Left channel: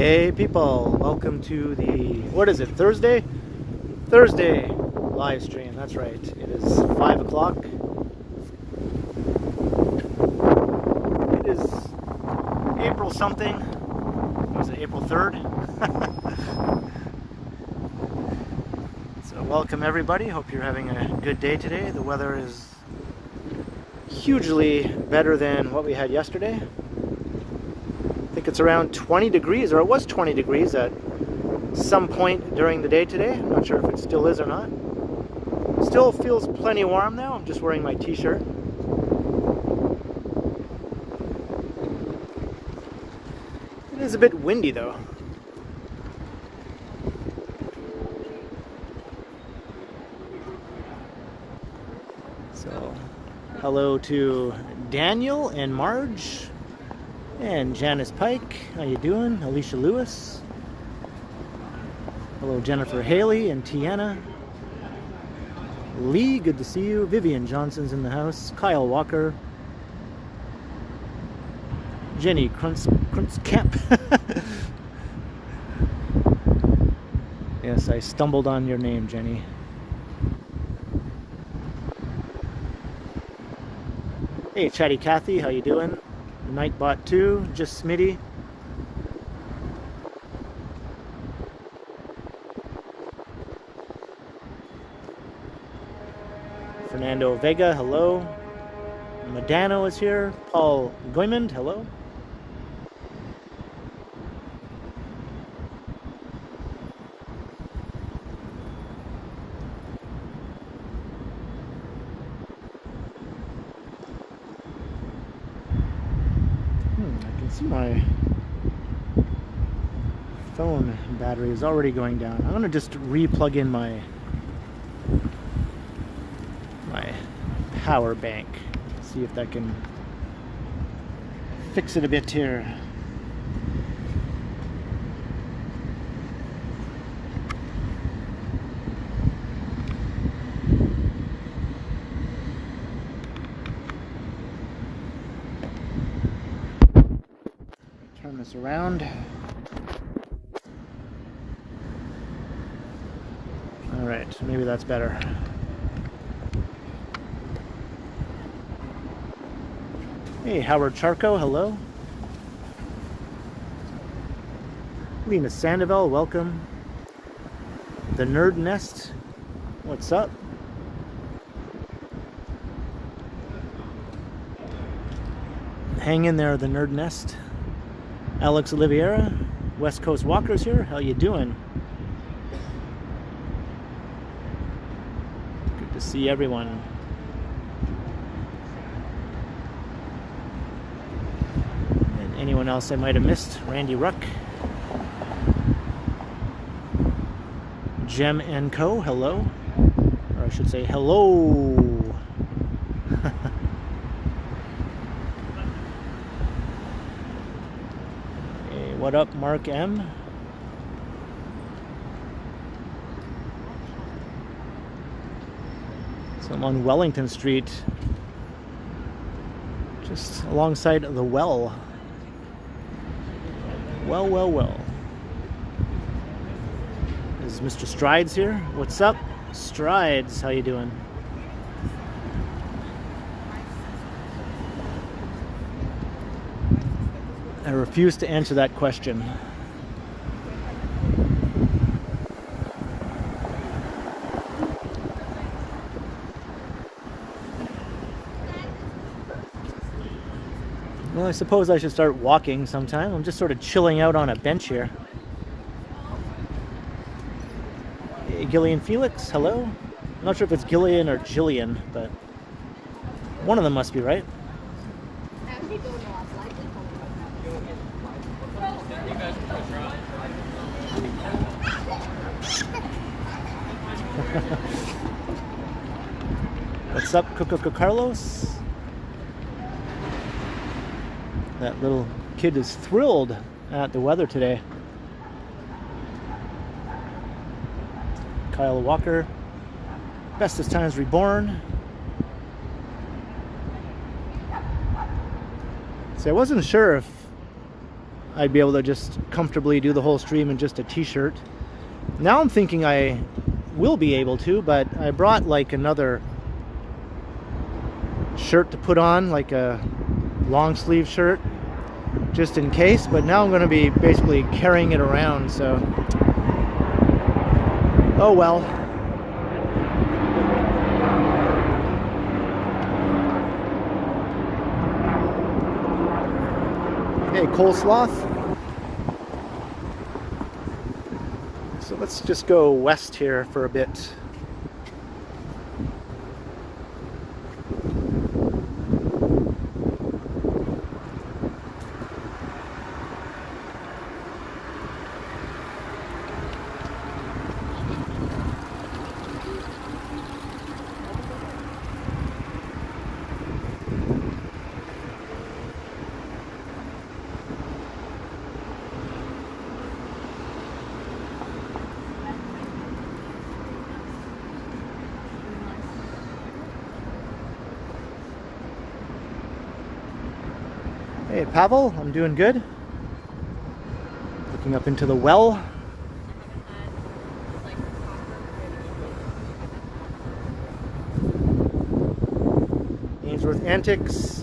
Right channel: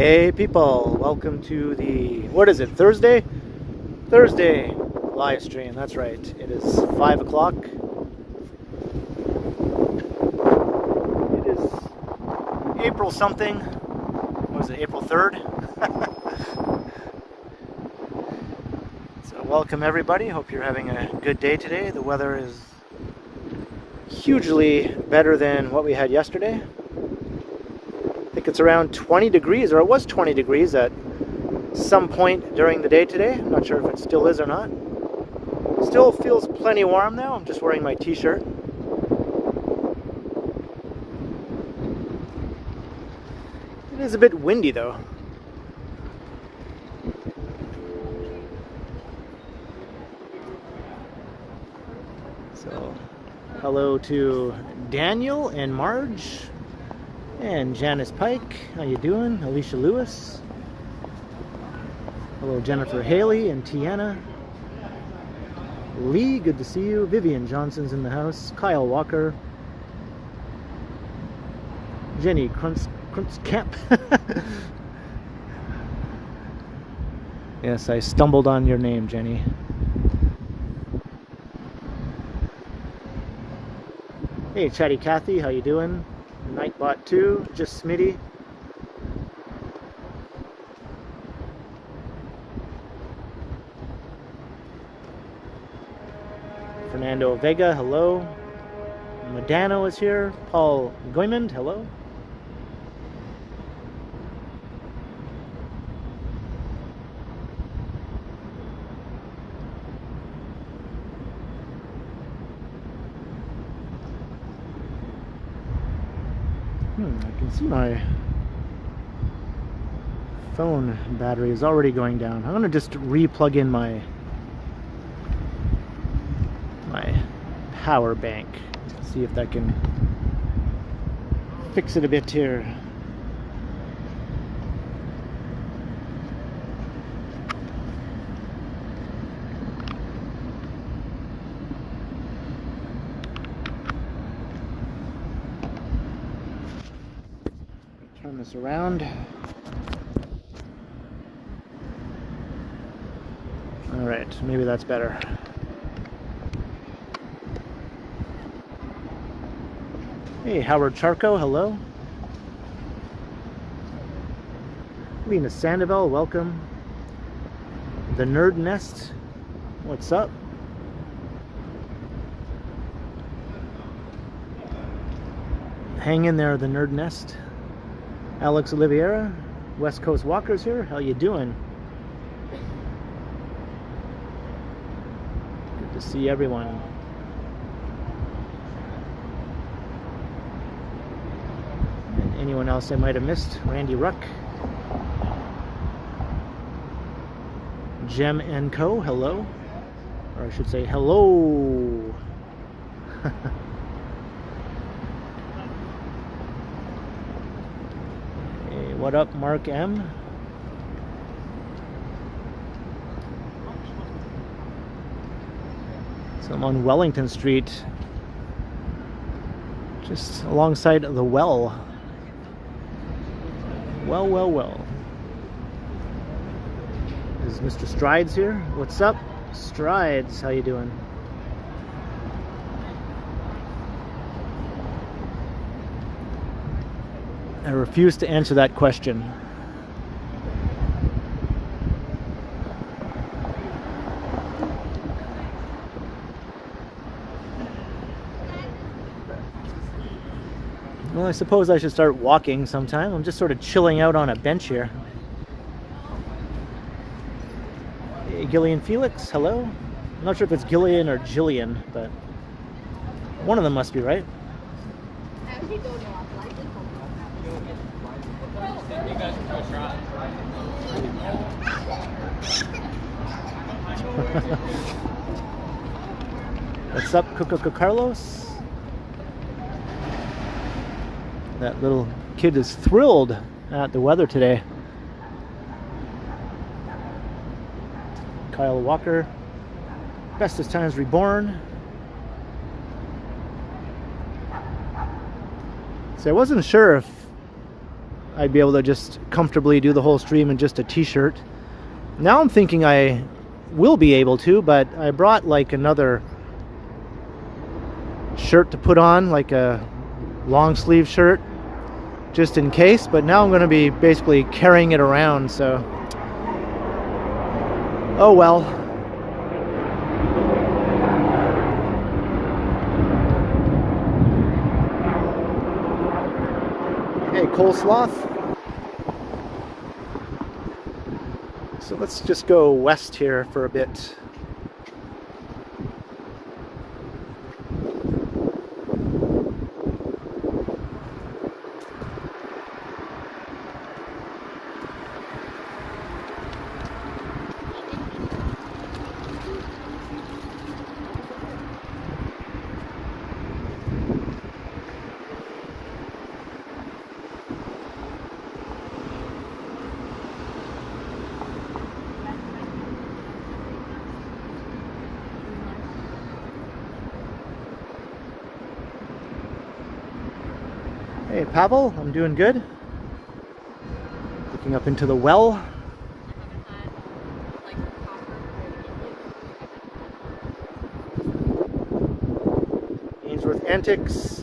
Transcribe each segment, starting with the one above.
Hey people, welcome to the, what is it, Thursday? Thursday live stream, that's right. It is 5 o'clock. It is April something. What is it, April 3rd? So welcome everybody, hope you're having a good day today. The weather is hugely better than what we had yesterday. I think it's around 20 degrees, or it was 20 degrees at some point during the day today. I'm not sure if it still is or not. Still feels plenty warm now. I'm just wearing my t-shirt. It is a bit windy though. So, hello to Daniel and Marge. And Janice Pike, how you doing? Alicia Lewis. Hello Jennifer Haley and Tiana. Lee, good to see you. Vivian Johnson's in the house. Kyle Walker. Jenny Kruntzkamp. Yes, I stumbled on your name, Jenny. Hey Chatty Cathy, how you doing? Nightbot 2, just Smitty. Fernando Vega, hello. Madano is here. Paul Goymond, hello. I can see my phone battery is already going down. I'm going to just re-plug in my power bank. See if that can fix it a bit here. Turn this around. All right, maybe that's better. Hey, Howard Charco, hello. Lena Sandoval, welcome. The Nerd Nest, what's up? Hang in there, the Nerd Nest. Alex Oliveira, West Coast Walkers here. How you doing? Good to see everyone. And anyone else I might have missed? Randy Ruck. Gem and Co. Hello. Or I should say hello. What up, Mark M? So I'm on Wellington Street, just alongside the well. Well. Is Mr. Strides here? What's up, Strides? How you doing? I refuse to answer that question. Well, I suppose I should start walking sometime. I'm just sort of chilling out on a bench here. Hey, Gillian Felix, hello. I'm not sure if it's Gillian or Jillian, but one of them must be right. What's up, Coco Carlos? That little kid is thrilled at the weather today. Kyle Walker, Bestest Times Reborn. So I wasn't sure if I'd be able to just comfortably do the whole stream in just a t-shirt. Now I'm thinking I will be able to, but I brought like another shirt to put on, like a long sleeve shirt, just in case. But now I'm going to be basically carrying it around, so oh well. Okay, coleslaw. So let's just go west here for a bit. Hey Pavel, I'm doing good. Looking up into the well. Ainsworth Antics.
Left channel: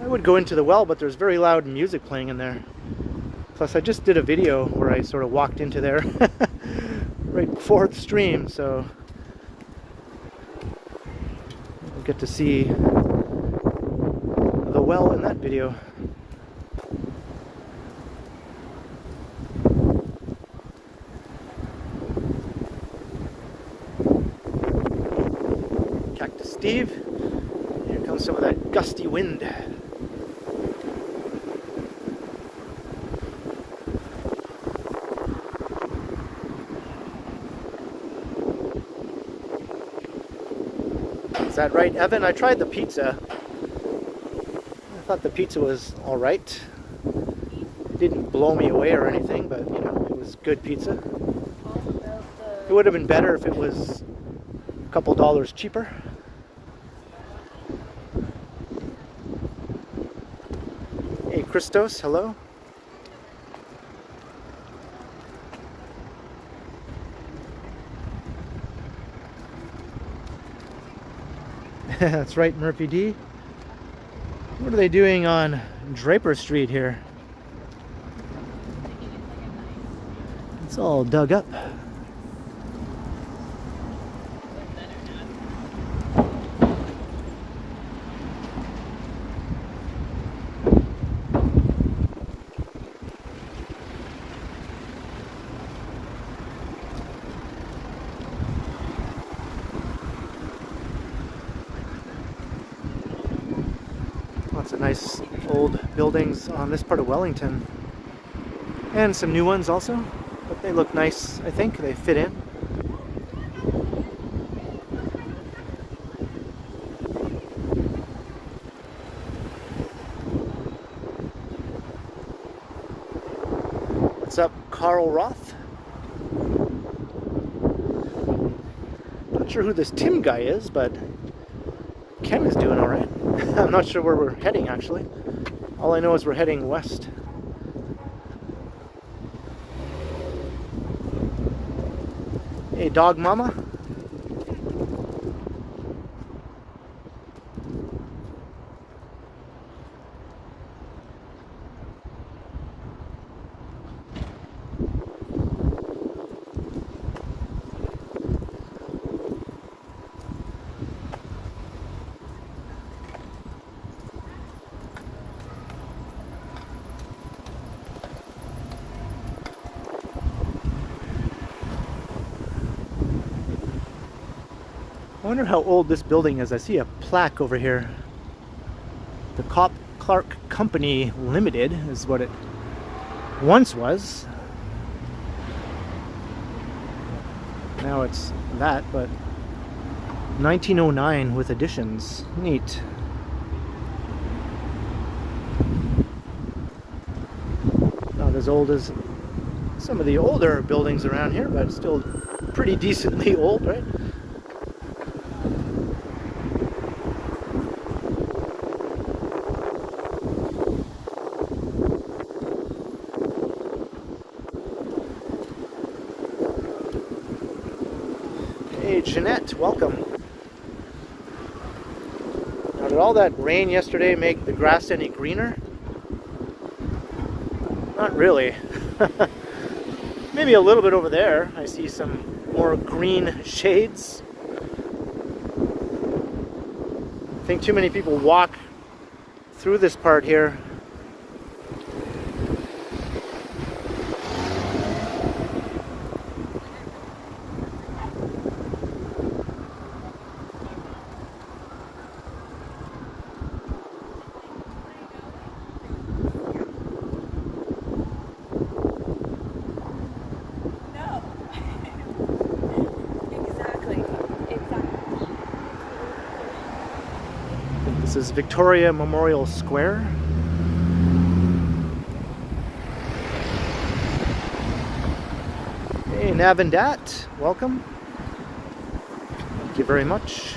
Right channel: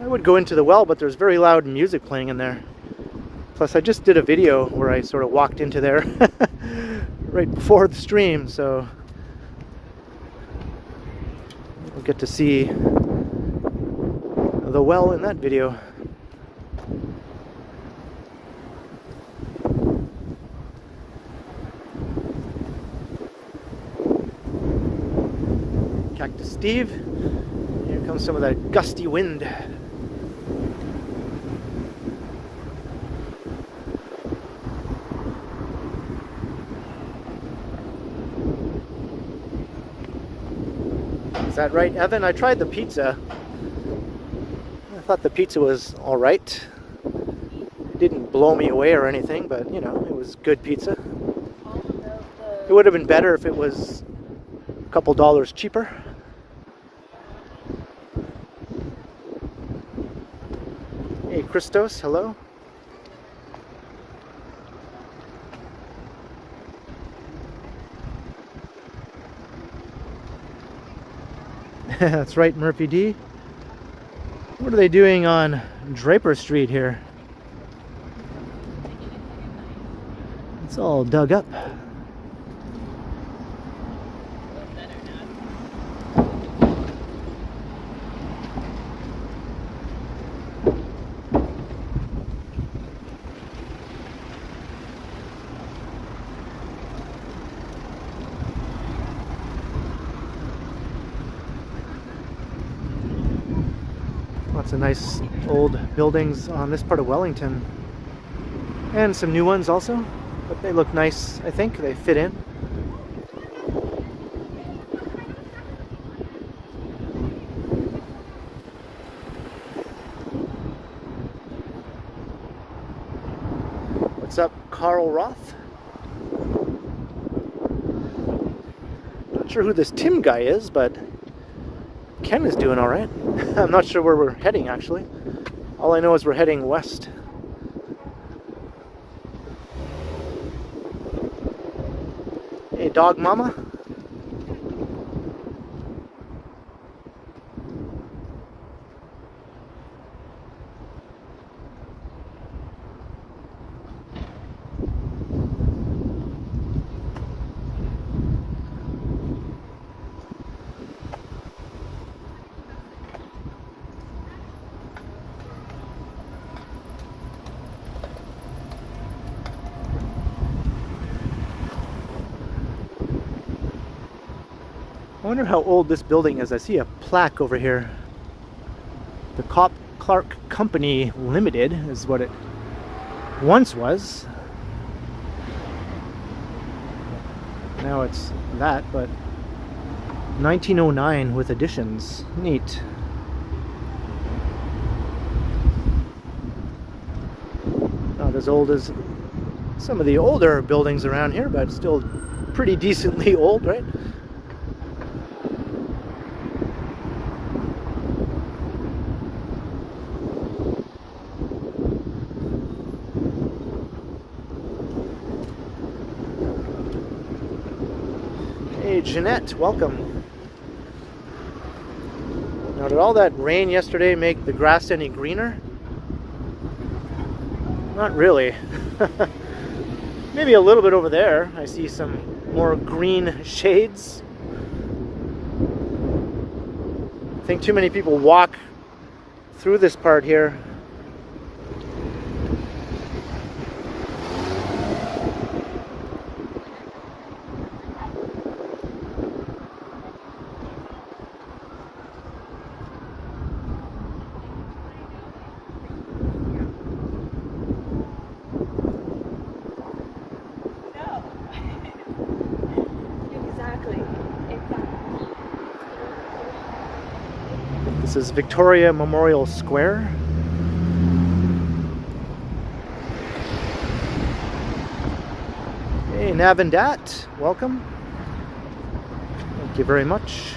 I would go into the well, but there's very loud music playing in there. Plus I just did a video where I sort of walked into there right before the stream, so we'll get to see the well in that video. Cactus Steve. Here comes some of that gusty wind. Is that right, Evan? I tried the pizza. I thought the pizza was all right. It didn't blow me away or anything, but you know, it was good pizza. It would have been better if it was a couple dollars cheaper. Hey, Christos, hello. That's right, Murphy D. What are they doing on Draper Street here? It's all dug up. Lots of nice old buildings on this part of Wellington, and some new ones also, but they look nice. I think they fit in. What's up, Carl Roth? Not sure who this Tim guy is, but Ken is doing all right. I'm not sure where we're heading, actually. All I know is we're heading west. Hey, dog mama. I wonder how old this building is. I see a plaque over here. The Clark Company Limited is what it once was. Now it's that, but 1909 with additions. Neat. Not as old as some of the older buildings around here, but still pretty decently old, right? Jeanette, welcome. Now, did all that rain yesterday make the grass any greener? Not really. Maybe a little bit over there. I see some more green shades. I think too many people walk through this part here. This is Victoria Memorial Square. Hey, Navendat, welcome. Thank you very much.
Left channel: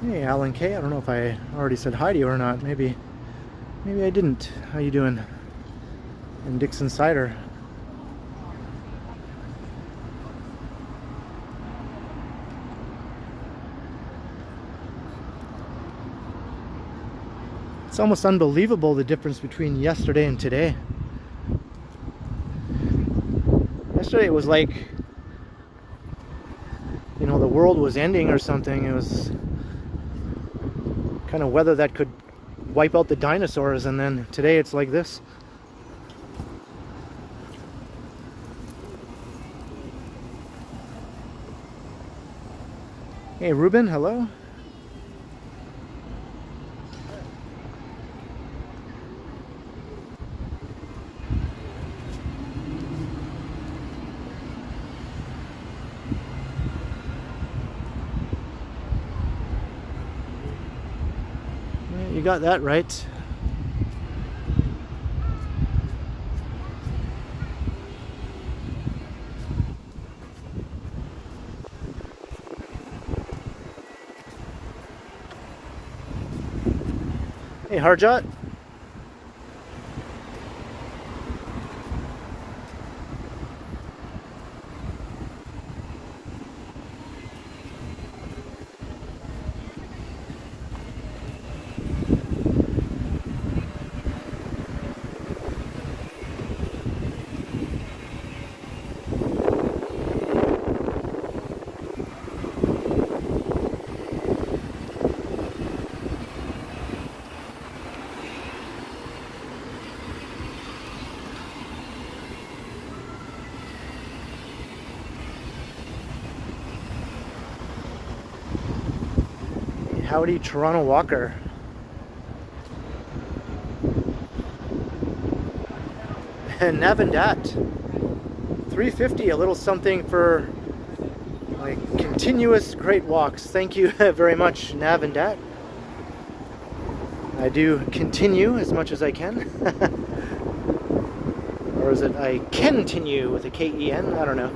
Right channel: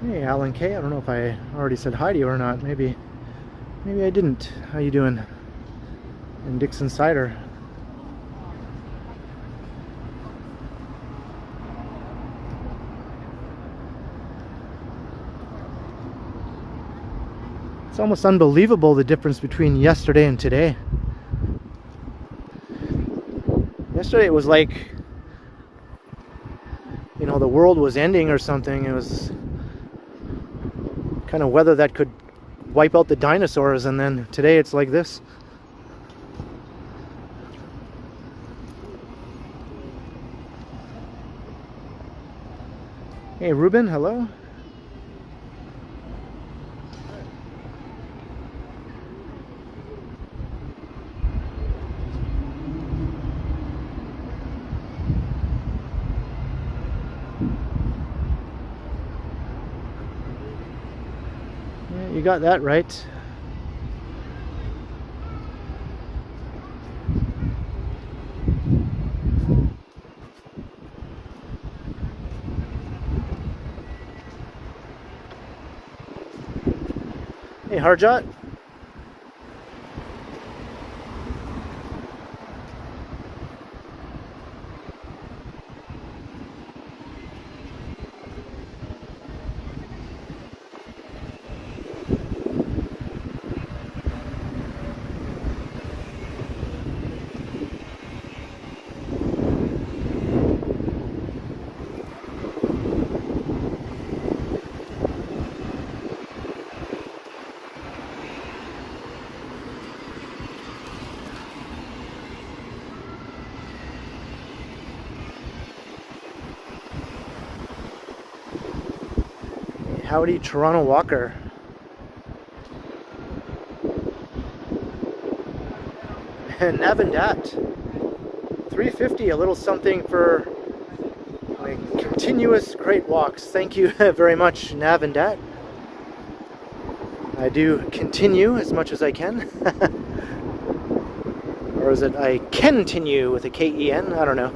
Hey, Alan K. I don't know if I already said hi to you or not. Maybe I didn't. How you doing? And Dixon Cider. It's almost unbelievable the difference between yesterday and today. Yesterday it was like, you know, the world was ending or something. It was kind of weather that could wipe out the dinosaurs, and then today it's like this. Hey Ruben, hello. You got that right. Hey Harjot. Howdy, Toronto Walker. And Navendat. 350, a little something for my continuous great walks. Thank you very much, Navendat. I do continue as much as I can. Or is it I continue with a K-E-N? I don't know.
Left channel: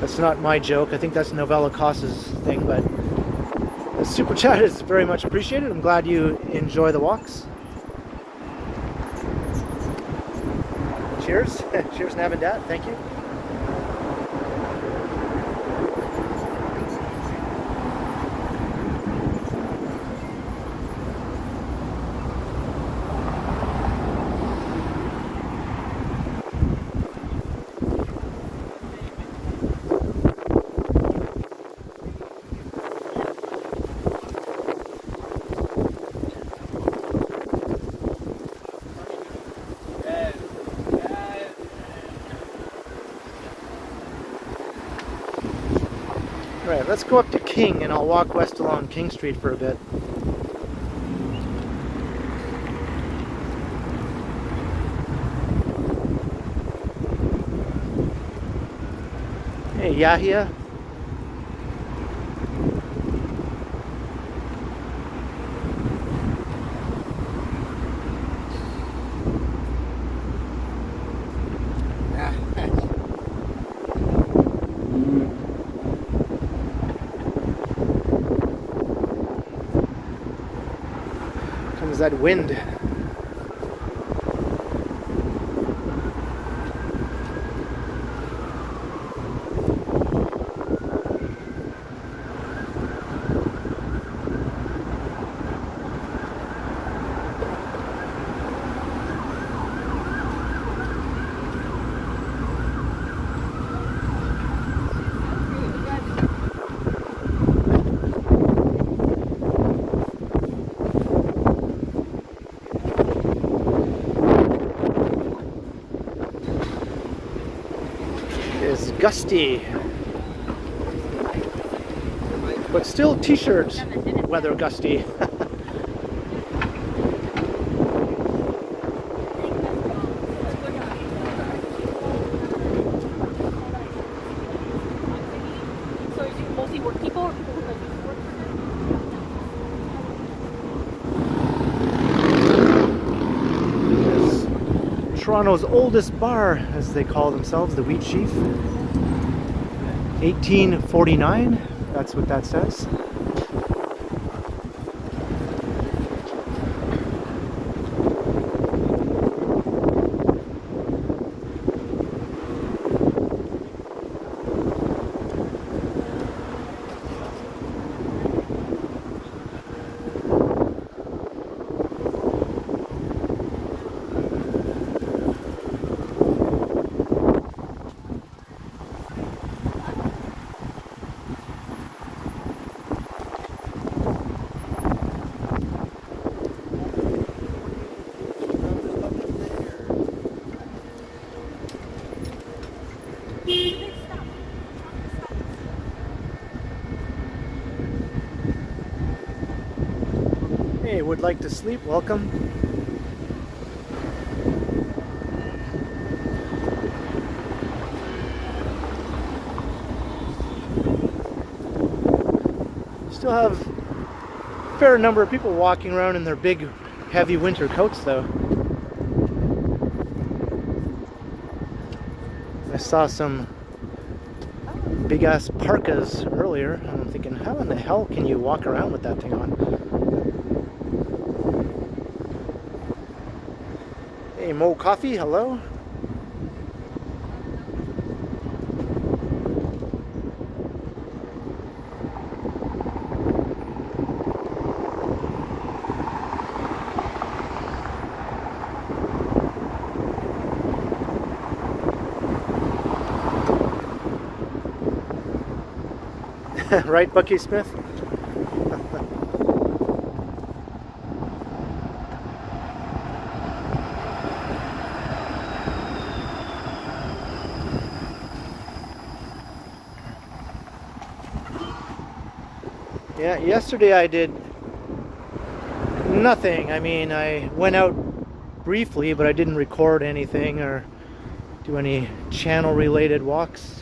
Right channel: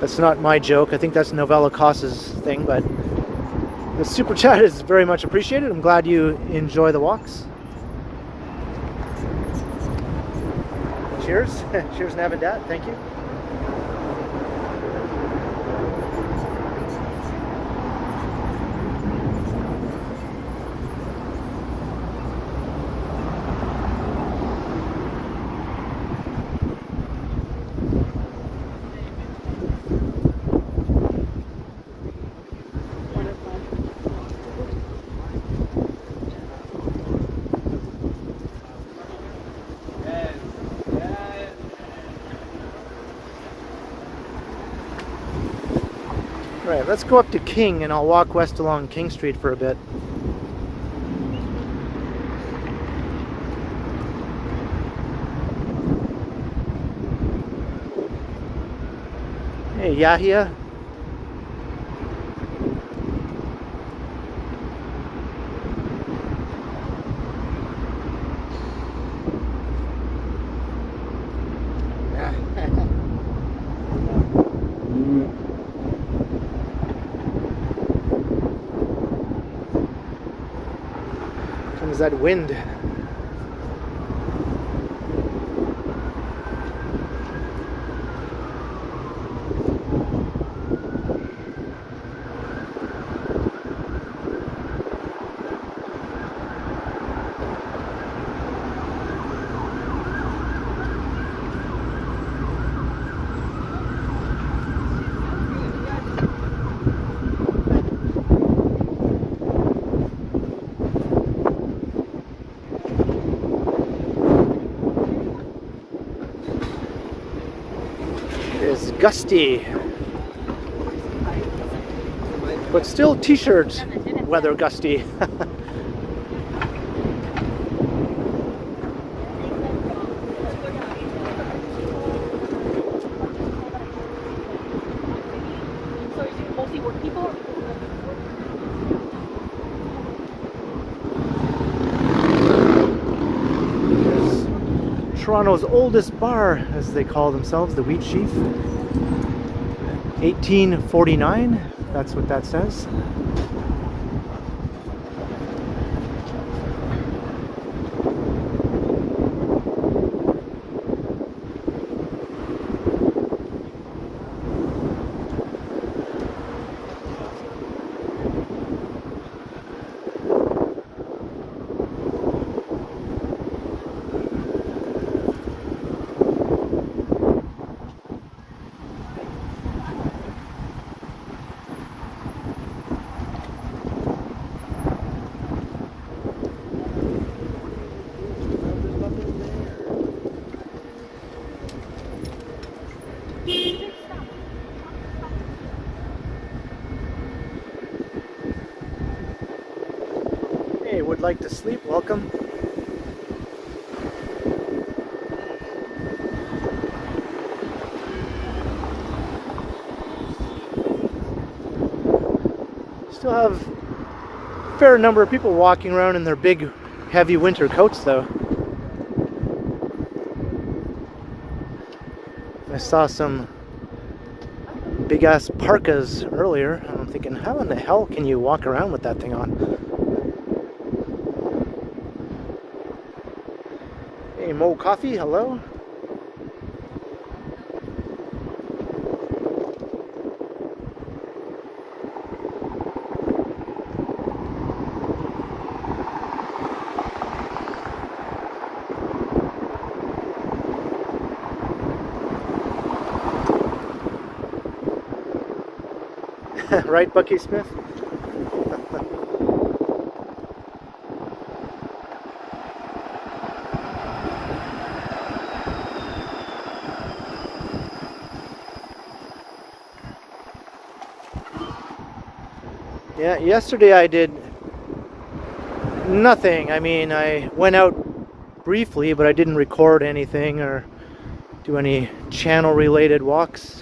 That's not my joke. I think that's Novella Costa's thing, but the super chat is very much appreciated. I'm glad you enjoy the walks. Cheers. Cheers, Navendat. Thank you. Right, let's go up to King and I'll walk west along King Street for a bit. Hey, Yahya. Comes that wind. Is gusty, but still t-shirt weather gusty. Toronto's oldest bar, as they call themselves, the Wheat Sheaf. 1849, that's what that says. Hey, would like to sleep? Welcome. Still have a fair number of people walking around in their big, heavy winter coats, though. I saw some big-ass parkas earlier, and I'm thinking, how in the hell can you walk around with that thing on? Hey, Mo Coffee, hello. Right, Bucky Smith? Yeah, yesterday I did nothing. I mean, I went out briefly, but I didn't record anything or do any channel related walks.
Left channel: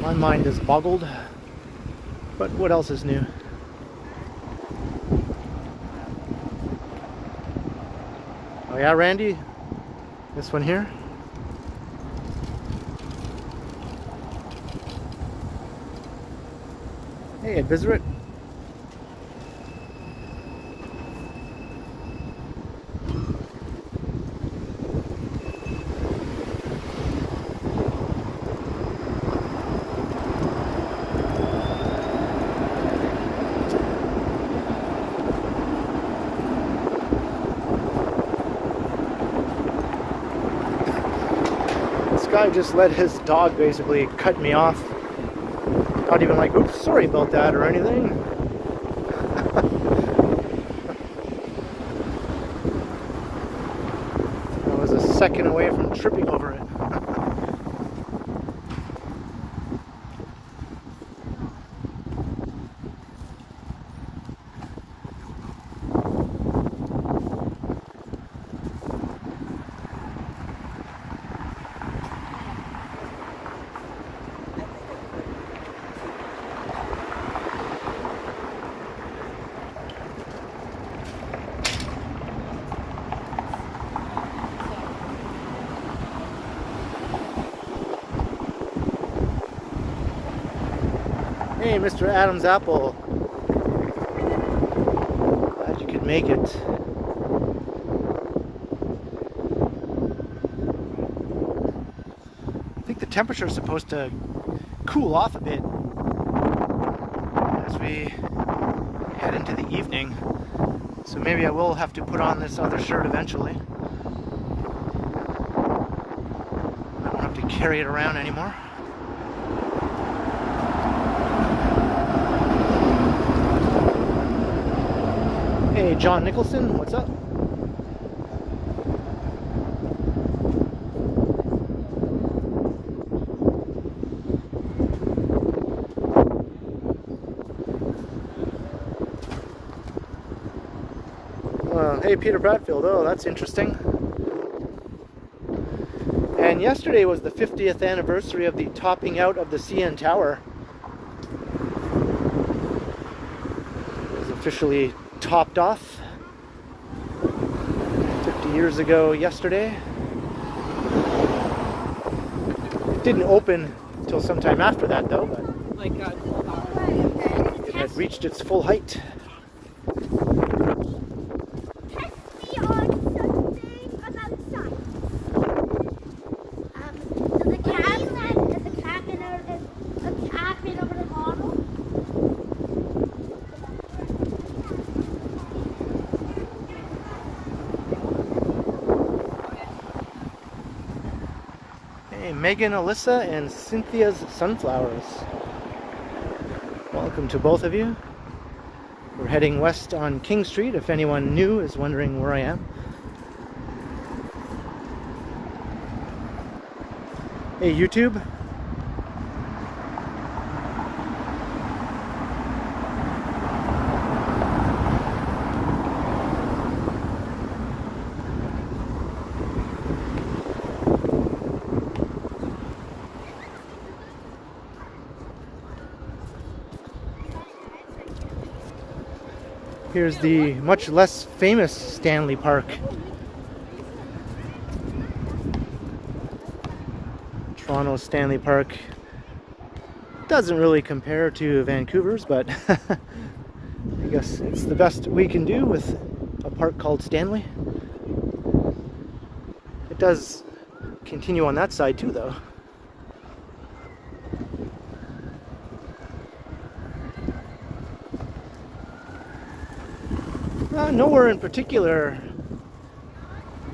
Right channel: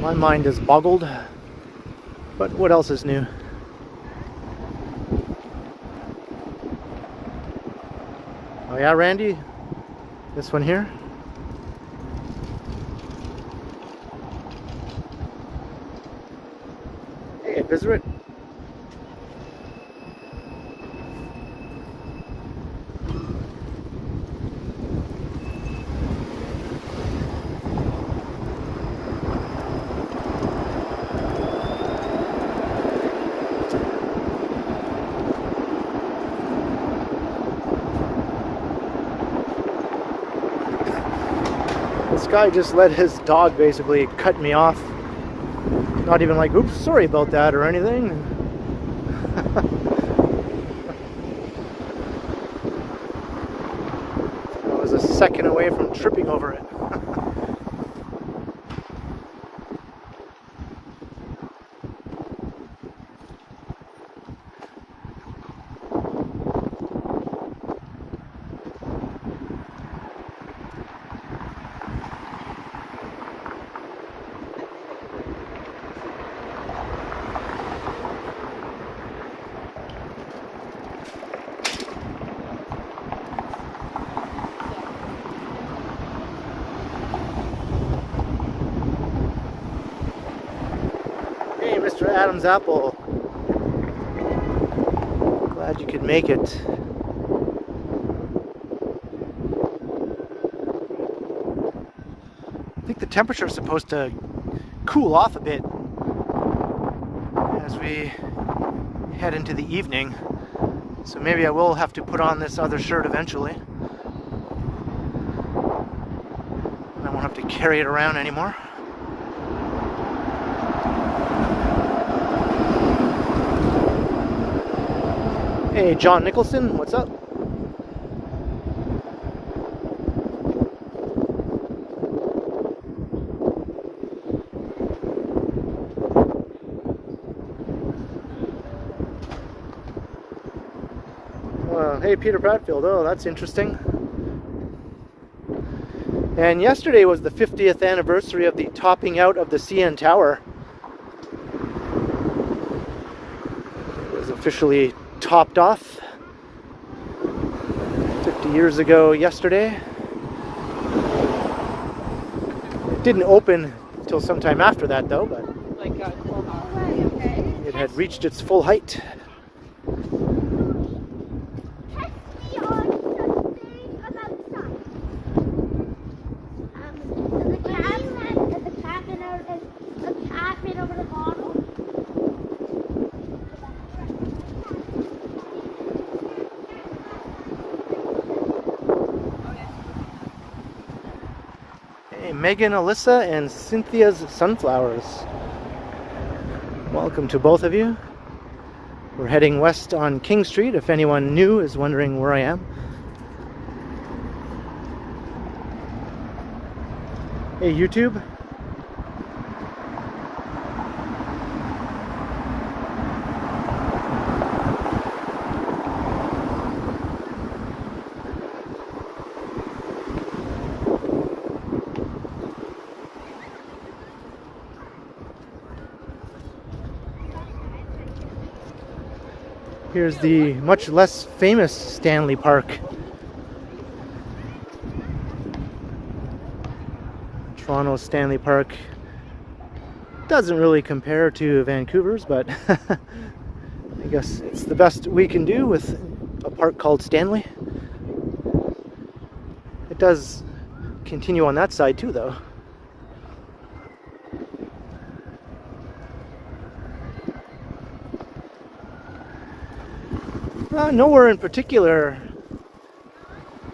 My mind is boggled, but what else is new? Oh yeah, Randy? This one here? Hey, Bizrit. This guy just let his dog basically cut me off. Not even like, oops, sorry about that or anything. second away from tripping over it. Hey, Mr. Adam's Apple. Glad you could make it. I think the temperature is supposed to cool off a bit as we head into the evening. So maybe I will have to put on this other shirt eventually. I won't have to carry it around anymore. Hey, John Nicholson, what's up? Hey, Peter Bradfield. Oh, that's interesting. And yesterday was the 50th anniversary of the topping out of the CN Tower. It was officially topped off 50 years ago yesterday. It didn't open until sometime after that though, but it had reached its full height. Megan, Alyssa, and Cynthia's Sunflowers. Welcome to both of you. We're heading west on King Street, if anyone new is wondering where I am. Hey, YouTube. Here's the much less famous Stanley Park. Toronto's Stanley Park doesn't really compare to Vancouver's, but I guess it's the best we can do with a park called Stanley. It does continue on that side too, though. Nowhere in particular,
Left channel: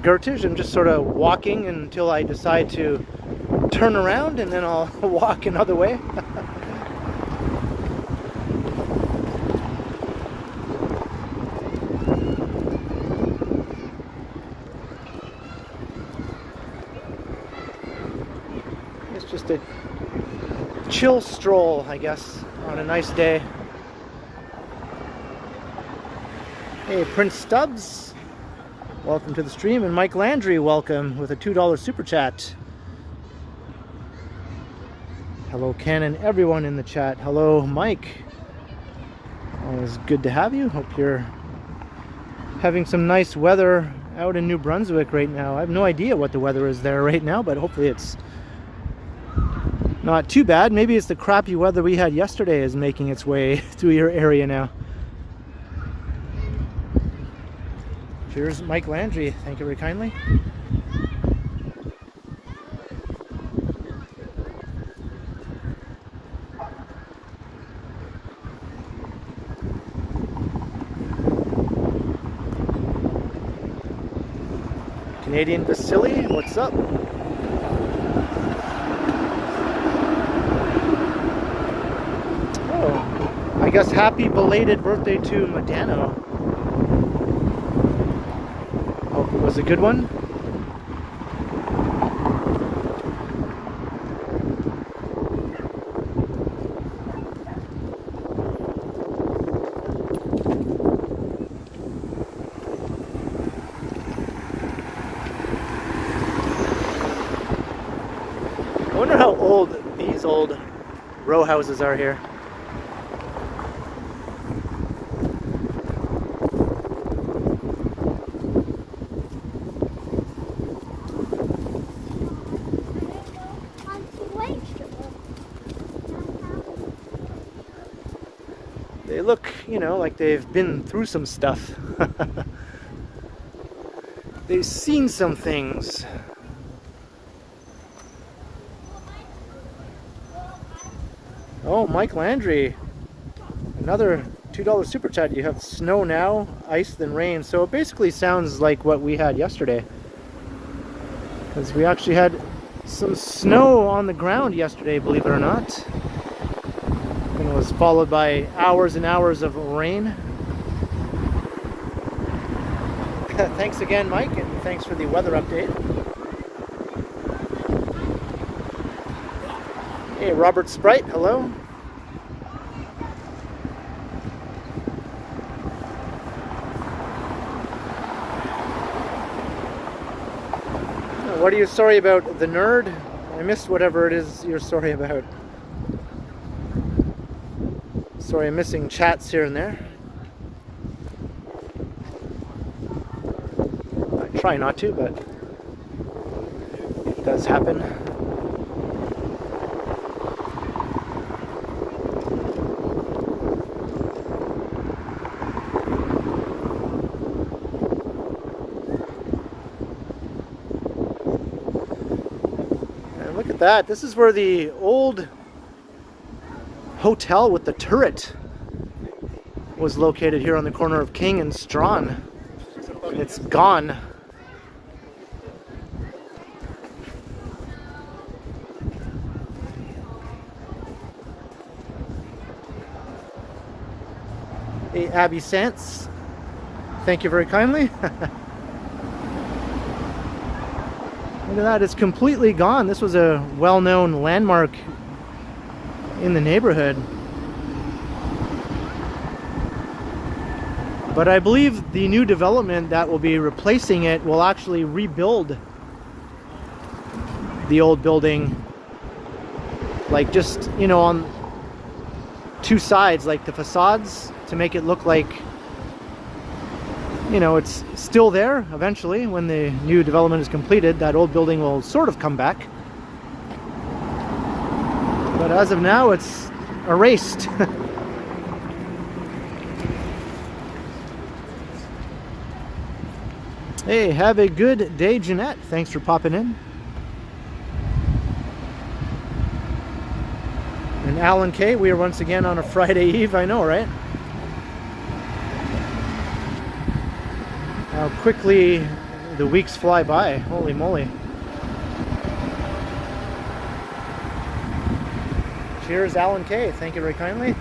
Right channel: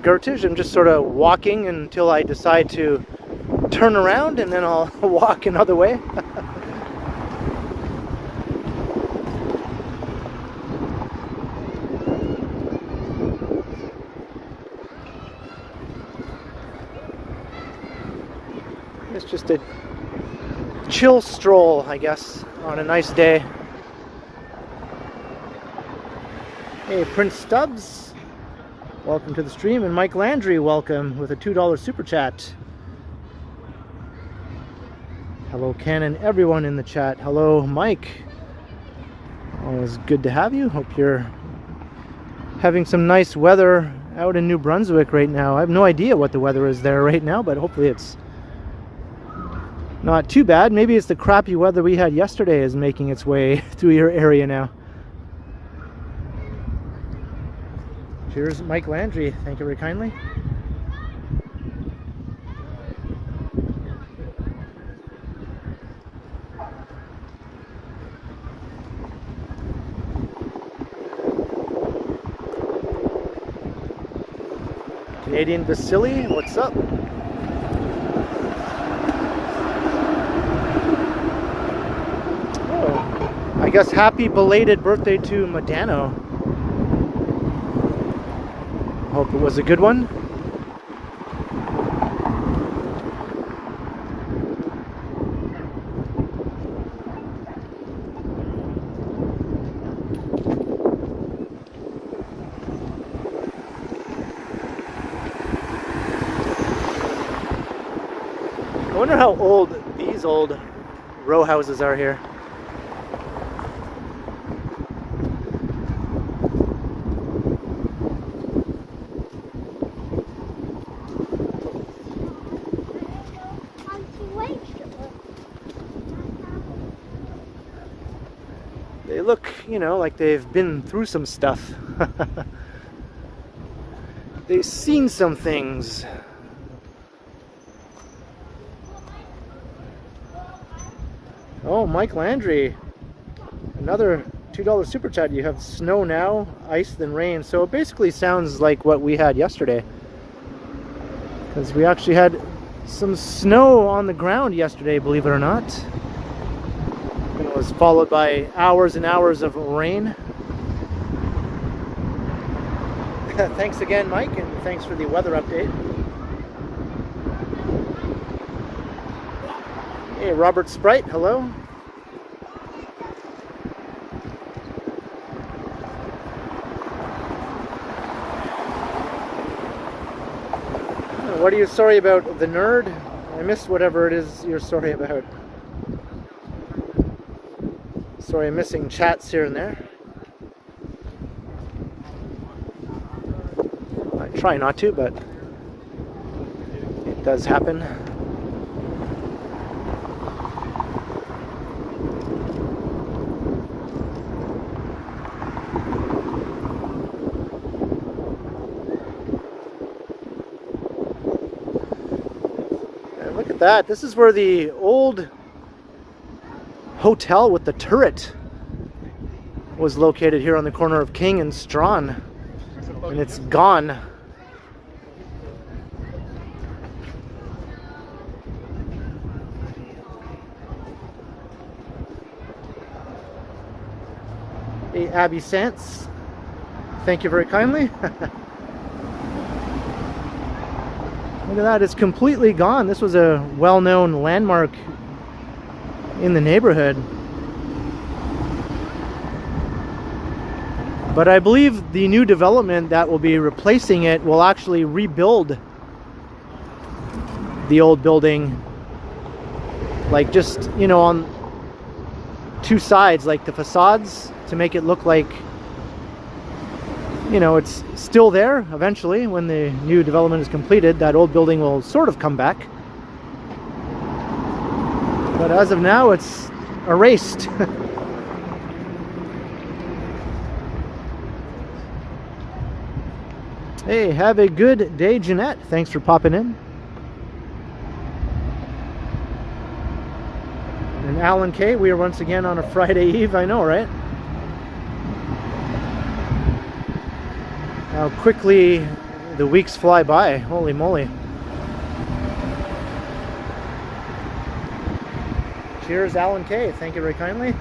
Gertage. I'm just sort of walking until I decide to turn around, and then I'll walk another way. It's just a chill stroll, I guess, on a nice day. Hey, Prince Stubbs, welcome to the stream, and Mike Landry, welcome with a $2 super chat. Hello, Ken, and everyone in the chat. Hello, Mike. Always good to have you. Hope you're having some nice weather out in New Brunswick right now. I have no idea what the weather is there right now, but hopefully it's not too bad. Maybe it's the crappy weather we had yesterday is making its way through your area now. Here's Mike Landry. Thank you very kindly. Canadian Vasily, what's up? Oh, I guess happy belated birthday to Modano. Hope it was a good one. I wonder how old these old row houses are here. They look, you know, like they've been through some stuff. They've seen some things. Oh, Mike Landry, another $2 super chat. You have snow now, ice then rain. So it basically sounds like what we had yesterday, because we actually had some snow on the ground yesterday, believe it or not. And it was followed by hours and hours of rain. Thanks again, Mike, and thanks for the weather update. Hey, Robert Sprite, hello. What are you sorry about, the nerd? I missed whatever it is you're sorry about. Sorry, I'm missing chats here and there. I try not to, but it does happen. And look at that. This is where the old hotel with the turret was located, here on the corner of King and Strawn, and it's gone. Hey, Abby Sants, thank you very kindly. Look at that, it's completely gone. This was a well-known landmark in the neighborhood. But I believe the new development that will be replacing it will actually rebuild the old building, like just, you know, on two sides, like the facades, to make it look like, you know, it's still there. Eventually, when the new development is completed, that old building will sort of come back. But as of now, it's erased. Hey, have a good day, Jeanette. Thanks for popping in. And Alan K, we are once again on a Friday Eve. I know, right? How quickly the weeks fly by. Holy moly. Cheers, Alan K. Thank you very kindly.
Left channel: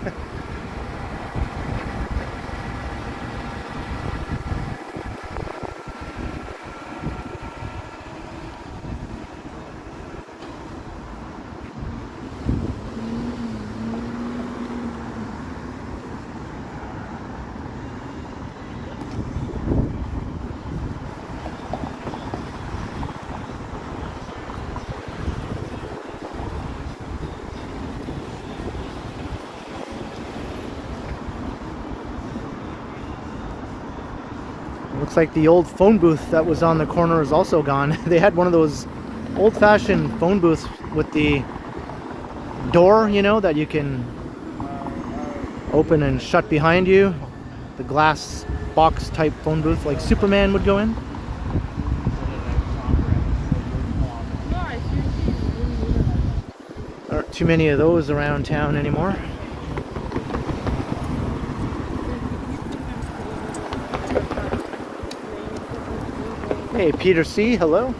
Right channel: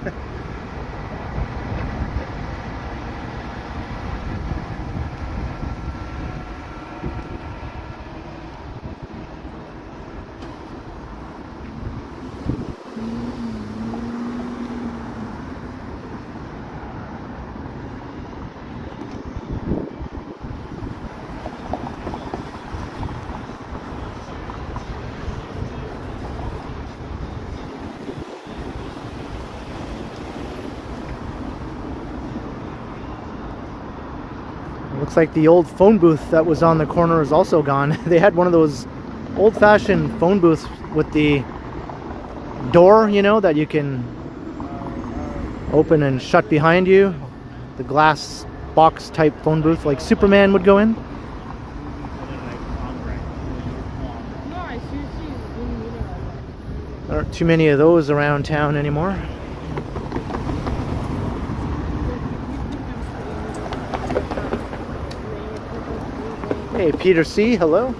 Looks like the old phone booth that was on the corner is also gone. They had one of those old-fashioned phone booths with the door, you know, that you can open and shut behind you. The glass box type phone booth like Superman would go in. There aren't too many of those around town anymore. Hey, Peter C, hello.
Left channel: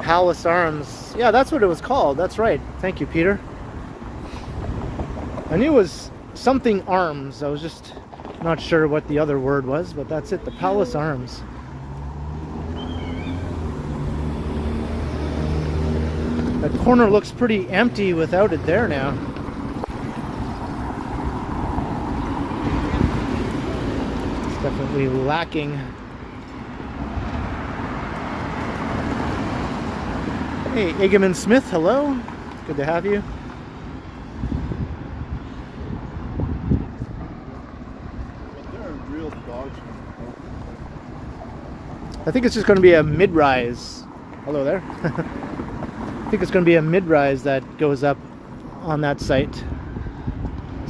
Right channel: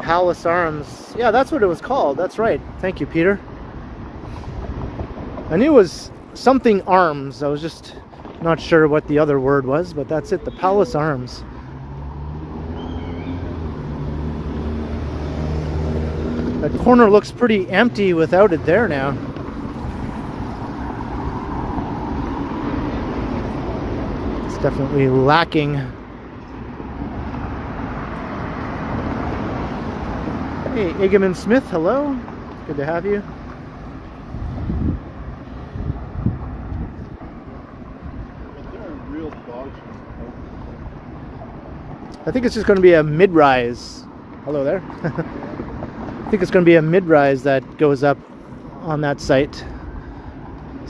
Palace Arms. Yeah, that's what it was called. That's right. Thank you, Peter. I knew it was something arms. I was just not sure what the other word was, but that's it. The Palace Arms. That corner looks pretty empty without it there now. It's definitely lacking. Hey, Egerman Smith, hello. Good to have you. I think it's just going to be a mid-rise. Hello there. I think it's going to be a mid-rise that goes up on that site.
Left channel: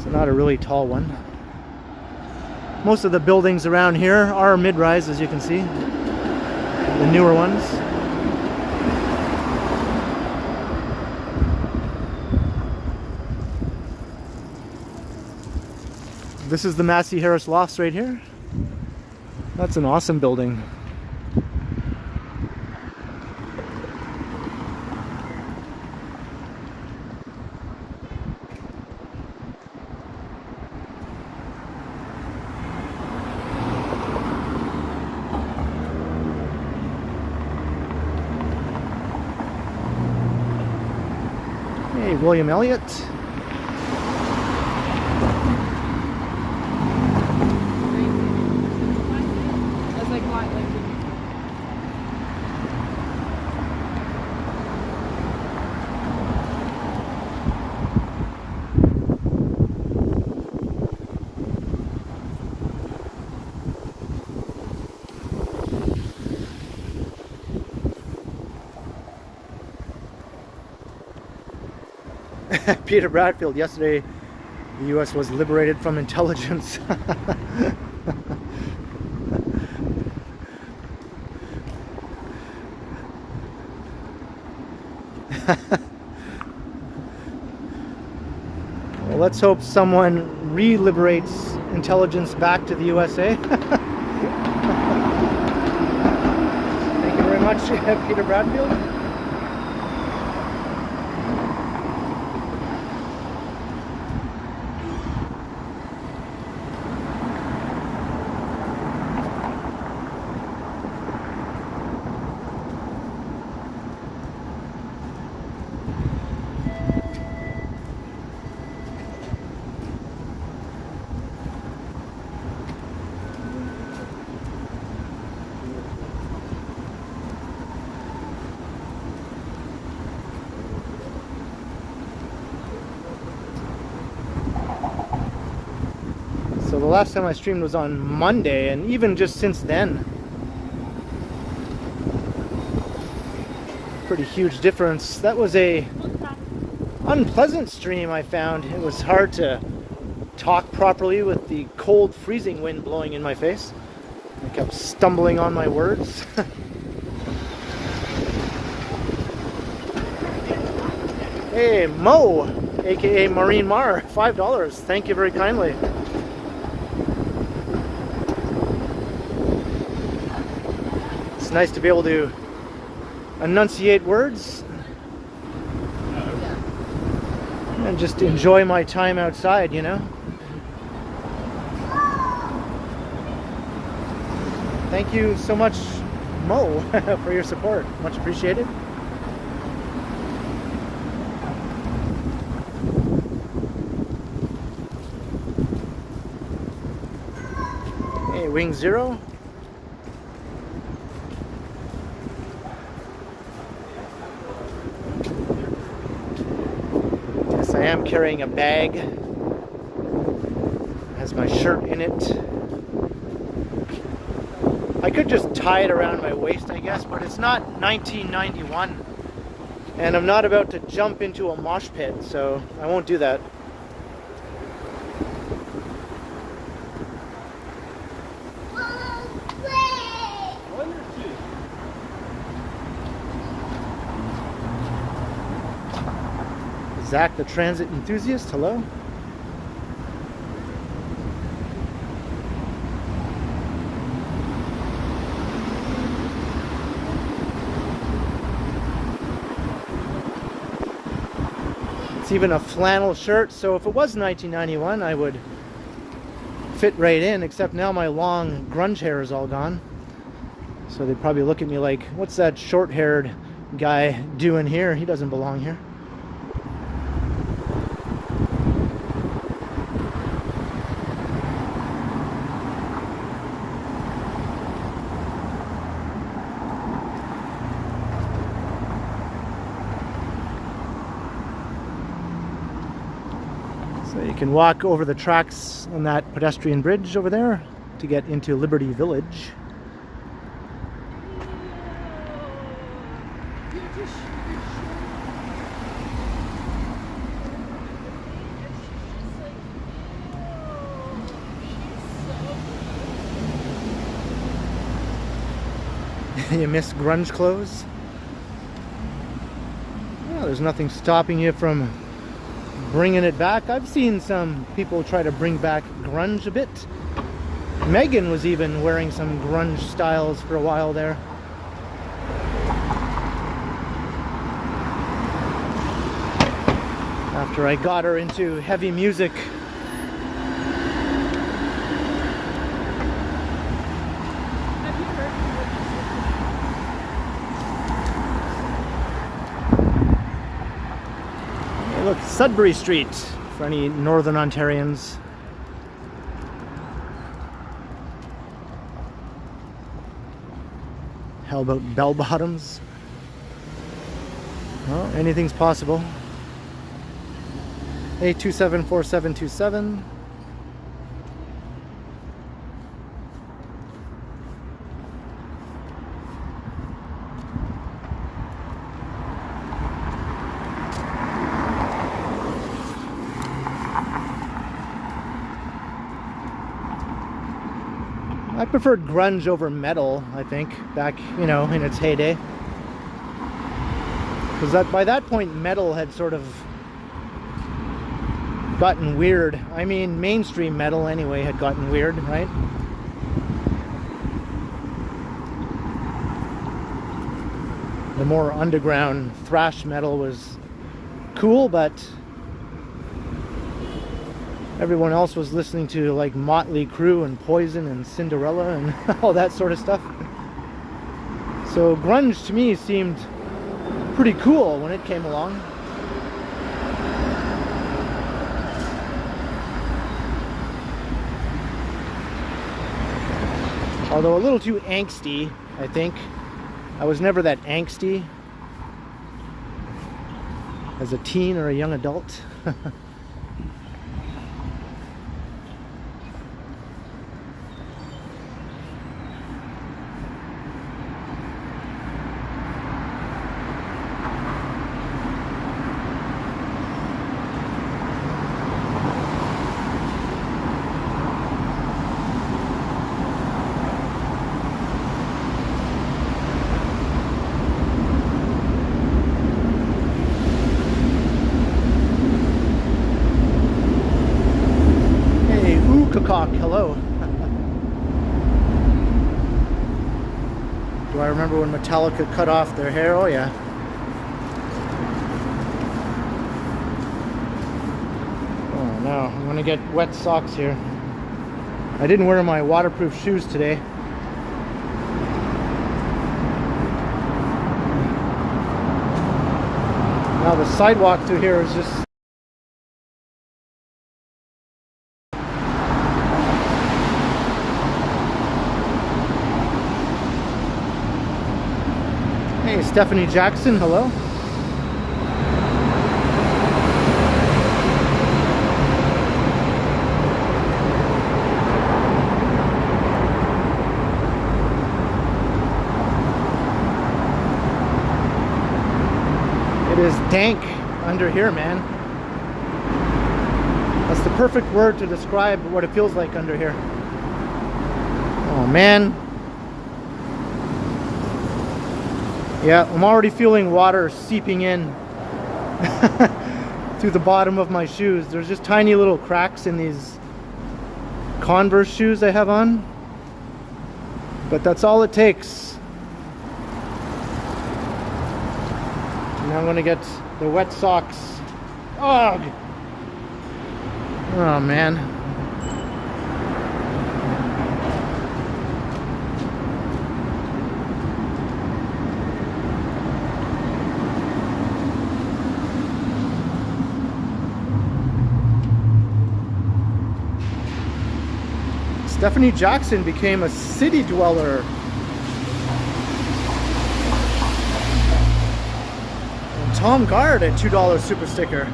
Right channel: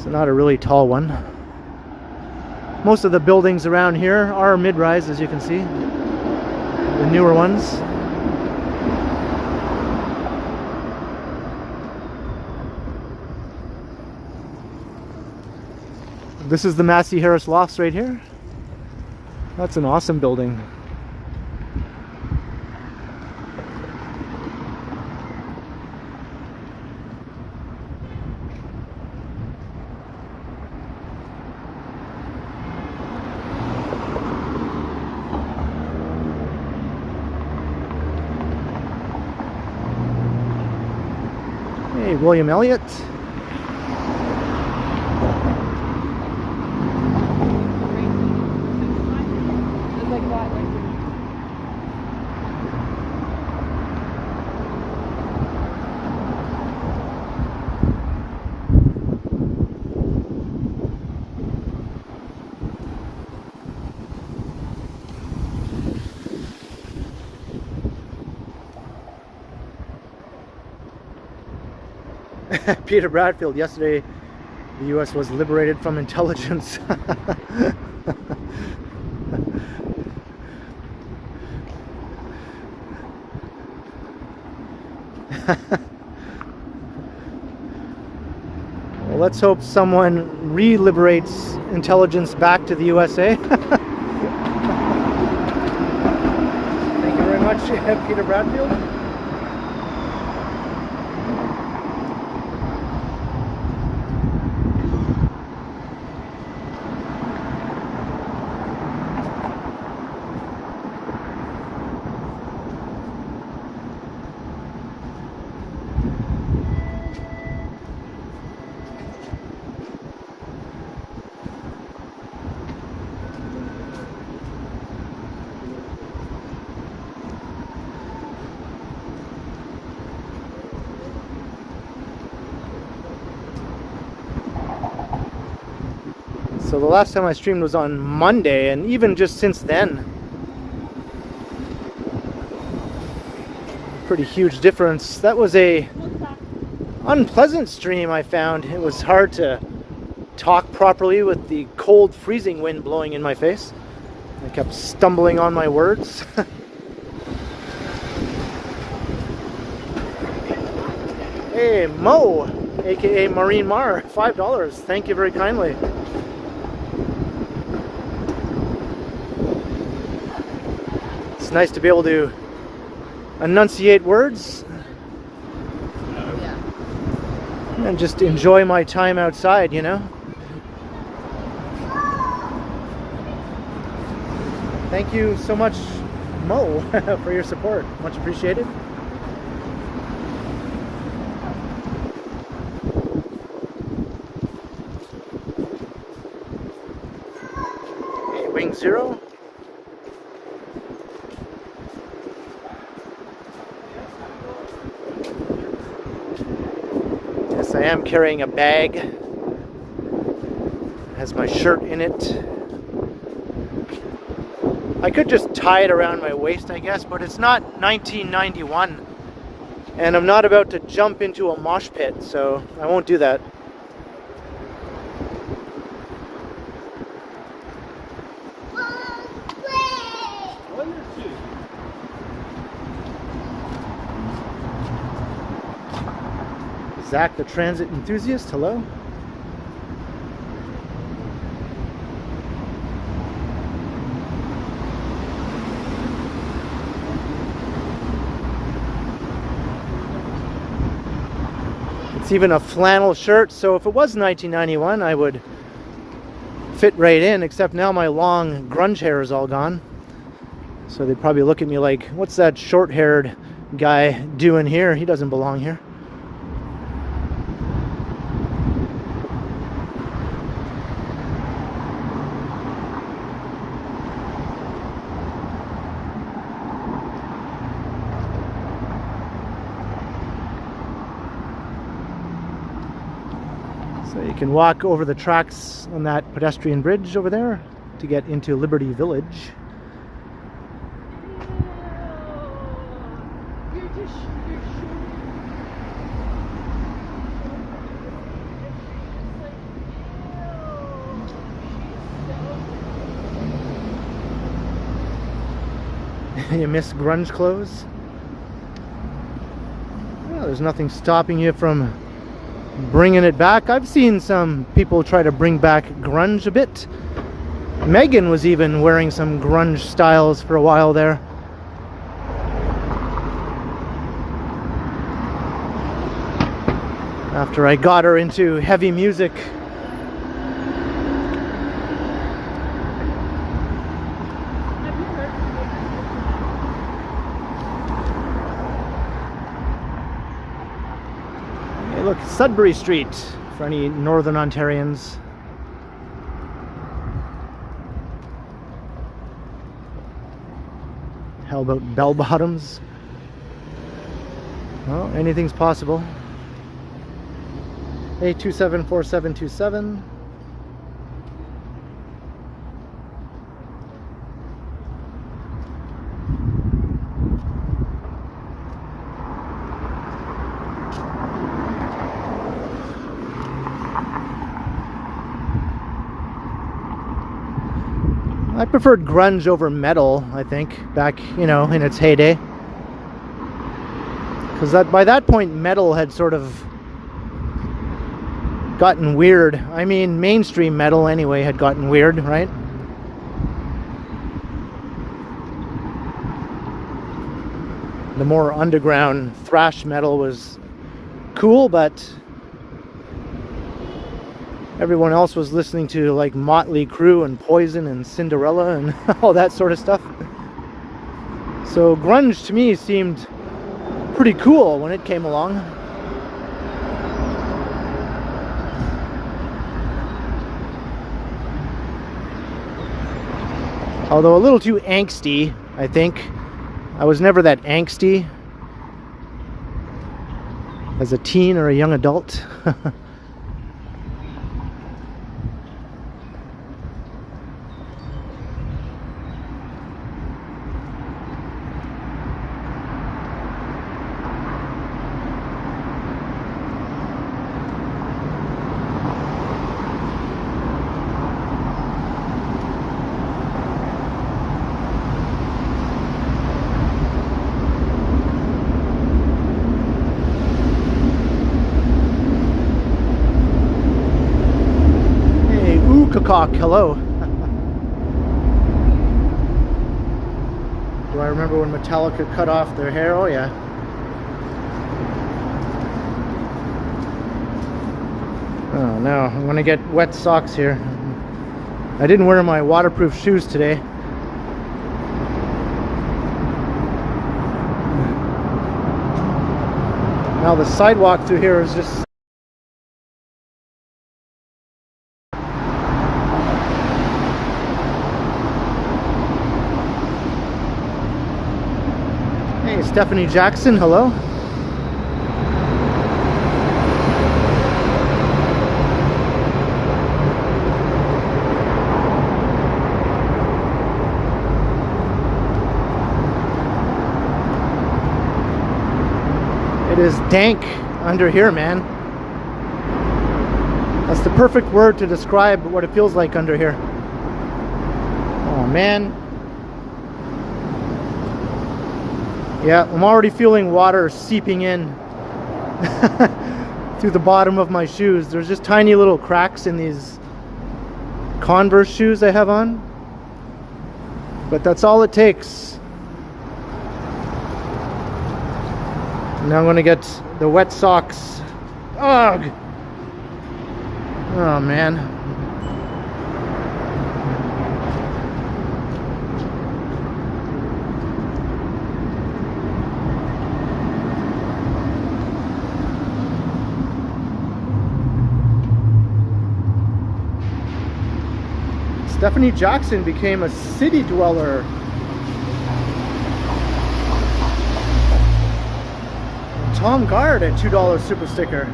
So not a really tall one. Most of the buildings around here are mid-rise, as you can see. The newer ones. This is the Massey Harris Lofts right here. That's an awesome building. Hey, William Elliott. Peter Bradfield, yesterday the US was liberated from intelligence. Well, let's hope someone re-liberates intelligence back to the USA. Thank you very much, Peter Bradfield. So the last time I streamed was on Monday, and even just since then, pretty huge difference. That was a unpleasant stream, I found. It was hard to talk properly with the cold, freezing wind blowing in my face. I kept stumbling on my words. Hey, Mo, aka Maureen Marr, $5. Thank you very kindly. It's nice to be able to enunciate words and just enjoy my time outside, you know. Thank you so much, Mo, for your support. Much appreciated. Hey, Wing Zero. I am carrying a bag. It has my shirt in it. I could just tie it around my waist, I guess, but it's not 1991. And I'm not about to jump into a mosh pit, so I won't do that. Zach, the transit enthusiast, hello. It's even a flannel shirt, so if it was 1991, I would fit right in, except now my long grunge hair is all gone. So they'd probably look at me like, what's that short-haired guy doing here? He doesn't belong here. So you can walk over the tracks on that pedestrian bridge over there to get into Liberty Village. You miss grunge clothes? Well, there's nothing stopping you from bringing it back. I've seen some people try to bring back grunge a bit. Megan was even wearing some grunge styles for a while there. After I got her into heavy music. Hey, look, Sudbury Street for any Northern Ontarians. How about bell bottoms? Well, anything's possible. 827-4727. I preferred grunge over metal, I think, back, you know, in its heyday. Because by that point, metal had sort of gotten weird. I mean, mainstream metal anyway had gotten weird, right? The more underground thrash metal was cool, but everyone else was listening to like Motley Crue and Poison and Cinderella and all that sort of stuff. So grunge to me seemed pretty cool when it came along. Although a little too angsty, I think. I was never that angsty as a teen or a young adult. Cock, hello. Do I remember when Metallica cut off their hair? Oh yeah. Oh no, I'm gonna get wet socks here. I didn't wear my waterproof shoes today. Now the sidewalk through here is just Hey, Stephanie Jackson, hello. It is dank under here, man. That's the perfect word to describe what it feels like under here. Oh, man. Yeah, I'm already feeling water seeping in through the bottom of my shoes. There's just tiny little cracks in these Converse shoes I have on. But that's all it takes. Now I'm going to get the wet socks. Ugh! Oh, man. Stephanie Jackson became a city dweller. And Tom Guard at $2 super sticker.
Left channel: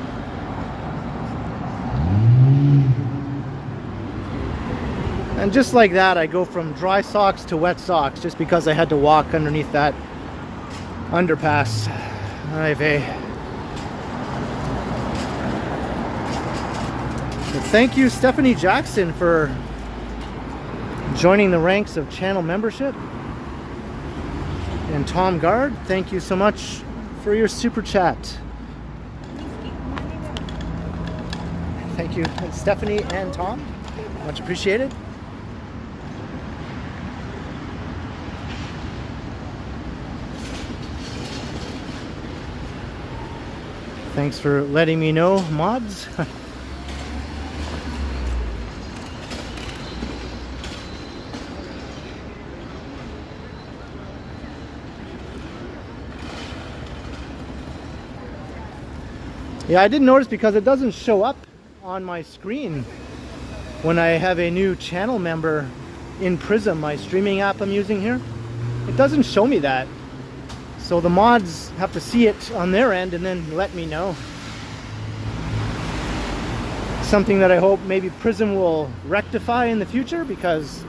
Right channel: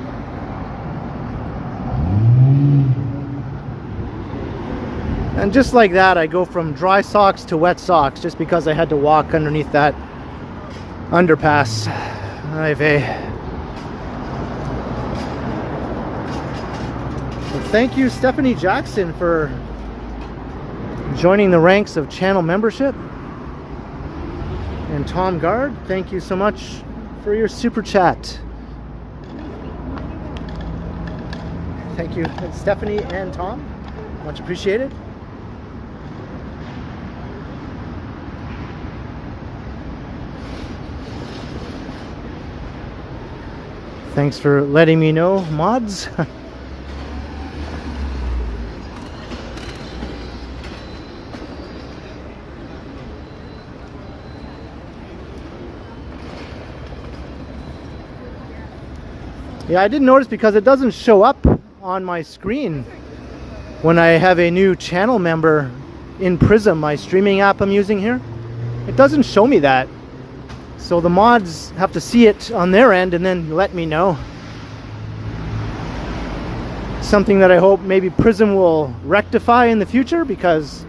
And just like that, I go from dry socks to wet socks just because I had to walk underneath that underpass. Ay vey. Well, thank you, Stephanie Jackson, for joining the ranks of channel membership. And Tom Guard, thank you so much for your super chat. Thank you, Stephanie and Tom. Much appreciated. Thanks for letting me know, mods. Yeah, I didn't notice because it doesn't show up on my screen when I have a new channel member in Prism, my streaming app I'm using here. It doesn't show me that. So the mods have to see it on their end and then let me know. Something that I hope maybe Prism will rectify in the future, because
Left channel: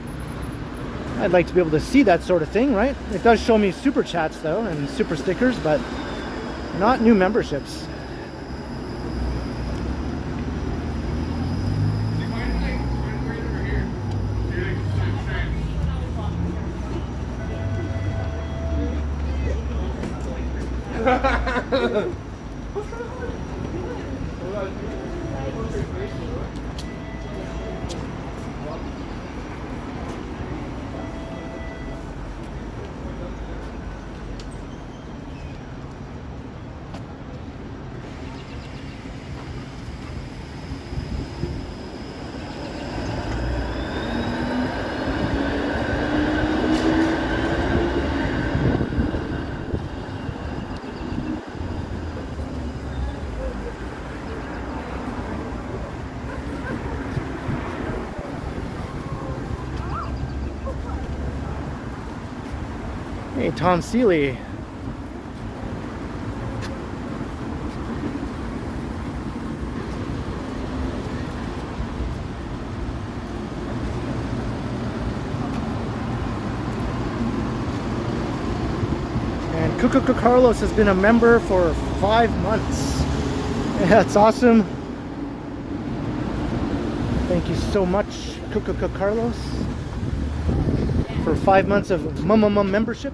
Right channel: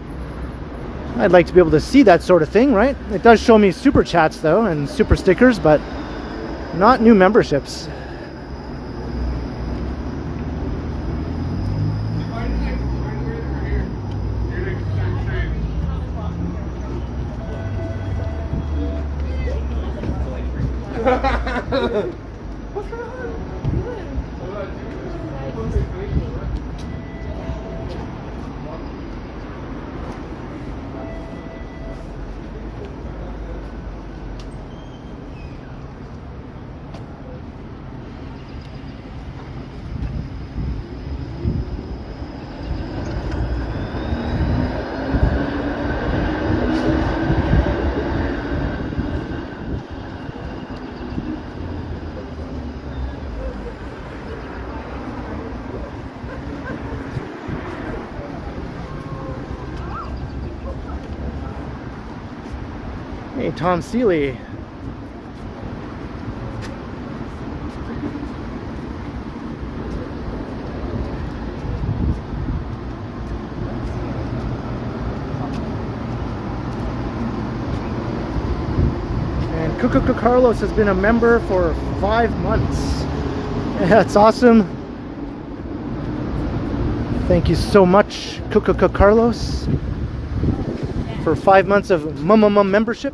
I'd like to be able to see that sort of thing, right? It does show me super chats though and super stickers, but not new memberships. Hey, Tom Seeley. And Cuckoo Carlos has been a member for 5 months. Yeah, that's awesome. Thank you so much, Cuckoo Carlos, for 5 months of membership.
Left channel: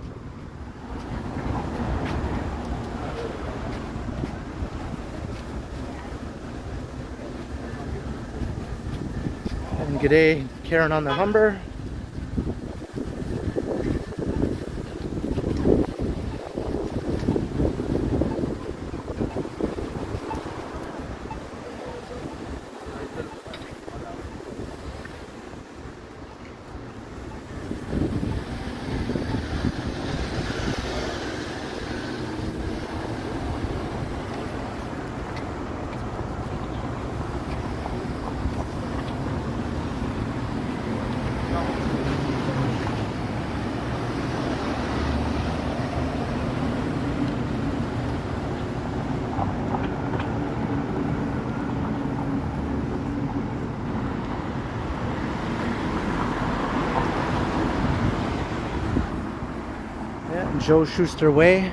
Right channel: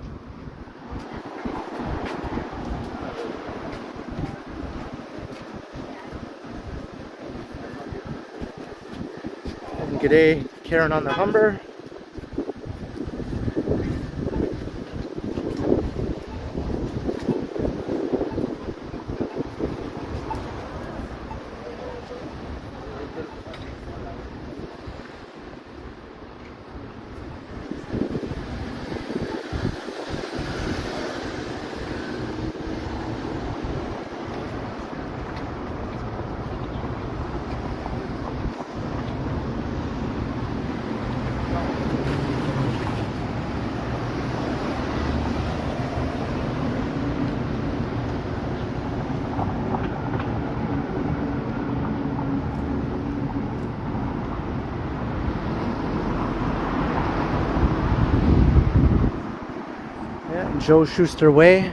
And g'day, Karen on the Humber. Joe Schuster Way.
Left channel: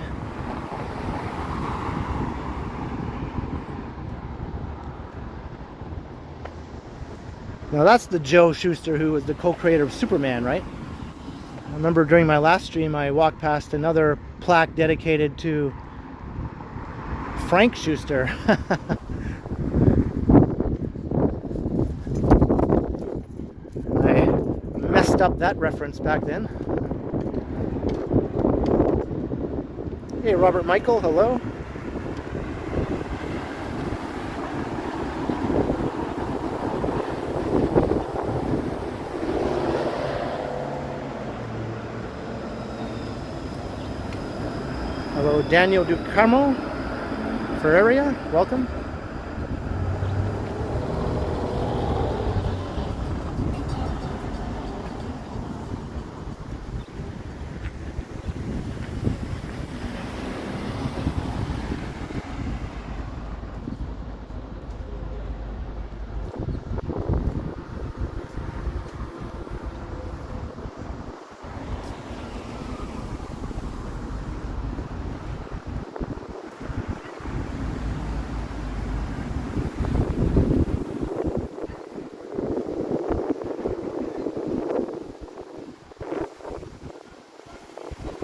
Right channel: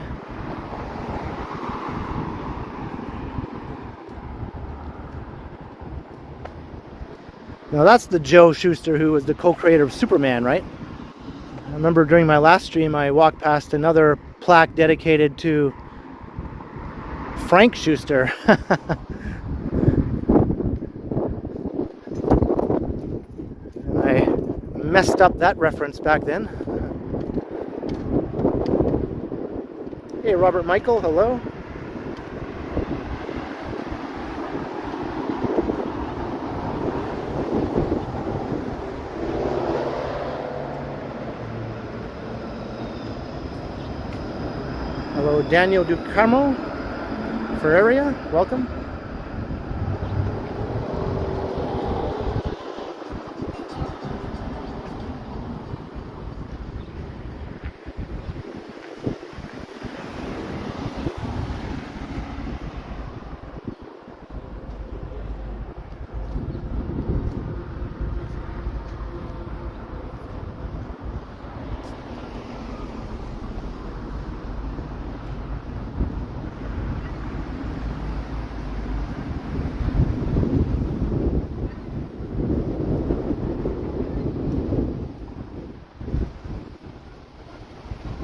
Now that's the Joe Schuster who was the co-creator of Superman, right? I remember during my last stream I walked past another plaque dedicated to Frank Schuster. I messed up that reference back then. Hey, Robert Michael, hello. Hello, Daniel Ducarmo, Ferreria, welcome.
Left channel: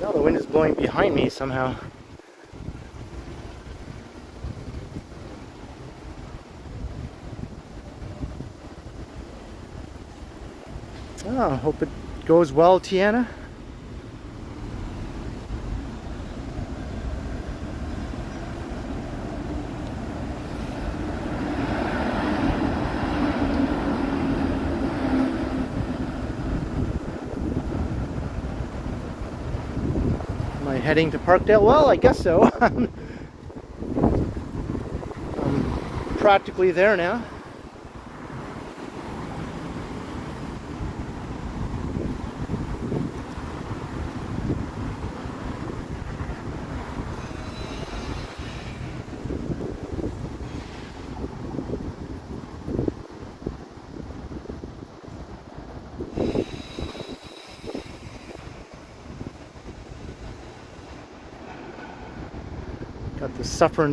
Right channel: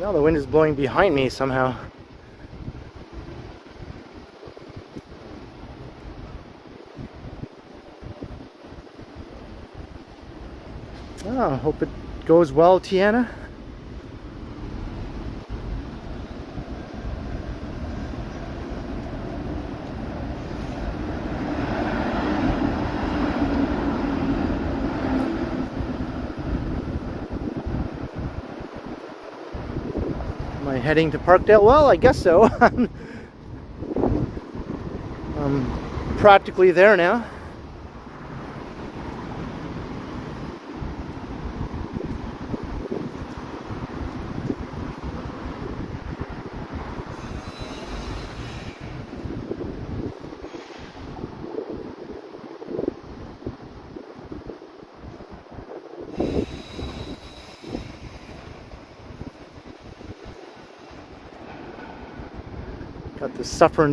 Now the wind is blowing behind me somehow. Oh, hope it goes well, Tiana. Am I heading to Parkdale? Well, I guess so. I'm practically there now. Got the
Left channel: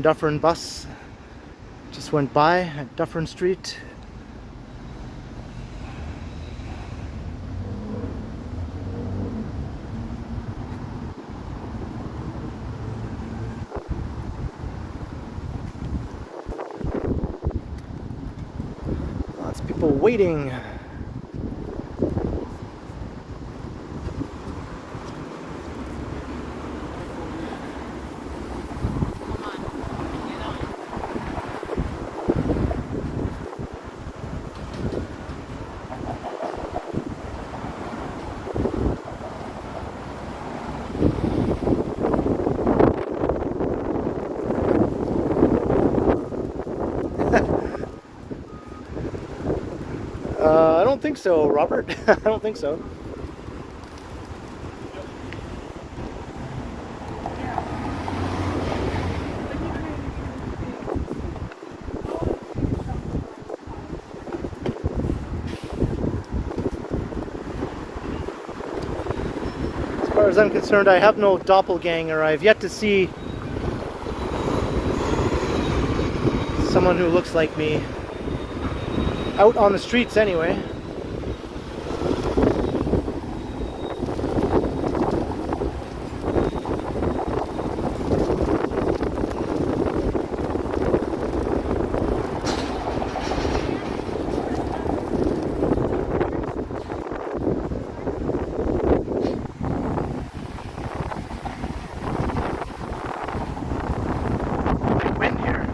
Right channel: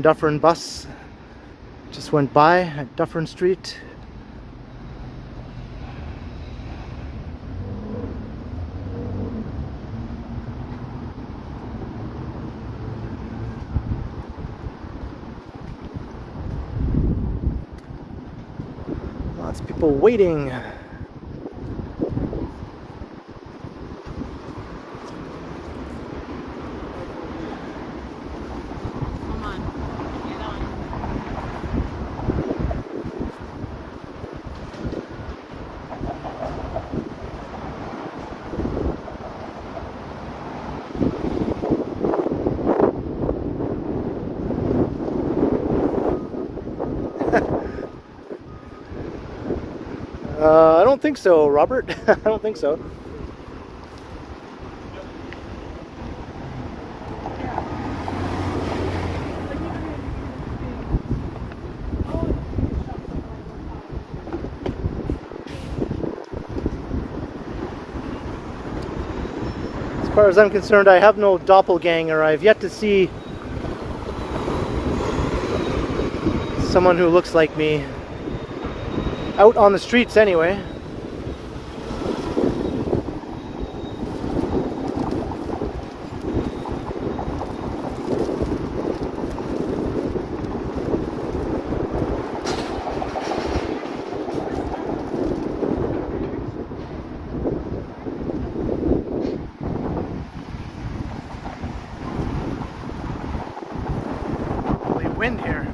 Dufferin bus just went by at Dufferin Street. Lots of people waiting. I don't think so, Robert. I don't think so. As far as I'm concerned, I have no doppelganger. I've yet to see someone who looks like me. Out on the streets anyway. Big wind here.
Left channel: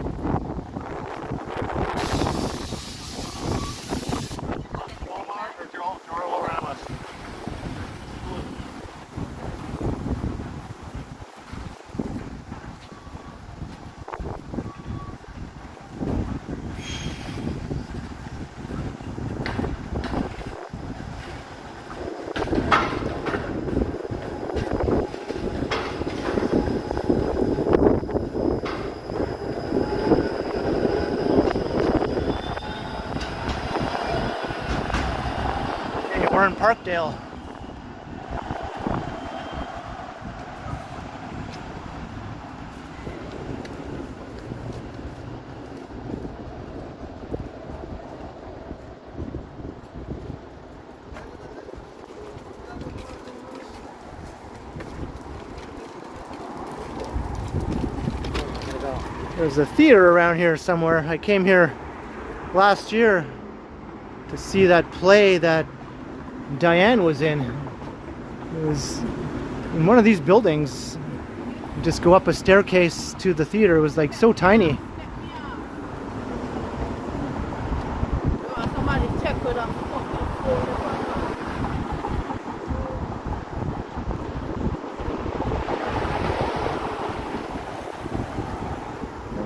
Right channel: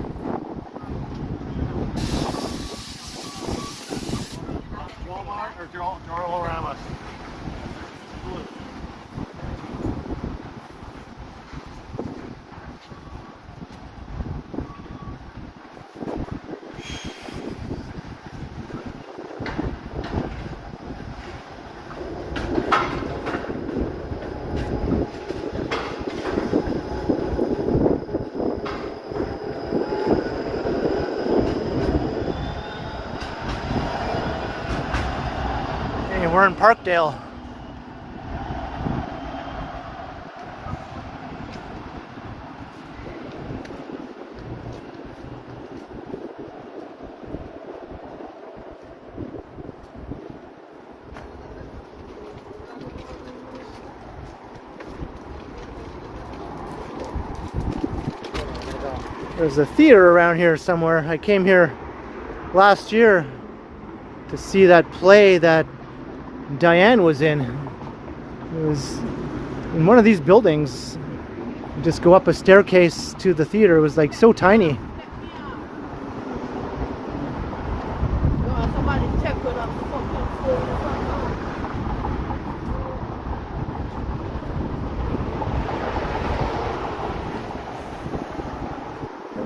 We're in Parkdale. There's a theater around here somewhere. I came here last year to see that play that Diane was in. It was in one of these buildings. You just go up a staircase to the theater. It was like so tiny.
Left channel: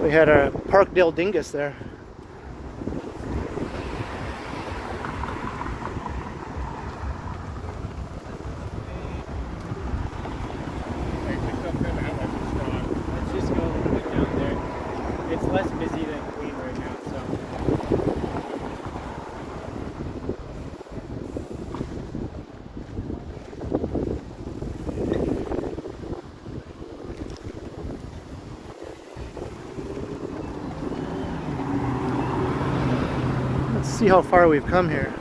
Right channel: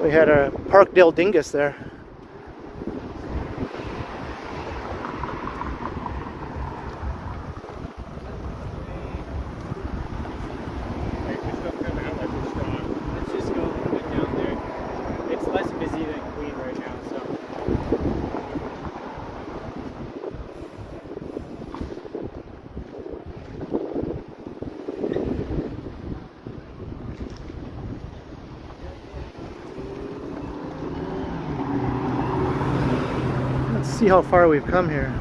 We had a Parkdale dingus there. Let's see how far we've come here.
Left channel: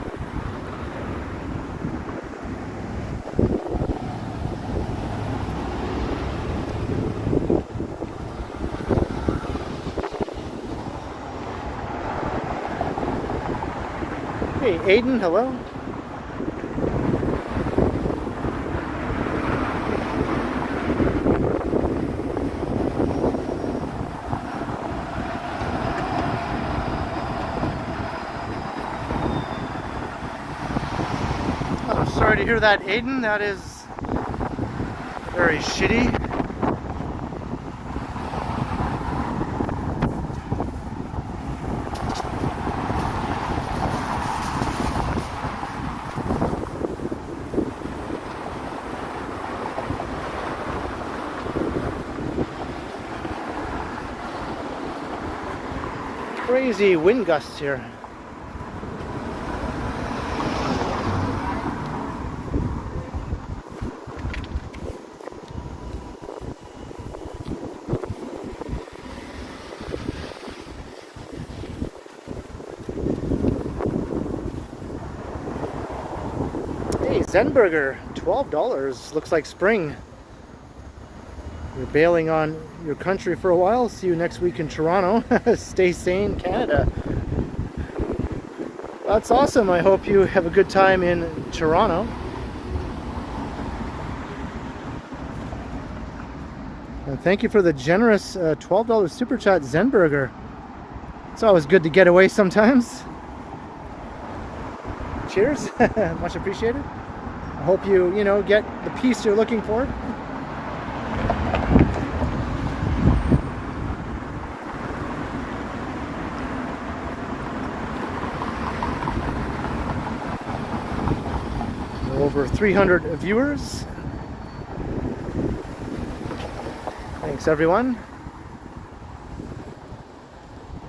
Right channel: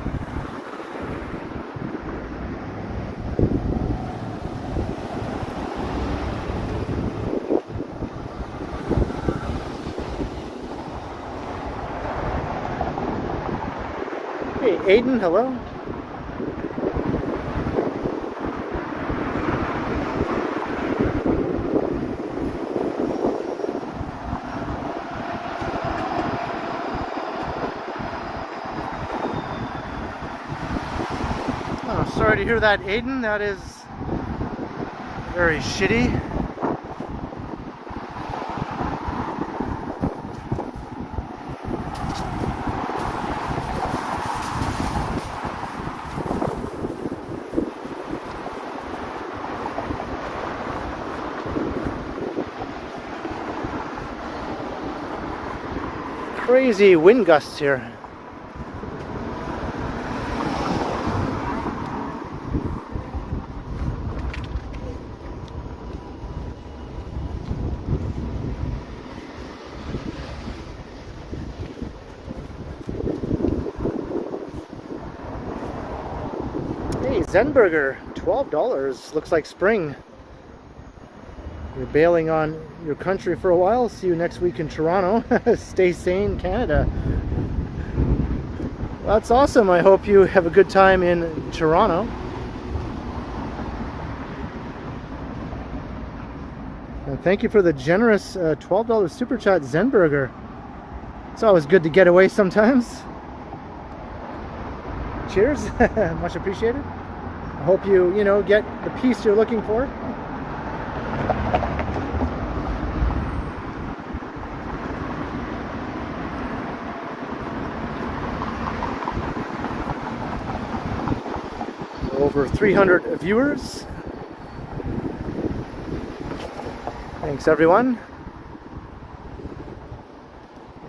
Hey, Aiden, hello. Oh, sorry to hear that, Aiden. That is very shitty. Crazy wind gusts here. Hey, Zenburger, $12. Looks like spring. You're bailing on your country for a while. See you next week in Toronto. Stay sane, Canada. That's awesome. I hope you have a good time in Toronto. And thank you for the generous $12 super chat, Zenburger. It's always good to get away sometimes. Cheers. Much appreciated. I hope you get the peace you're looking for. Over 300 viewers. Thanks everyone.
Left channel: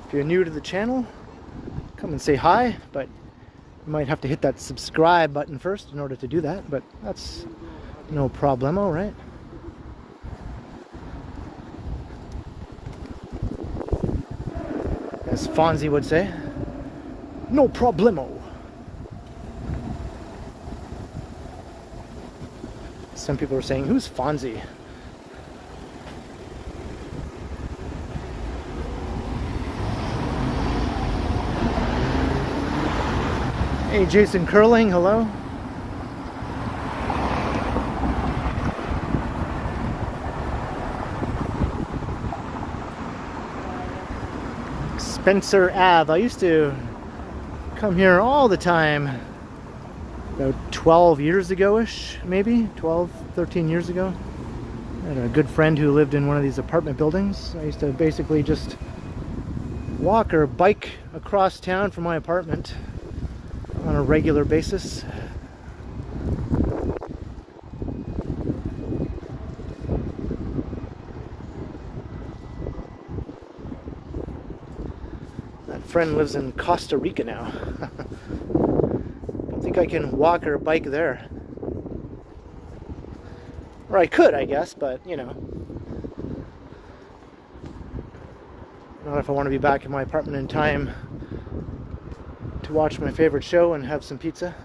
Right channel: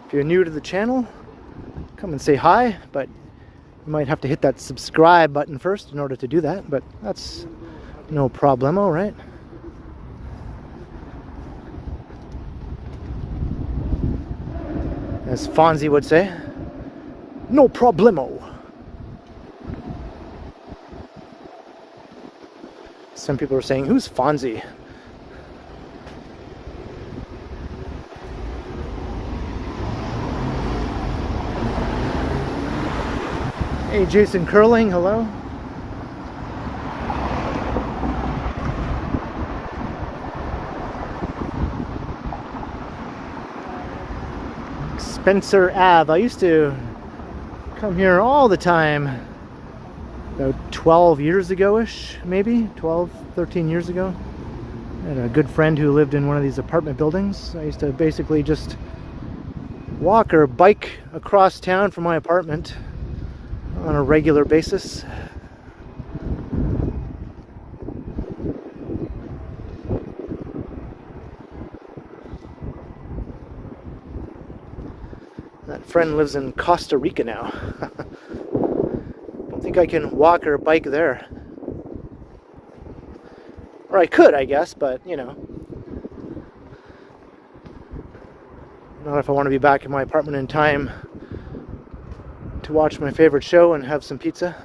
If you're new to the channel, come and say hi, but you might have to hit that subscribe button first in order to do that, but that's no problemo, right? As Fonzie would say, no problemo. Some people are saying, who's Fonzie? Hey, Jason Curling, hello. Spencer Ave. I used to come here all the time. About 12 years ago-ish, maybe 12, 13 years ago. I had a good friend who lived in one of these apartment buildings. I used to basically just walk or bike across town from my apartment on a regular basis. That friend lives in Costa Rica now. I think I can walk or bike there. Or I could, I guess, but not if I want to be back in my apartment in time to watch my favorite show and have some pizza.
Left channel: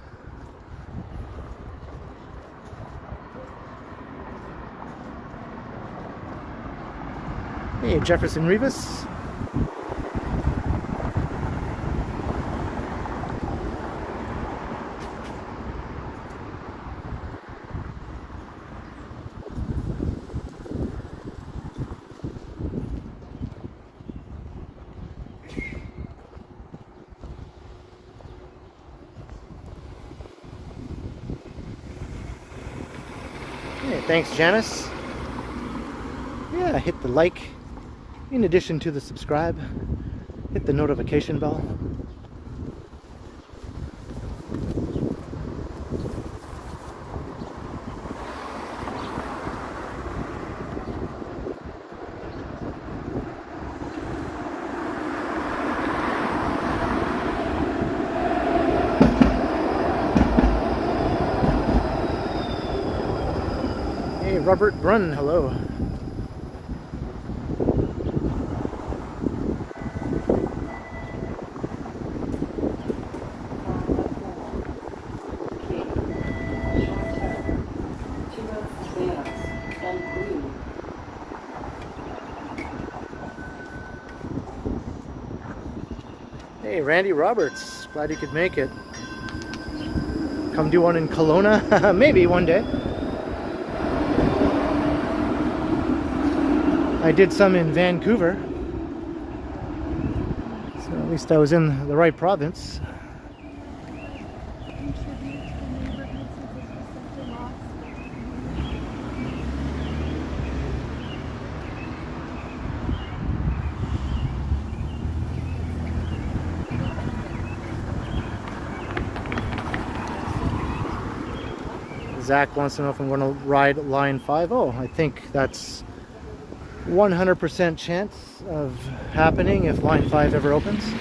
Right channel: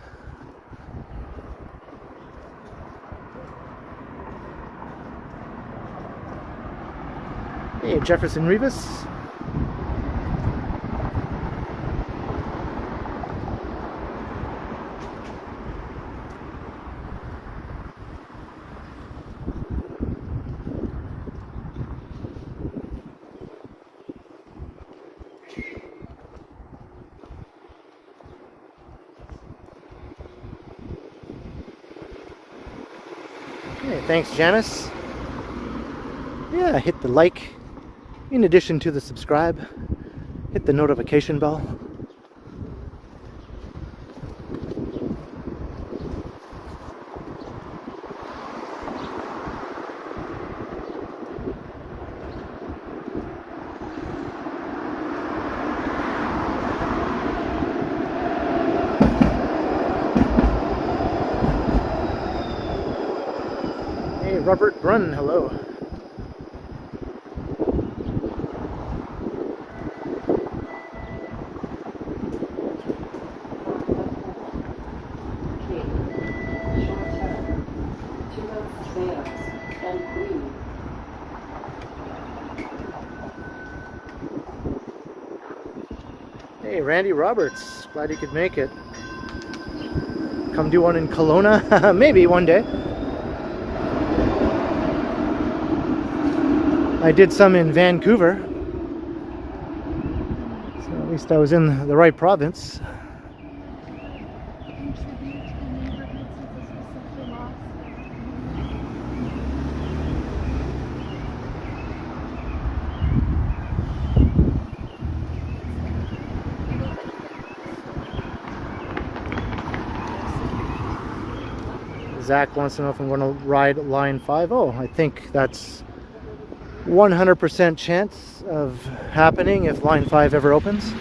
Hey, Jefferson Rivas. Hey, thanks, Janice. Yeah, hit the like. In addition to the subscribe, hit the notification bell. Hey, Robert Brunn, hello. Hey, Randy Roberts. Glad you could make it. Come do one in Kelowna? Maybe one day. I did some in Vancouver. So at least I was in the right province. Zach wants to know if I'm going to ride line 5. Oh, I think that's 100% chance of happening if line 5 ever opens.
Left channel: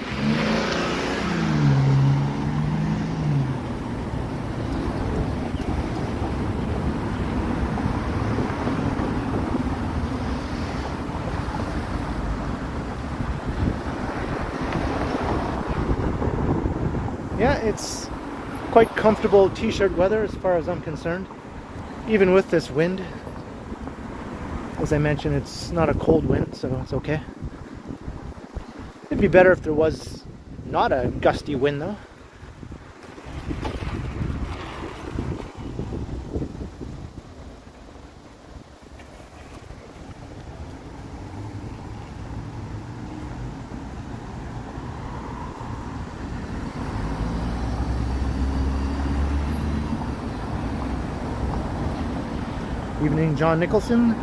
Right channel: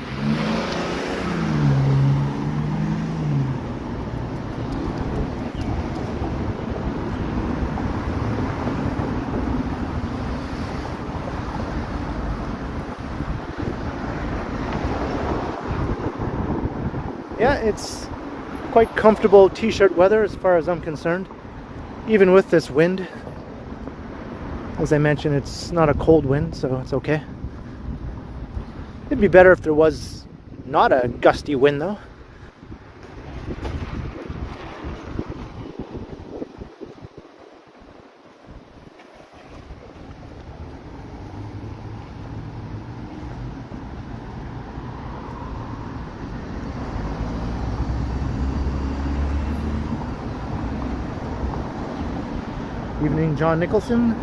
Yeah, it's quite comfortable t-shirt weather as far as I'm concerned, even with this wind. As I mentioned, it's not a cold wind, so it's okay. It'd be better if there was not a gusty wind though. Evening, John Nicholson.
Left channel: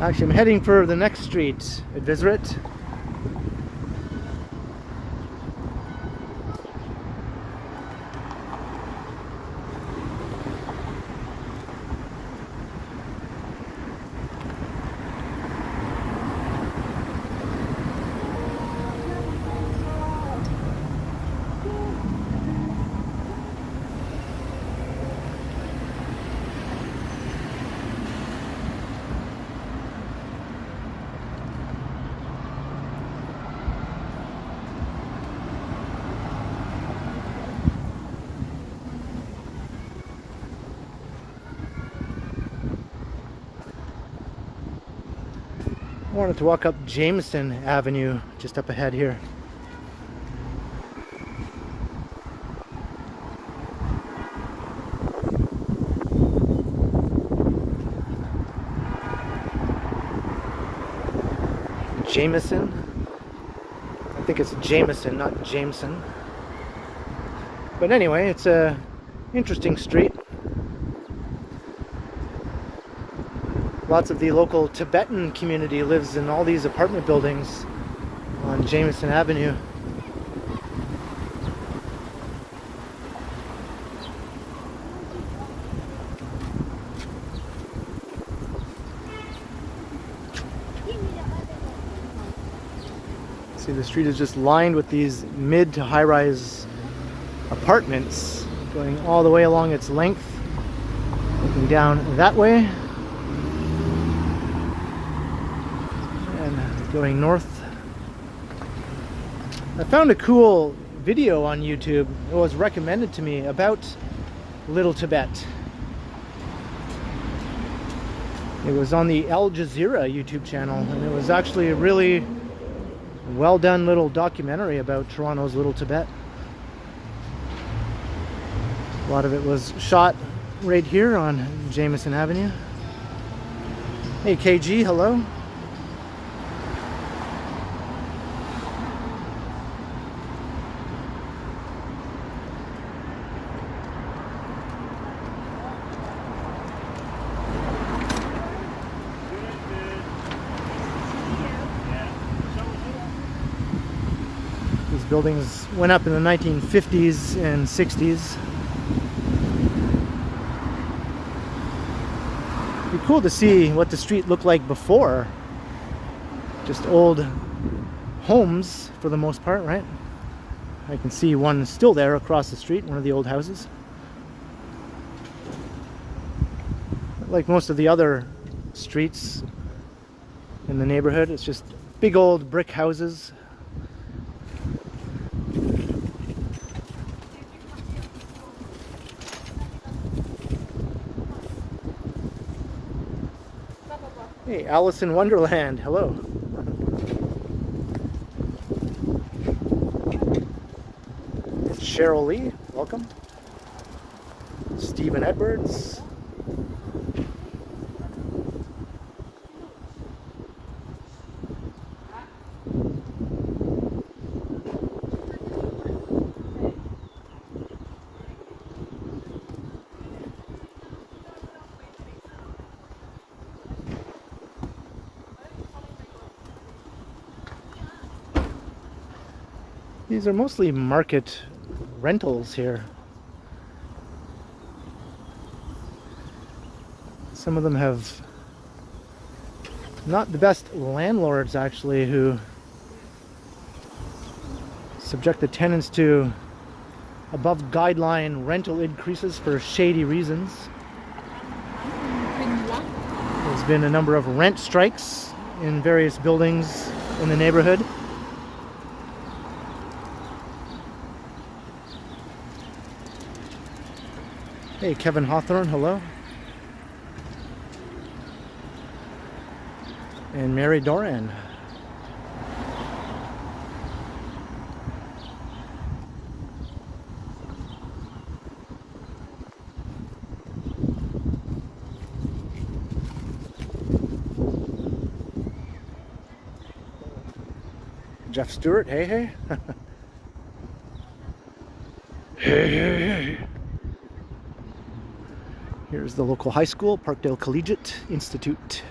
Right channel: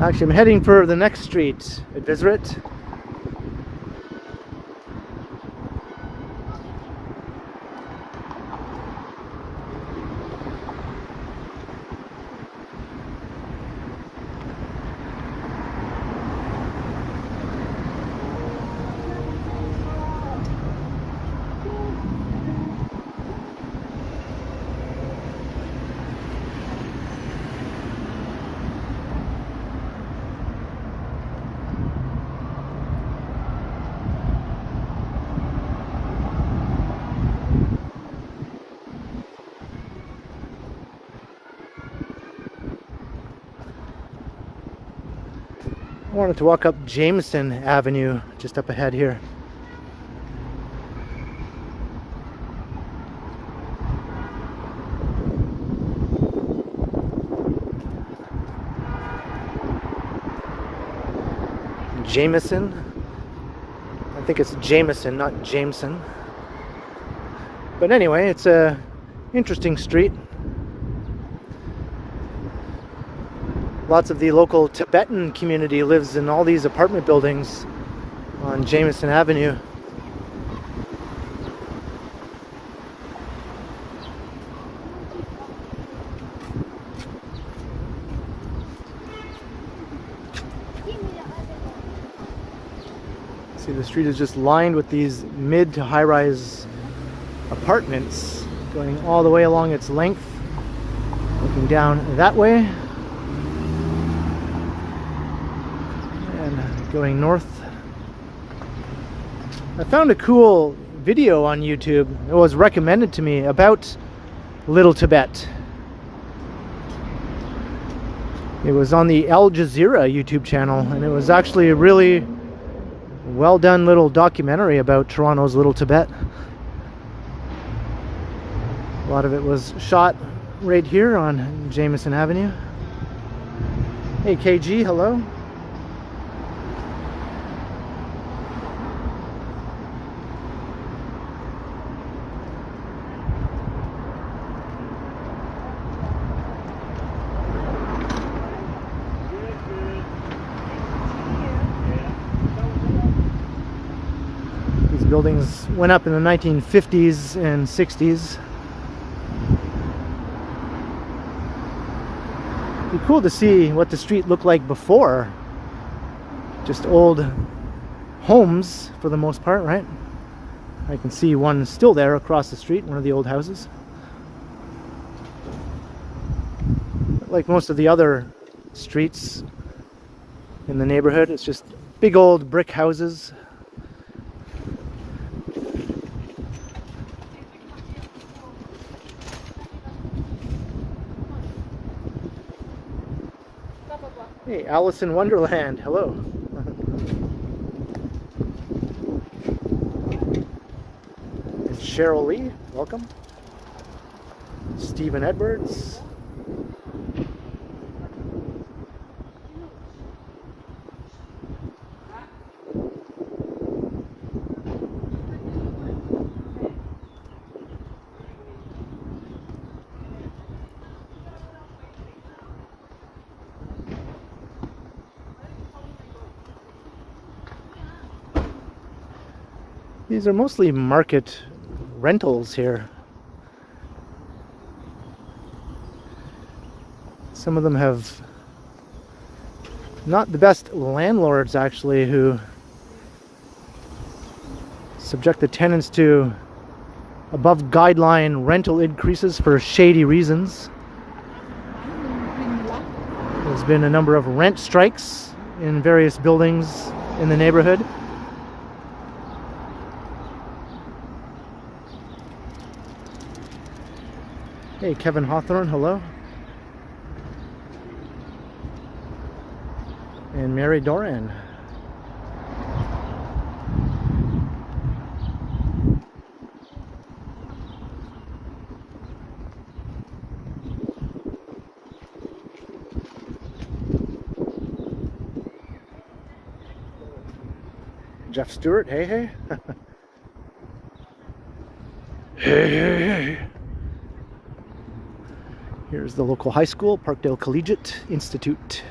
Actually, I'm heading for the next street at Vizrit. I wanted to walk up Jameson Avenue just up ahead here. Jameson. I think it's Jameson, not Jameson. But anyway, it's a interesting street. Lots of the local Tibetan community lives in all these apartment buildings on Jameson Avenue. See, the street is just lined with these mid to high-rise apartments going all the way along its length, looking down that way. Going north. I found a cool video on YouTube. It was recommended to me about Little Tibet. It was on the Al Jazeera YouTube channel, and it was actually a really well done little documentary about Toronto's Little Tibet. A lot of it was shot right here on Jameson Avenue. Hey KG, hello. Buildings went up in the 1950s and 60s. It'd be cool to see what the street looked like before. Just old homes for the most part, right? I can see one still there across the street, one of the old houses. Like most of the other streets in the neighborhood, it's just big old brick houses. Hey, Alice in Wonderland, hello. And Cheryl Lee, welcome. Stephen Edwards. These are mostly market rentals here. Some of them have not the best landlords, actually, who subject the tenants to above guideline rental increases for shady reasons. There's been a number of rent strikes in various buildings in the neighborhood. Hey, Kevin Hawthorne, hello. And Mary Doran. Jeff Stewart, hey, hey. Hey, hey, hey. Here's the local high school, Parkdale Collegiate Institute.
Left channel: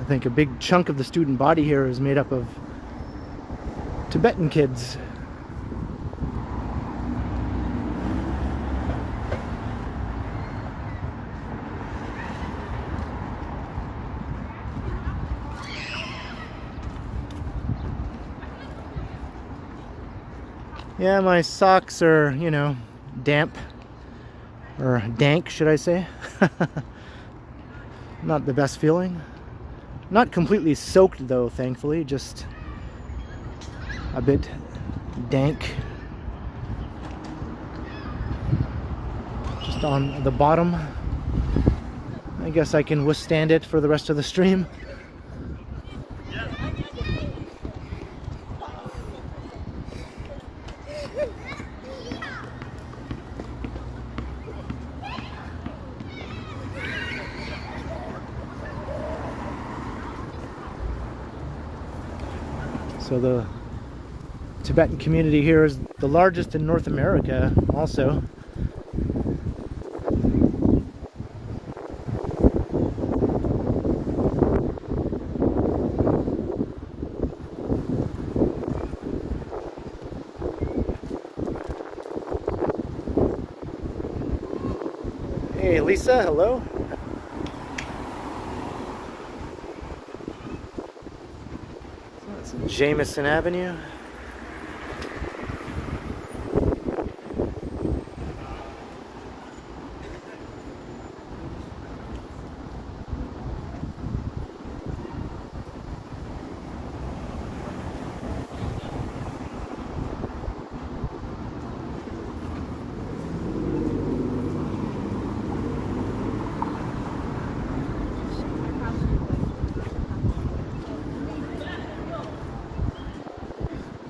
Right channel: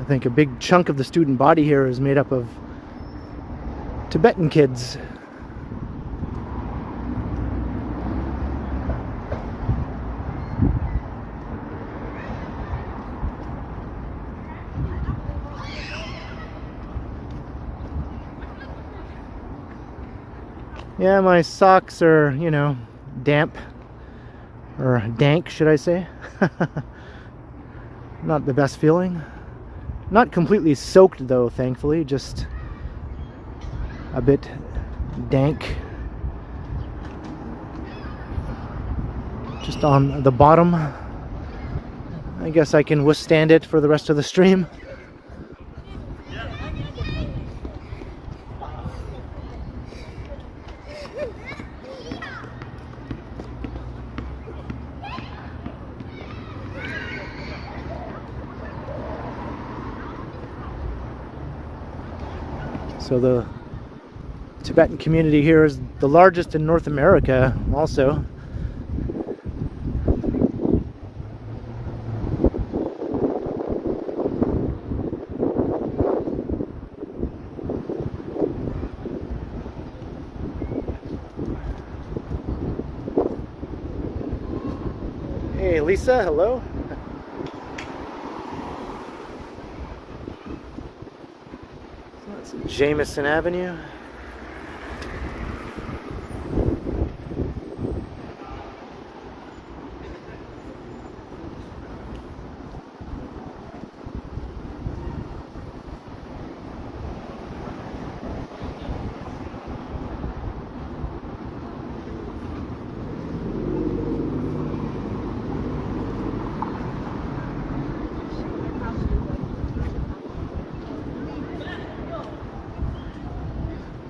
I think a big chunk of the student body here is made up of Tibetan kids. Yeah, my socks are, you know, damp, or dank, should I say. Not the best feeling. Not completely soaked though, thankfully, just a bit dank. Just on the bottom. I guess I can withstand it for the rest of the stream. So the Tibetan community here is the largest in North America also. Hey Lisa, hello. Jameson Avenue.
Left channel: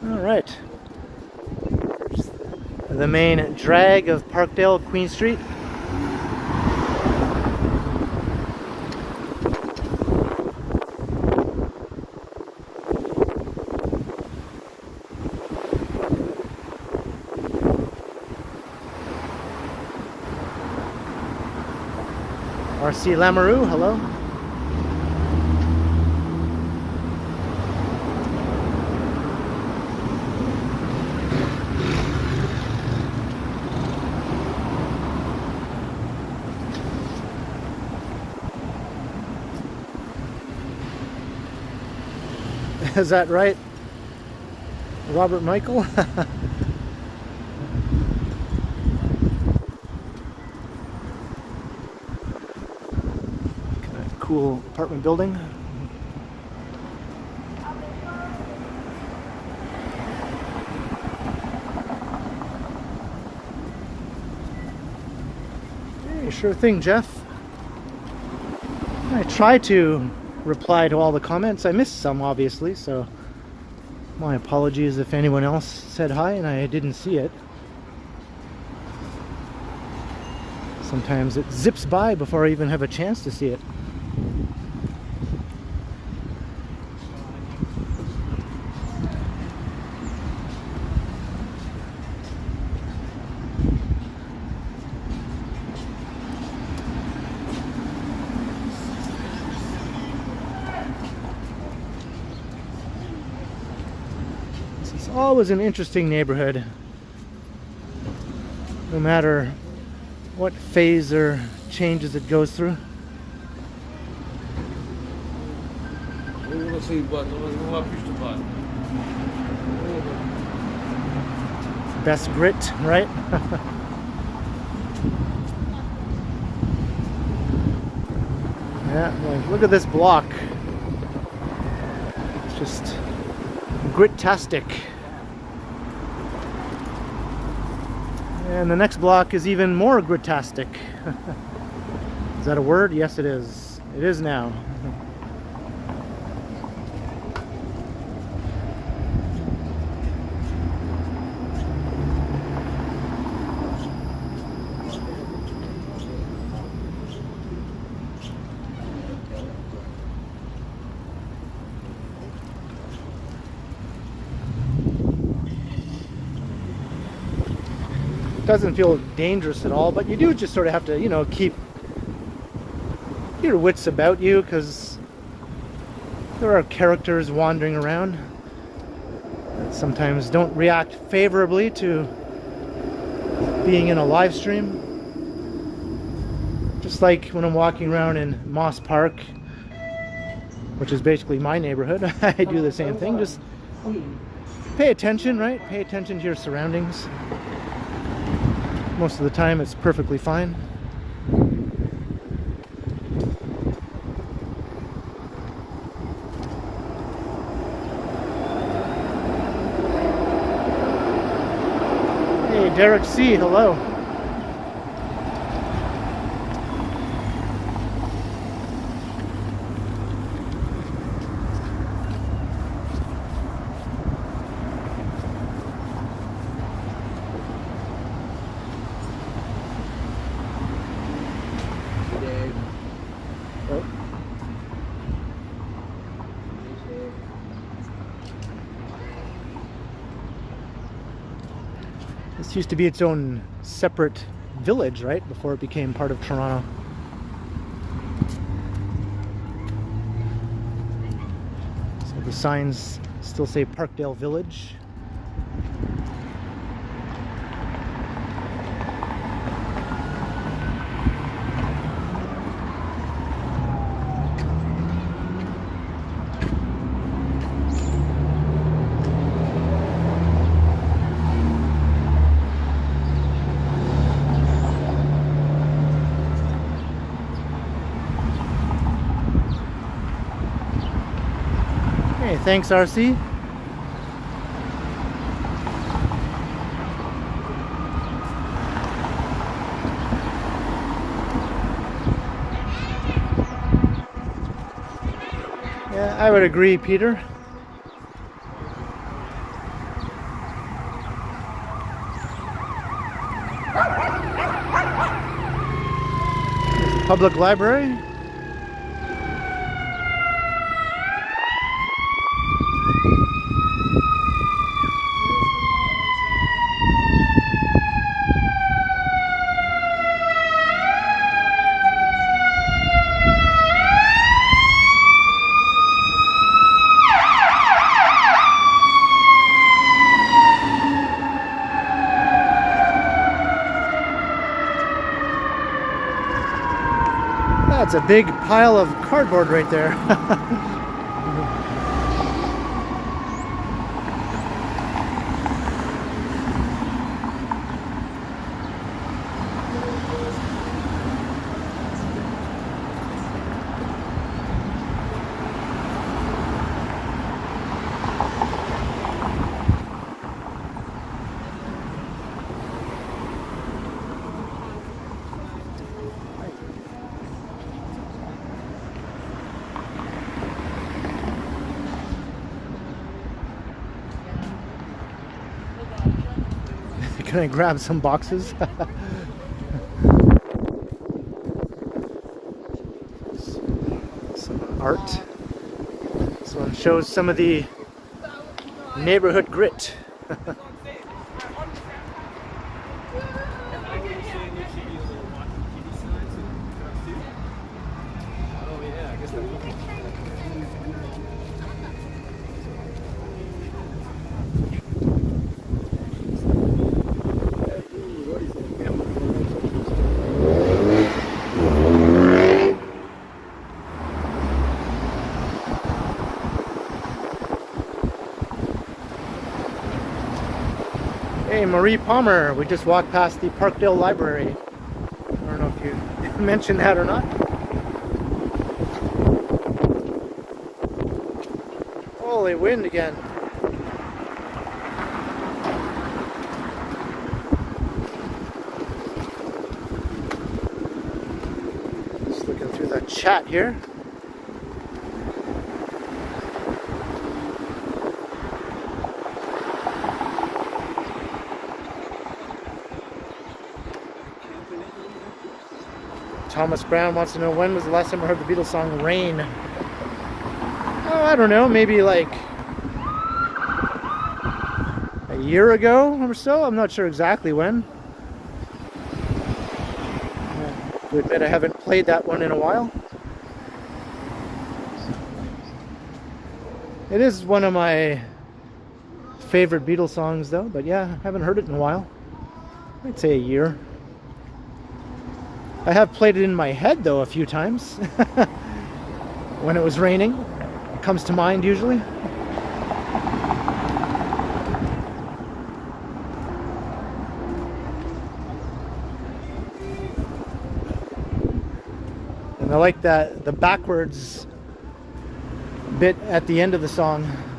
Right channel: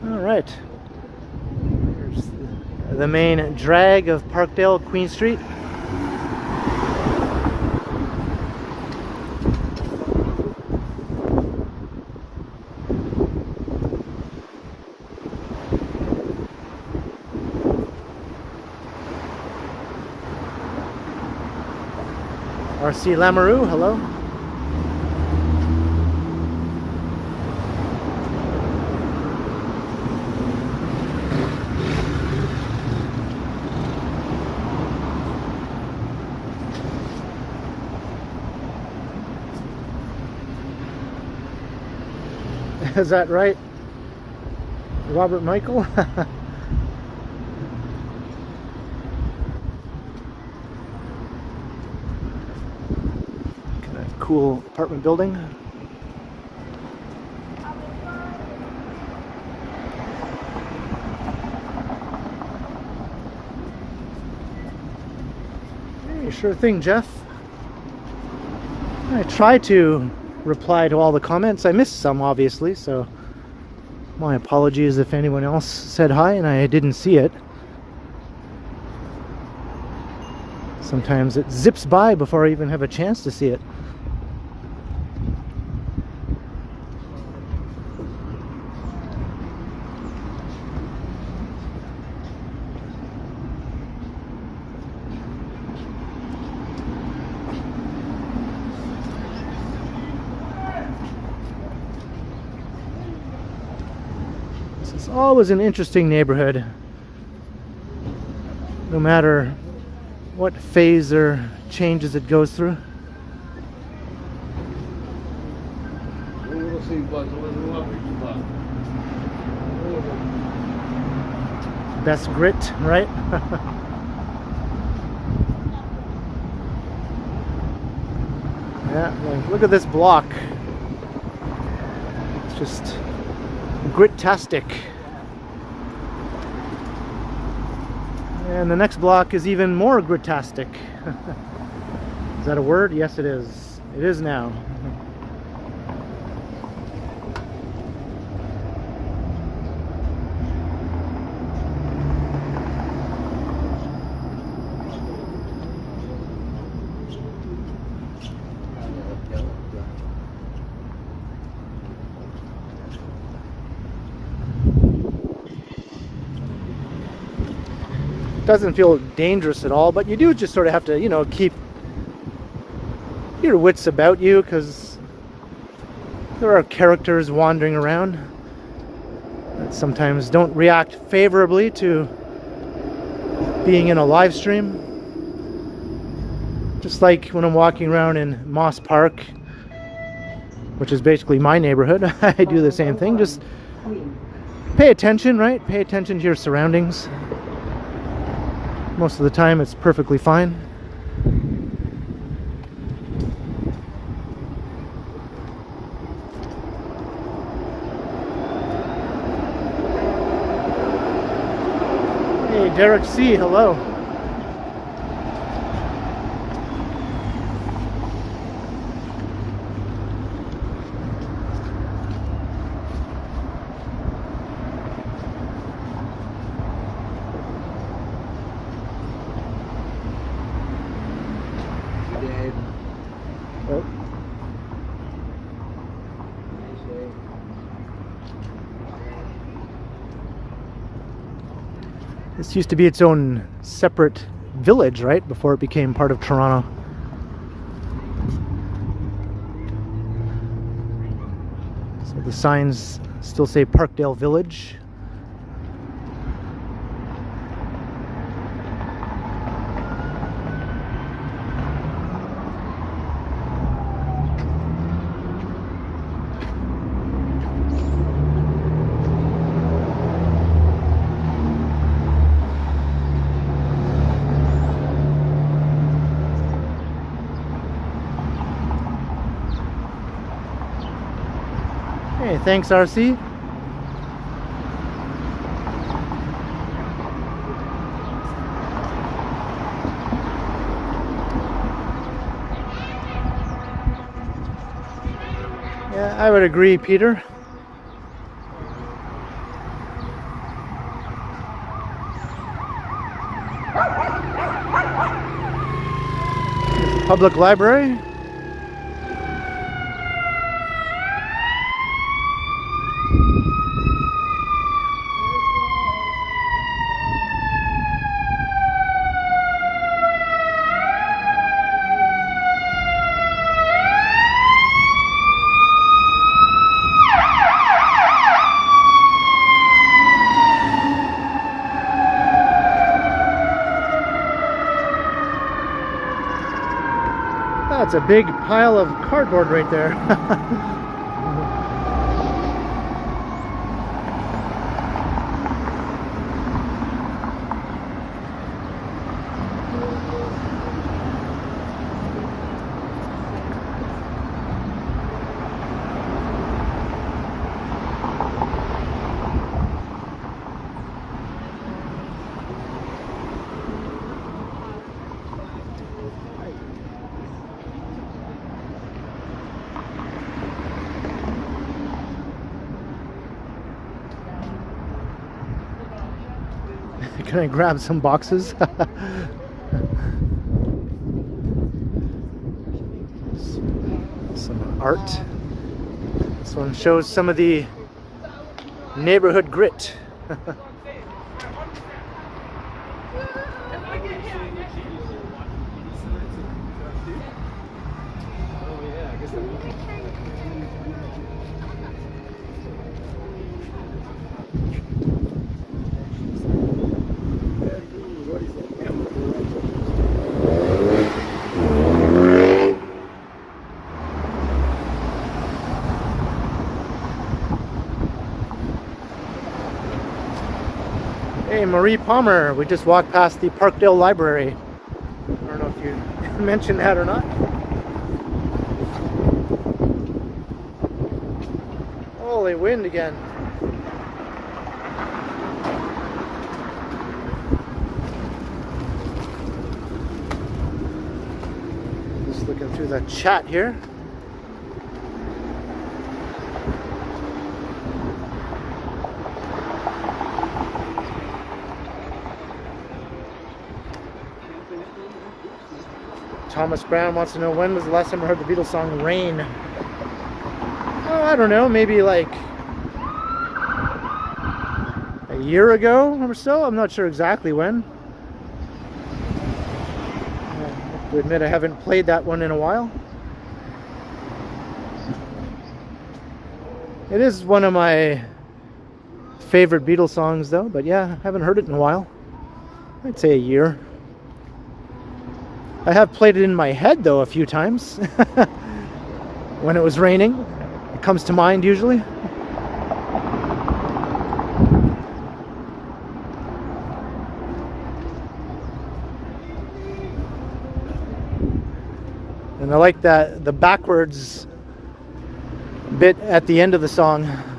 Alright, here's the main drag of Parkdale, Queen Street. RC Lamoureux, hello. Is that right, Robert Michael? Kind of cool apartment building. Hey, sure thing, Jeff. I try to reply to all the comments. I missed some, obviously, so my apologies if anyone else said hi and I didn't see it. Sometimes it zips by before I even have a chance to see it. It's always an interesting neighborhood, no matter what phase or changes it goes through. Best grit, right? Yeah, like, look at this block. It's just grit-tastic. And the next block is even more grit-tastic. Is that a word? Yes, it is. It is now. Doesn't feel dangerous at all, but you do just sort of have to, you know, keep your wits about you, because there are characters wandering around that sometimes don't react favorably to being in a live stream. Just like when I'm walking around in Moss Park, which is basically my neighborhood, I do the same thing. Just pay attention, right? Pay attention to your surroundings. Most of the time it's perfectly fine. Hey, Derek C., hello. This used to be its own separate village, right? Before it became part of Toronto. So the signs still say Parkdale Village. Hey, thanks, RC. Yeah, I would agree, Peter. There's a public library. That's a big pile of cardboard right there. Can I grab some boxes? Some art. This one shows some of the neighborhood grit. Hey, Marie Palmer, we just walked past the Parkdale Library. I don't know if you mentioned that or not. Holy wind again. Just looking through the chat here. Thomas Brown wants to know, when was the last time I heard the Beatles song Rain? Oh, I don't know, maybe like a year ago or so. I'm not sure exactly when. I have to admit I haven't played that one in a while. It is one of my favorite Beatles songs though, but yeah, I haven't heard it in a while. I'd say a year. I have played it in my head though a few times when it was raining. It comes to mind usually. And I like that the backwards bit at the end of the song.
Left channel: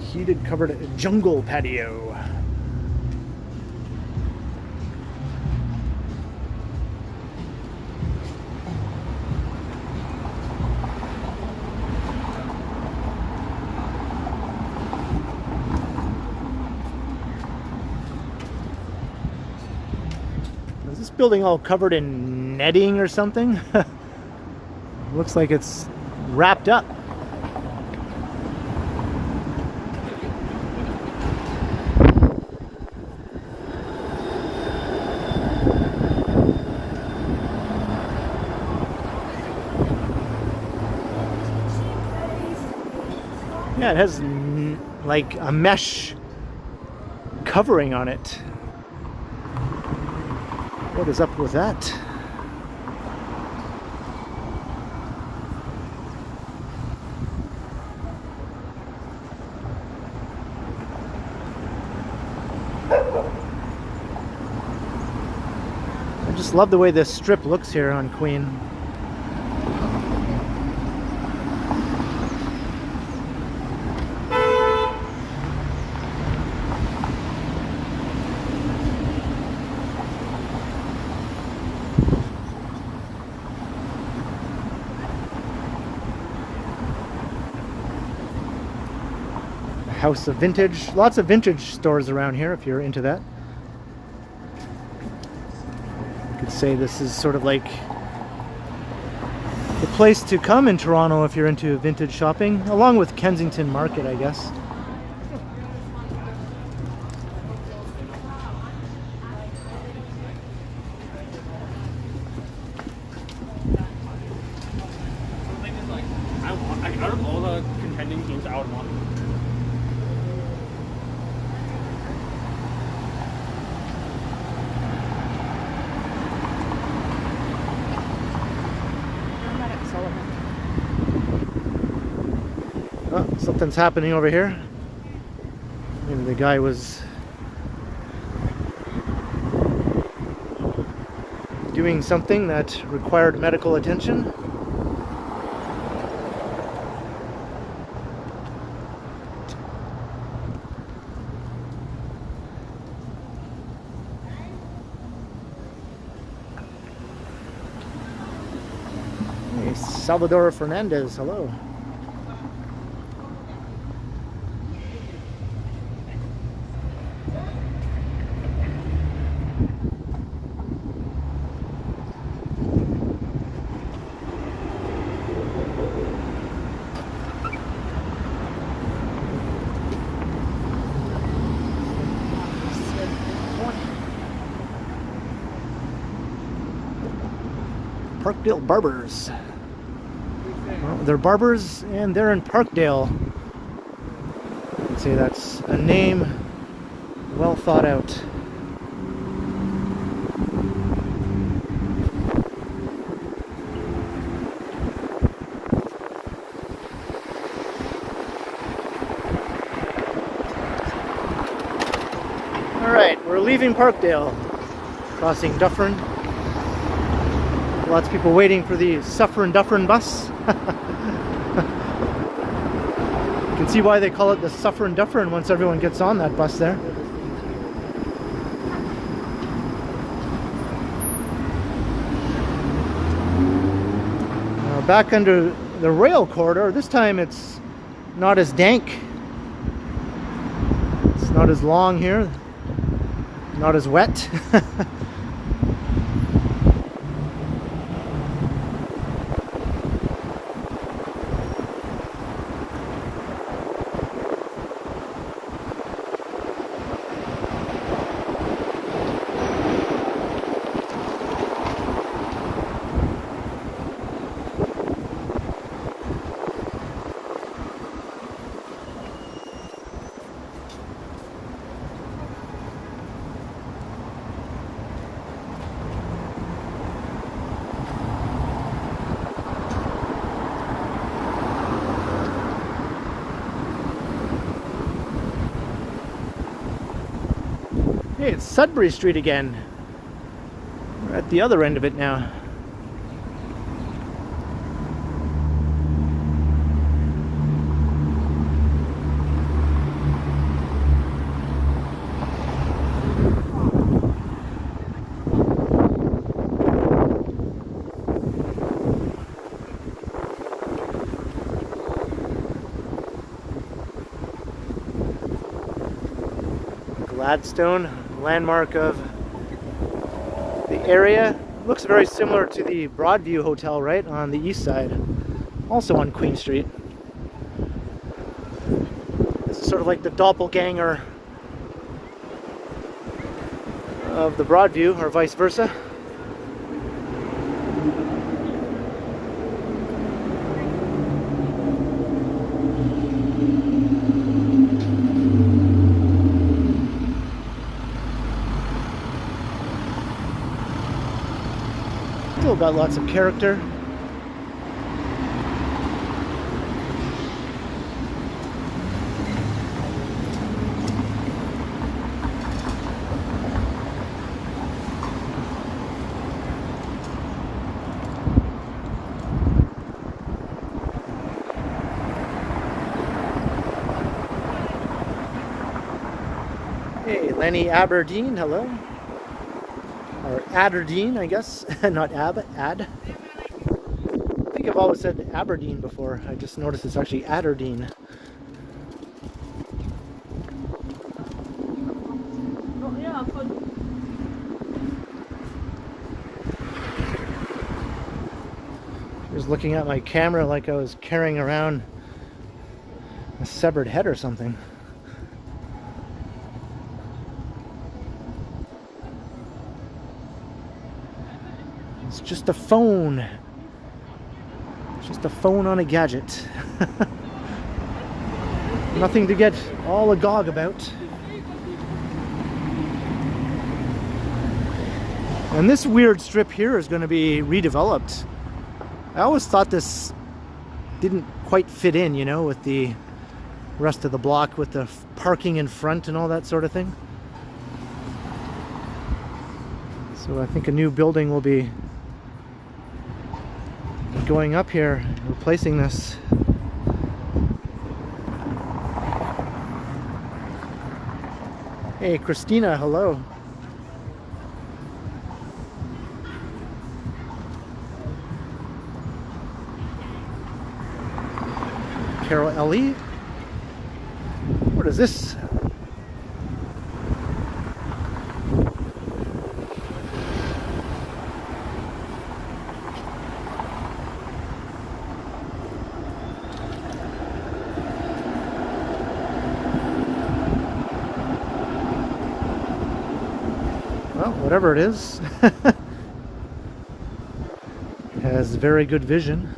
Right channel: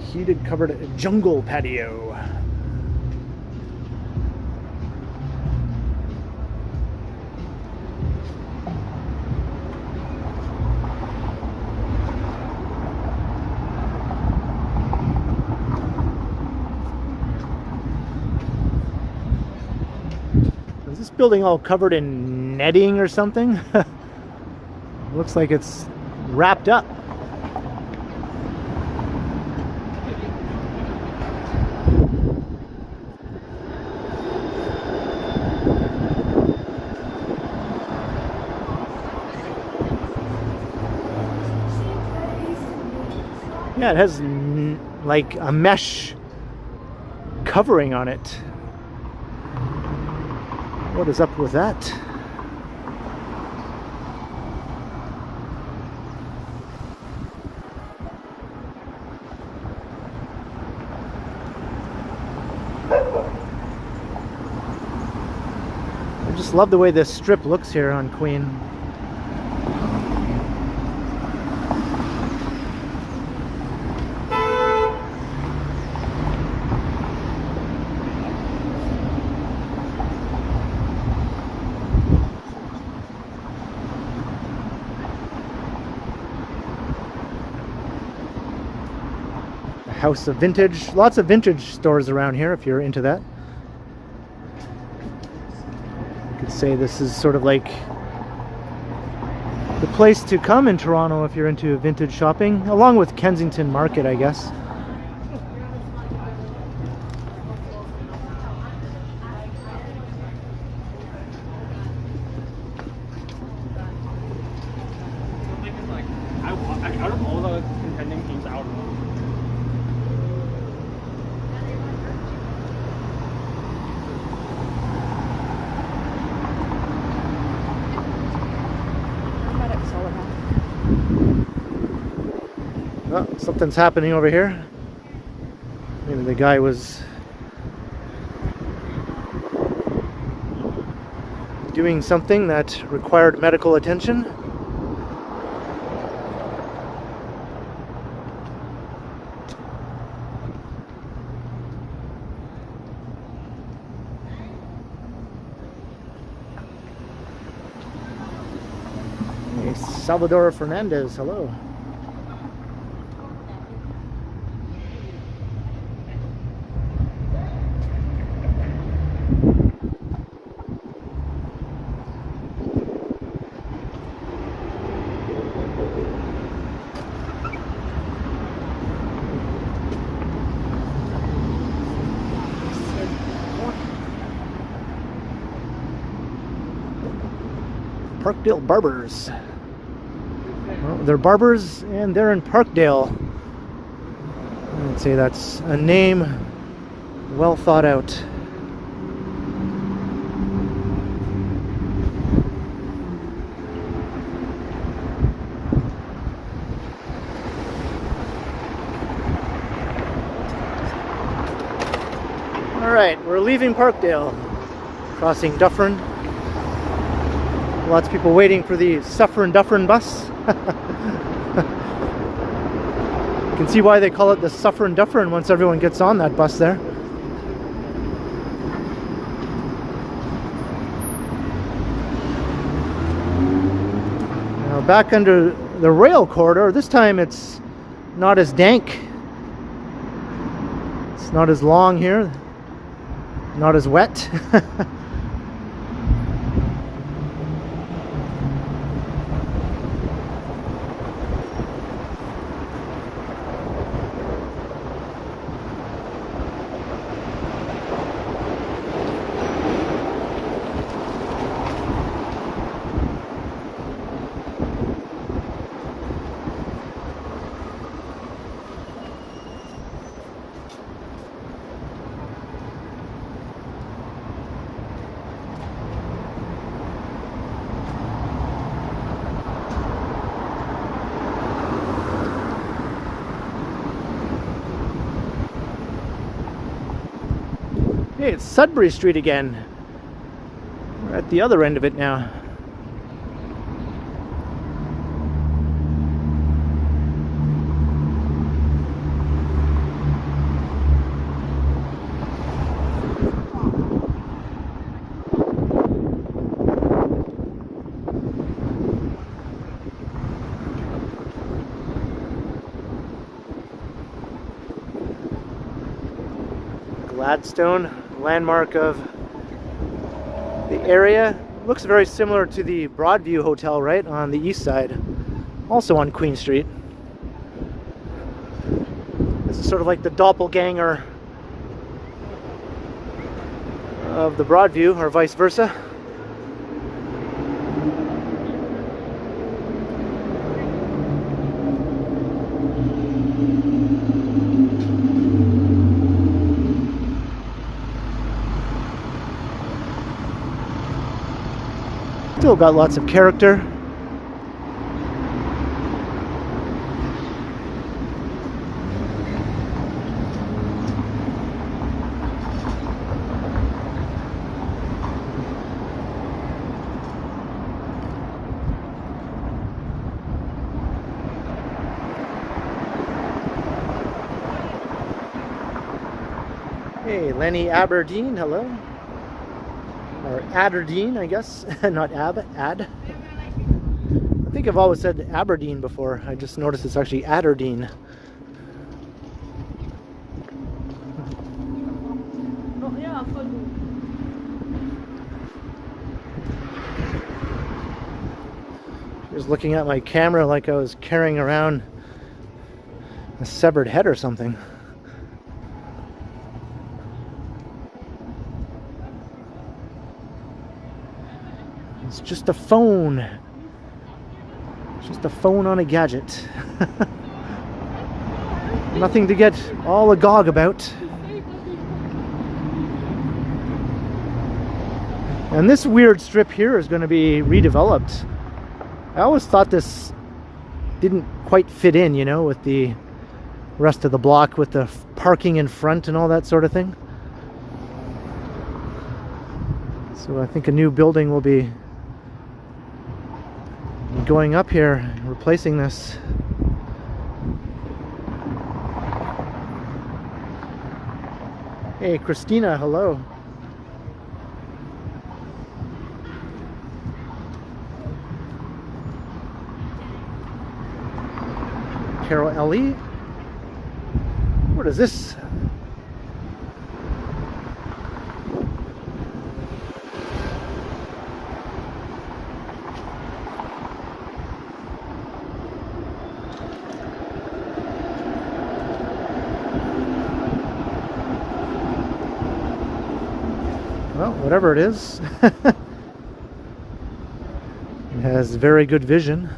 Heated covered jungle patio. Is this building all covered in netting or something? Looks like it's wrapped up. Yeah, it has like a mesh covering on it. What is up with that? I just love the way this strip looks here on Queen. House of Vintage. Lots of vintage stores around here if you're into that. You could say this is sort of like the place to come in Toronto if you're into vintage shopping, along with Kensington Market, I guess. Out of all the contending teams, I would want. Oh, something's happening over here. Maybe the guy was doing something that required medical attention. Hey, Salvador Fernandez, hello. Parkdale Barbers. Well, they're barbers and they're in Parkdale. I'd say that's a name well thought out. Alright, we're leaving Parkdale, crossing Dufferin. Lots of people waiting for the Dufferin bus. You can see why they call it the Dufferin once everyone gets on that bus there. Now back under the rail corridor, this time it's not as dank. It's not as long here, not as wet. Hey, it's Sudbury Street again. We're at the other end of it now. Gladstone, landmark of the area. Looks very similar to the Broadview Hotel, right, on the east side, also on Queen Street. This is sort of like the doppelganger of the Broadview, or vice versa. Still got lots of character. Hey, Lenny Aberdeen, hello. Or Aberdeen, I guess. Not Ad. I think I've always said Aberdeen before. I just noticed it's actually Aberdeen. I was looking at my camera like I was carrying around a severed head or something. It's just a phone. It's just a phone on a gadget. Nothing to get all agog about. And this weird strip here is going to be redeveloped. I always thought this didn't quite fit in, you know, with the rest of the block, with the parking in front and all that sort of thing. So I think a new building will be going up here, replacing this. Hey, Christina, hello. Carol LE. What is this? Well, whatever it is, it has very good vision.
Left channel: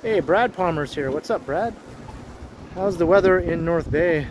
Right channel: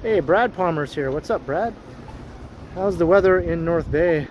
Hey, Brad Palmer's here. What's up, Brad? How's the weather in North Bay?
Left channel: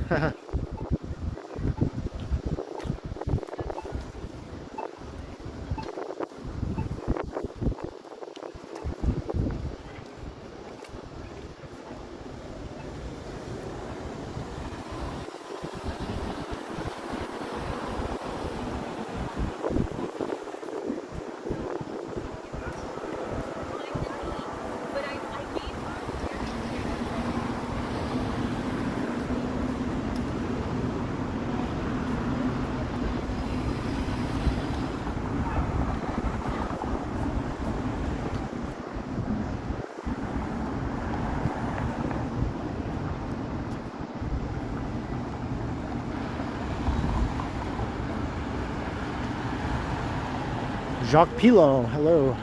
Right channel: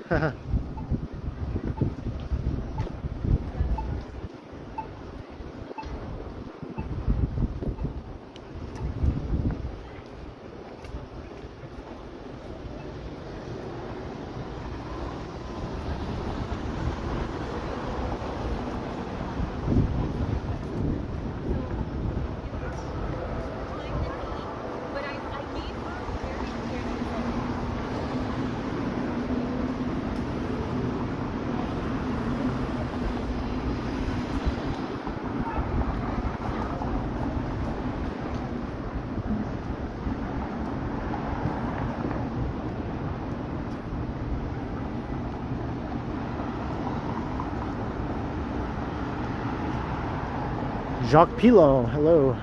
Jacques Pilot, hello.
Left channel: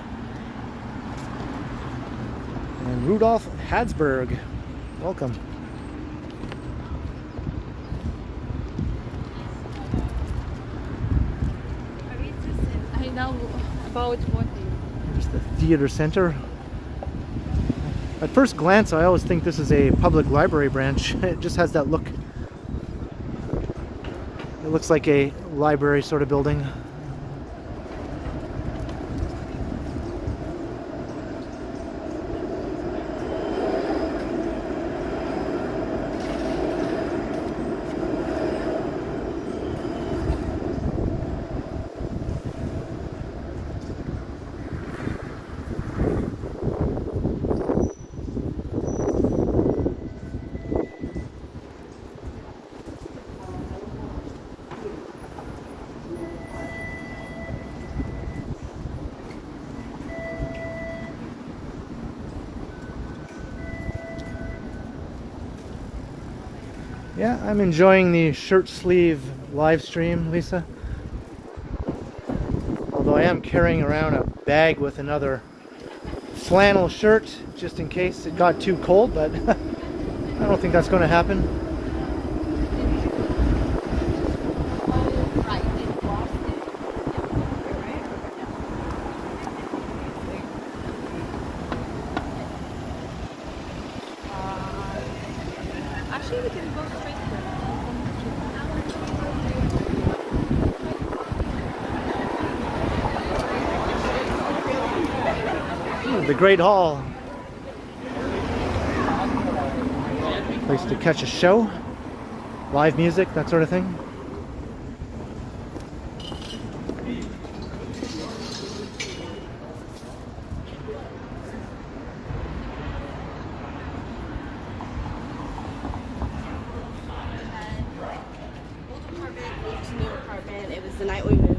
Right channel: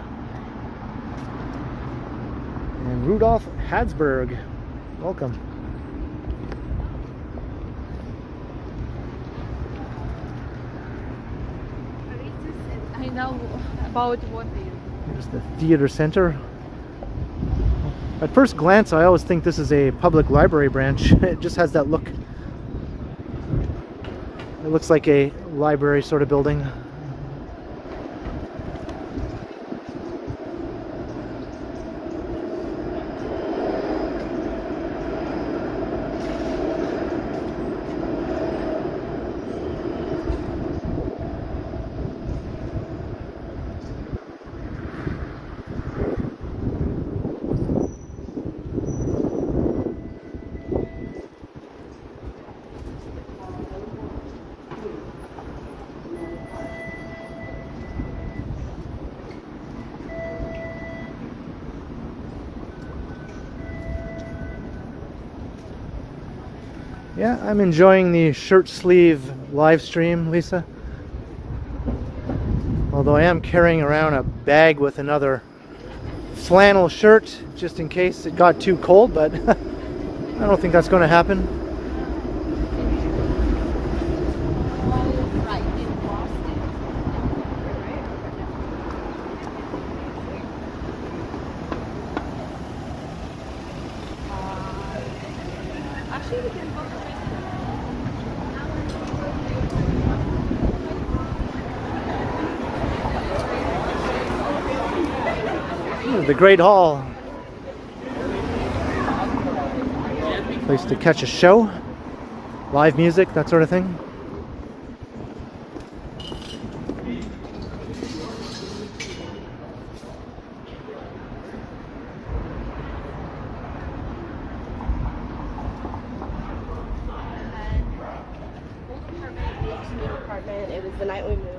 And Rudolph Hadsberg, welcome. I know about one thing. Here's the theater center. At first glance, I always think this is a public library branch. It just has that look. It looks like a library sort of building. Yeah, I'm enjoying the shirt sleeve live stream, Lisa. Although I am carrying around a bag with another flannel shirt just in case it got too cold, but I don't think that's going to happen. The Great Hall. Place to catch a show, live music, that sort of thing. Old apartment, new apartment. It was the night we moved.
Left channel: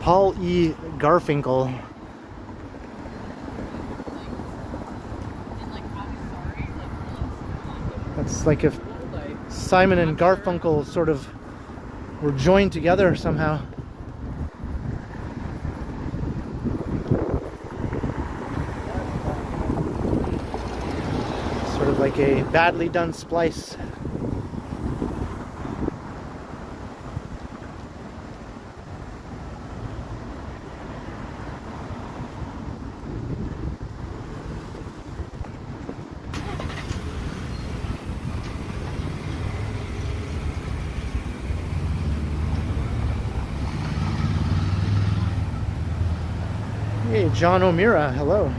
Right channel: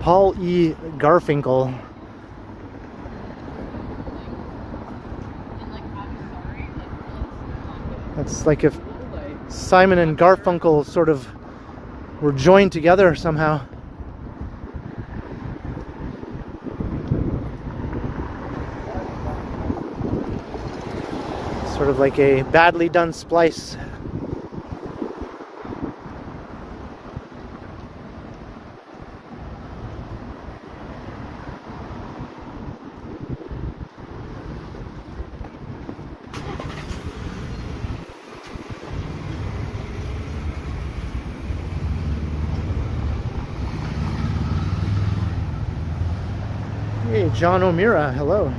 Paul E. Garfinkel. That's like if Simon and Garfunkel sort of were joined together somehow. Sort of like a badly done splice. Hey, John O'Meara, hello.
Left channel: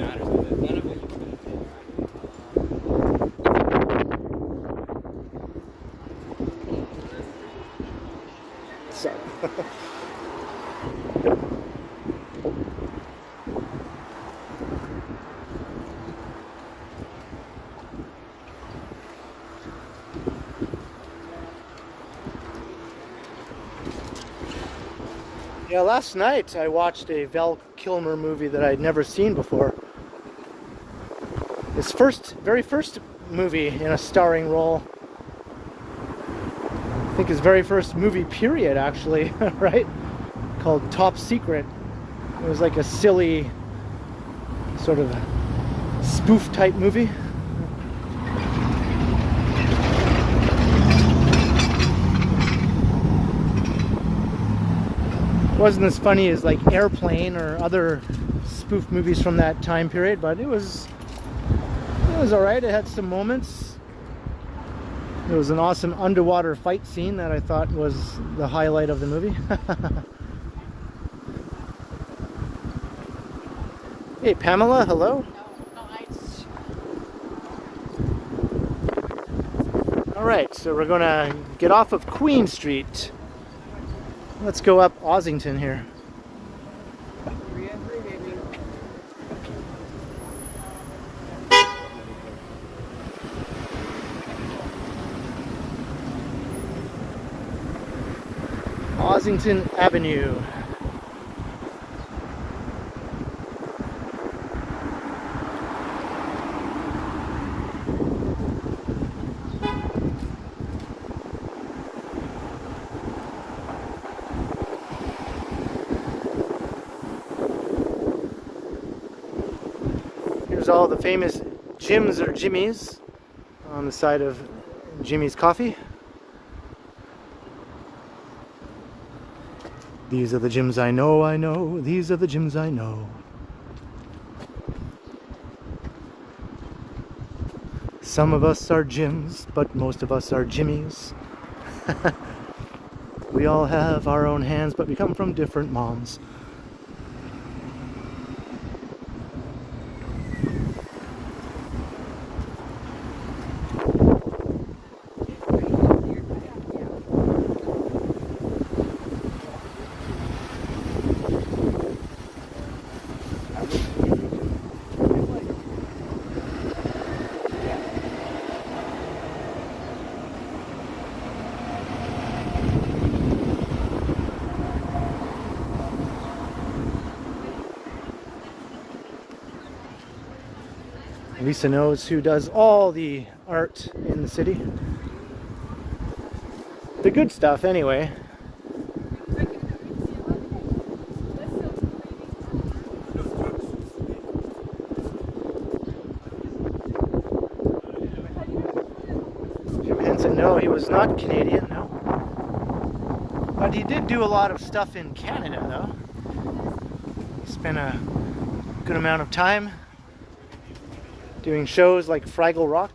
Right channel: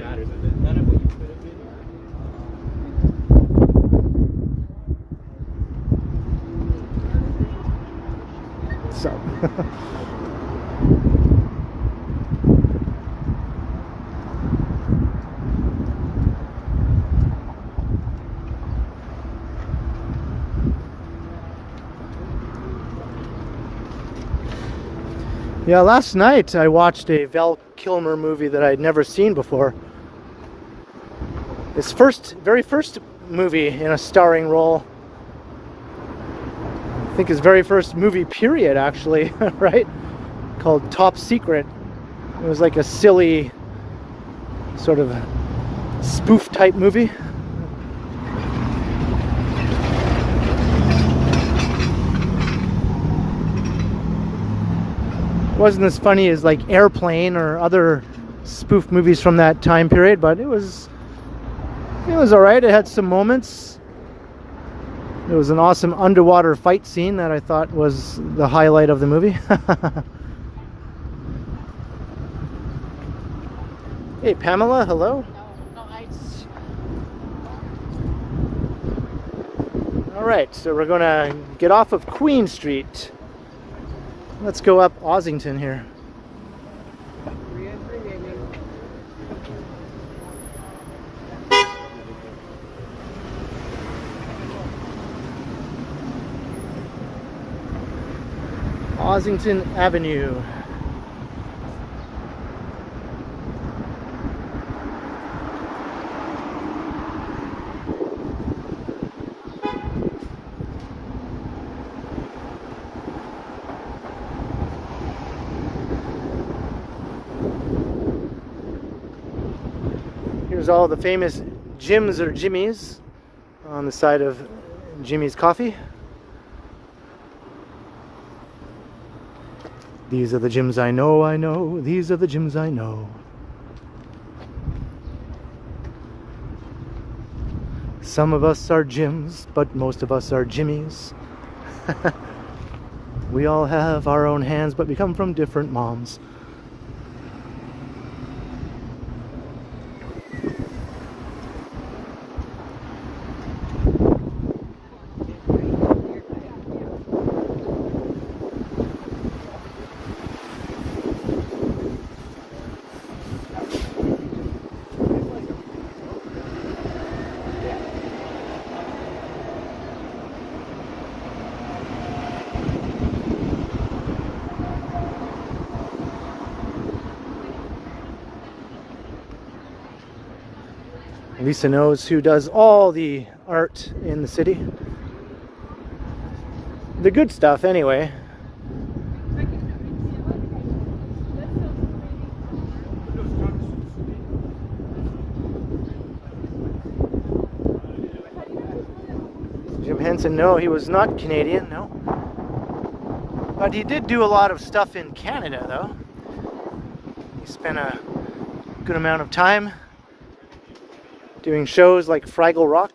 matters of it. None of what you built. So. Yeah, last night I watched a Val Kilmer movie that I'd never seen before. His very first movie in a starring role. I think his very first movie period, actually, right? Called Top Secret. It was like a silly sort of spoof type movie. Wasn't as funny as like Airplane or other spoof movies from that time period, but it was alright. It had some moments. There was an awesome underwater fight scene that I thought was the highlight of the movie. Hey Pamela, hello. Alright, so we're gonna get off of Queen Street. Let's go up Ossington here. Ossington Avenue. Here's all the famous Jims or Jimmy's on the side of Jimmy's Coffee. These are the Jims I know, these are the Jims I know. Some of us are Jims, but most of us are Jimmys. We all have our own hands, but we come from different moms. Lisa knows who does all the art in the city. The good stuff, anyway. Jim Henson, no, he was not Canadian, no. But he did do a lot of stuff in Canada, though. He spent a good amount of time doing shows like Fraggle Rock,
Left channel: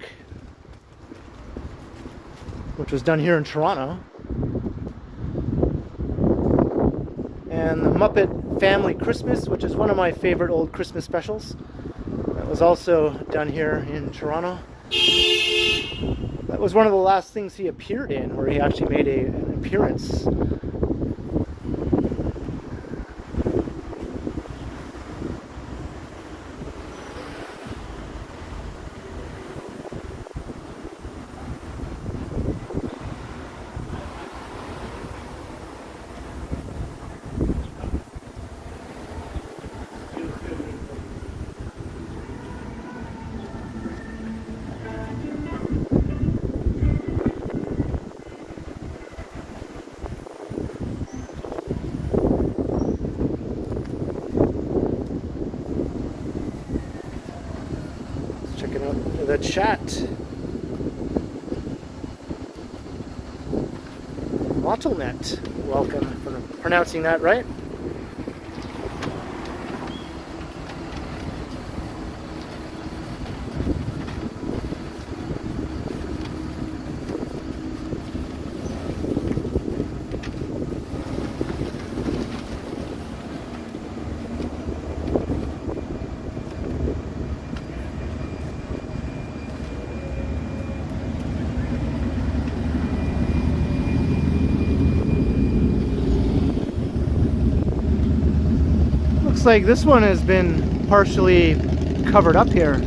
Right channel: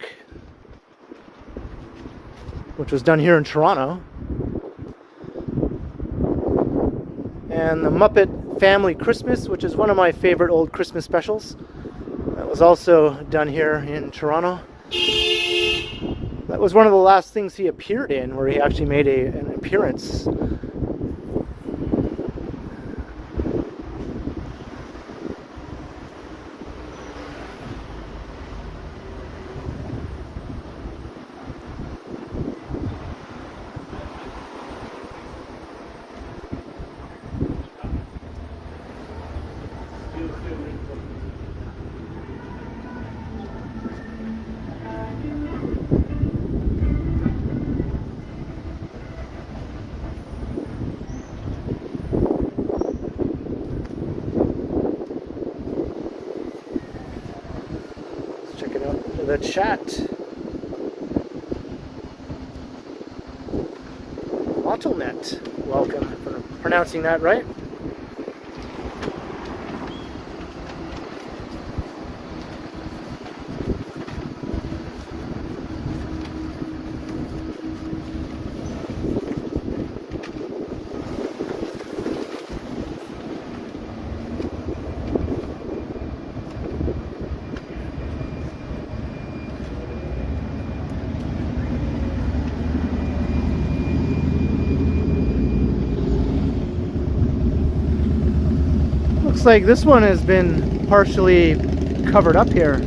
which was done here in Toronto, and the Muppet Family Christmas, which is one of my favorite old Christmas specials. That was also done here in Toronto. That was one of the last things he appeared in, where he actually made an appearance. The chat. Mottlenet, welcome, for pronouncing that right. looks like this one has been partially covered up here.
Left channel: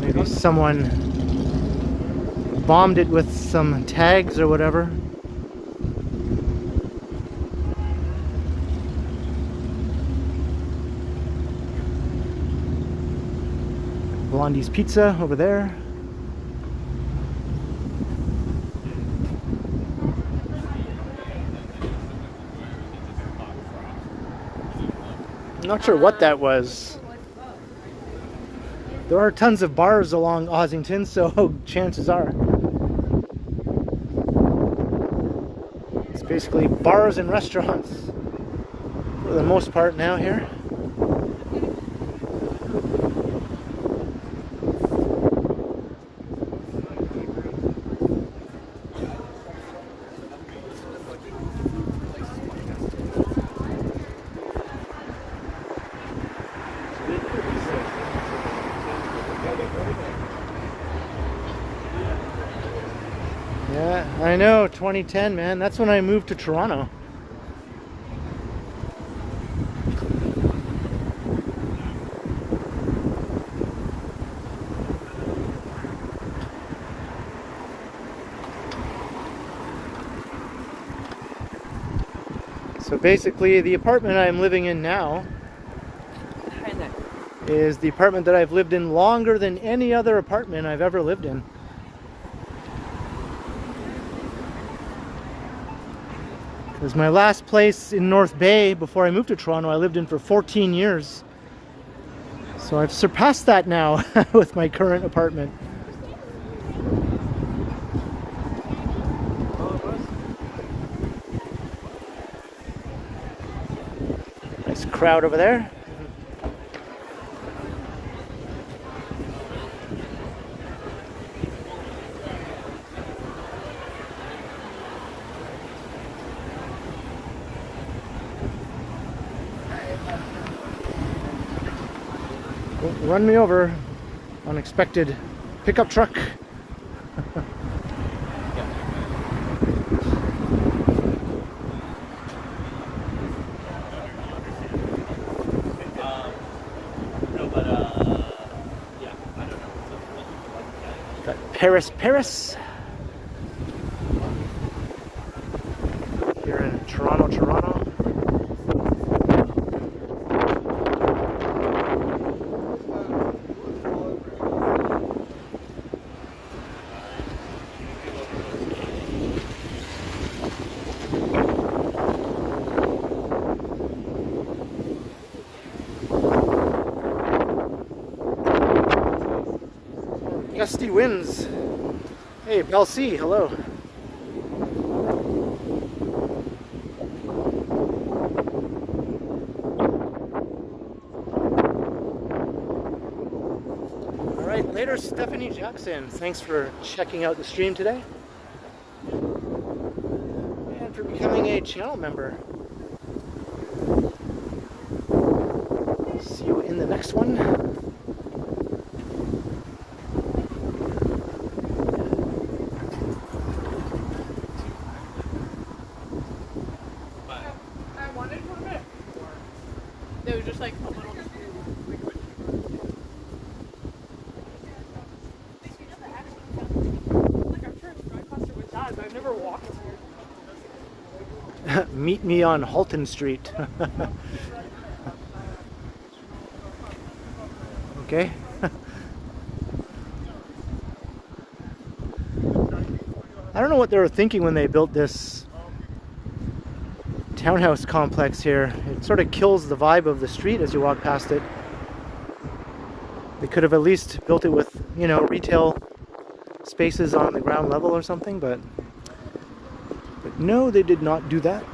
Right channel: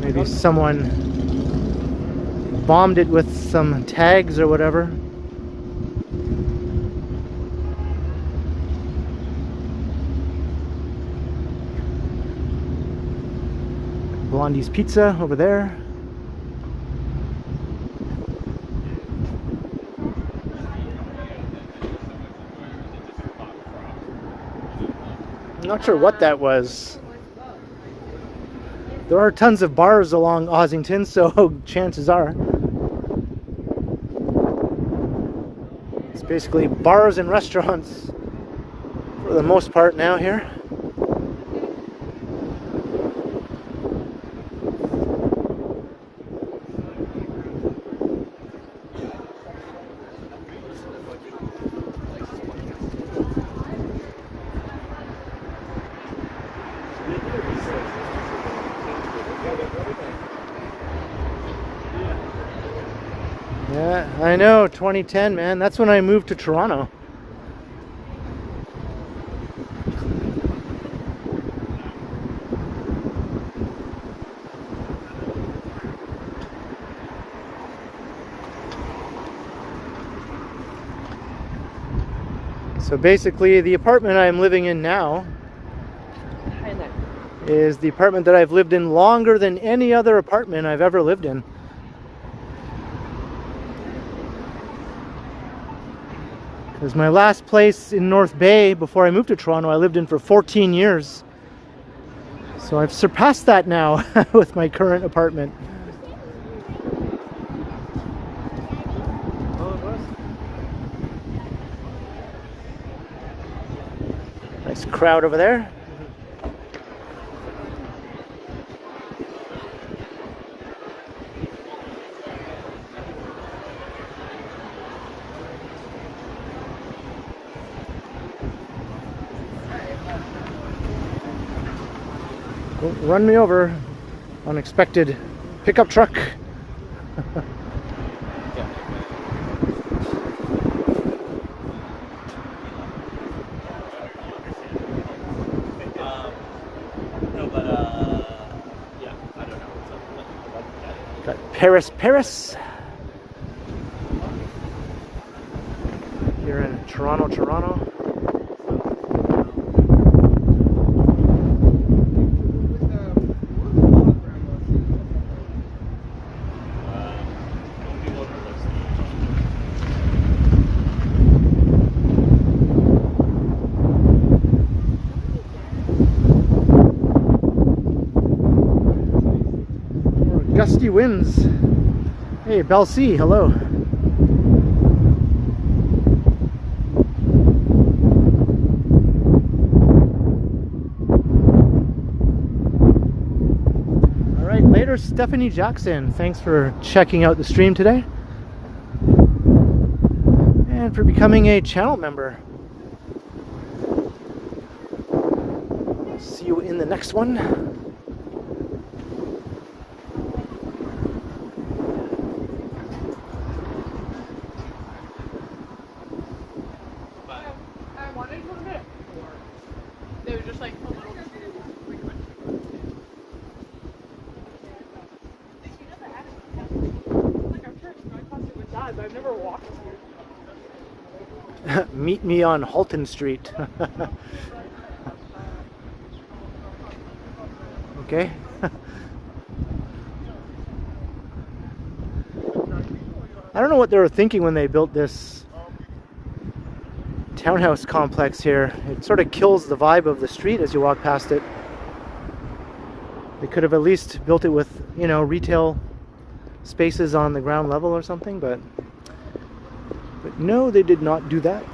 Maybe someone bombed it with some tags or whatever. Blondie's Pizza over there. I'm not sure what that was. There are tons of bars along Ossington, so chances are it's basically bars and restaurants for the most part now here. Yeah, I know, 2010, man. That's when I moved to Toronto. So basically, the apartment I'm living in now is the apartment that I've lived in longer than any other apartment I've ever lived in. Because my last place in North Bay before I moved to Toronto, I lived in for 14 years. So I've surpassed that now with my current apartment. Nice crowd over there. Run me over, unexpected pickup truck. Got Paris here in Toronto. Gusty winds. Hey, Bell C, hello. All right, later, Stephanie Jackson. Thanks for checking out the stream today and for becoming a channel member. See you in the next one. Meet me on Halton Street. Okay. I don't know what they were thinking when they built this townhouse complex here. It sort of kills the vibe of the street as you walk past it. They could have at least built it with, you know, retail spaces on the ground level or something, but no, they did not do that.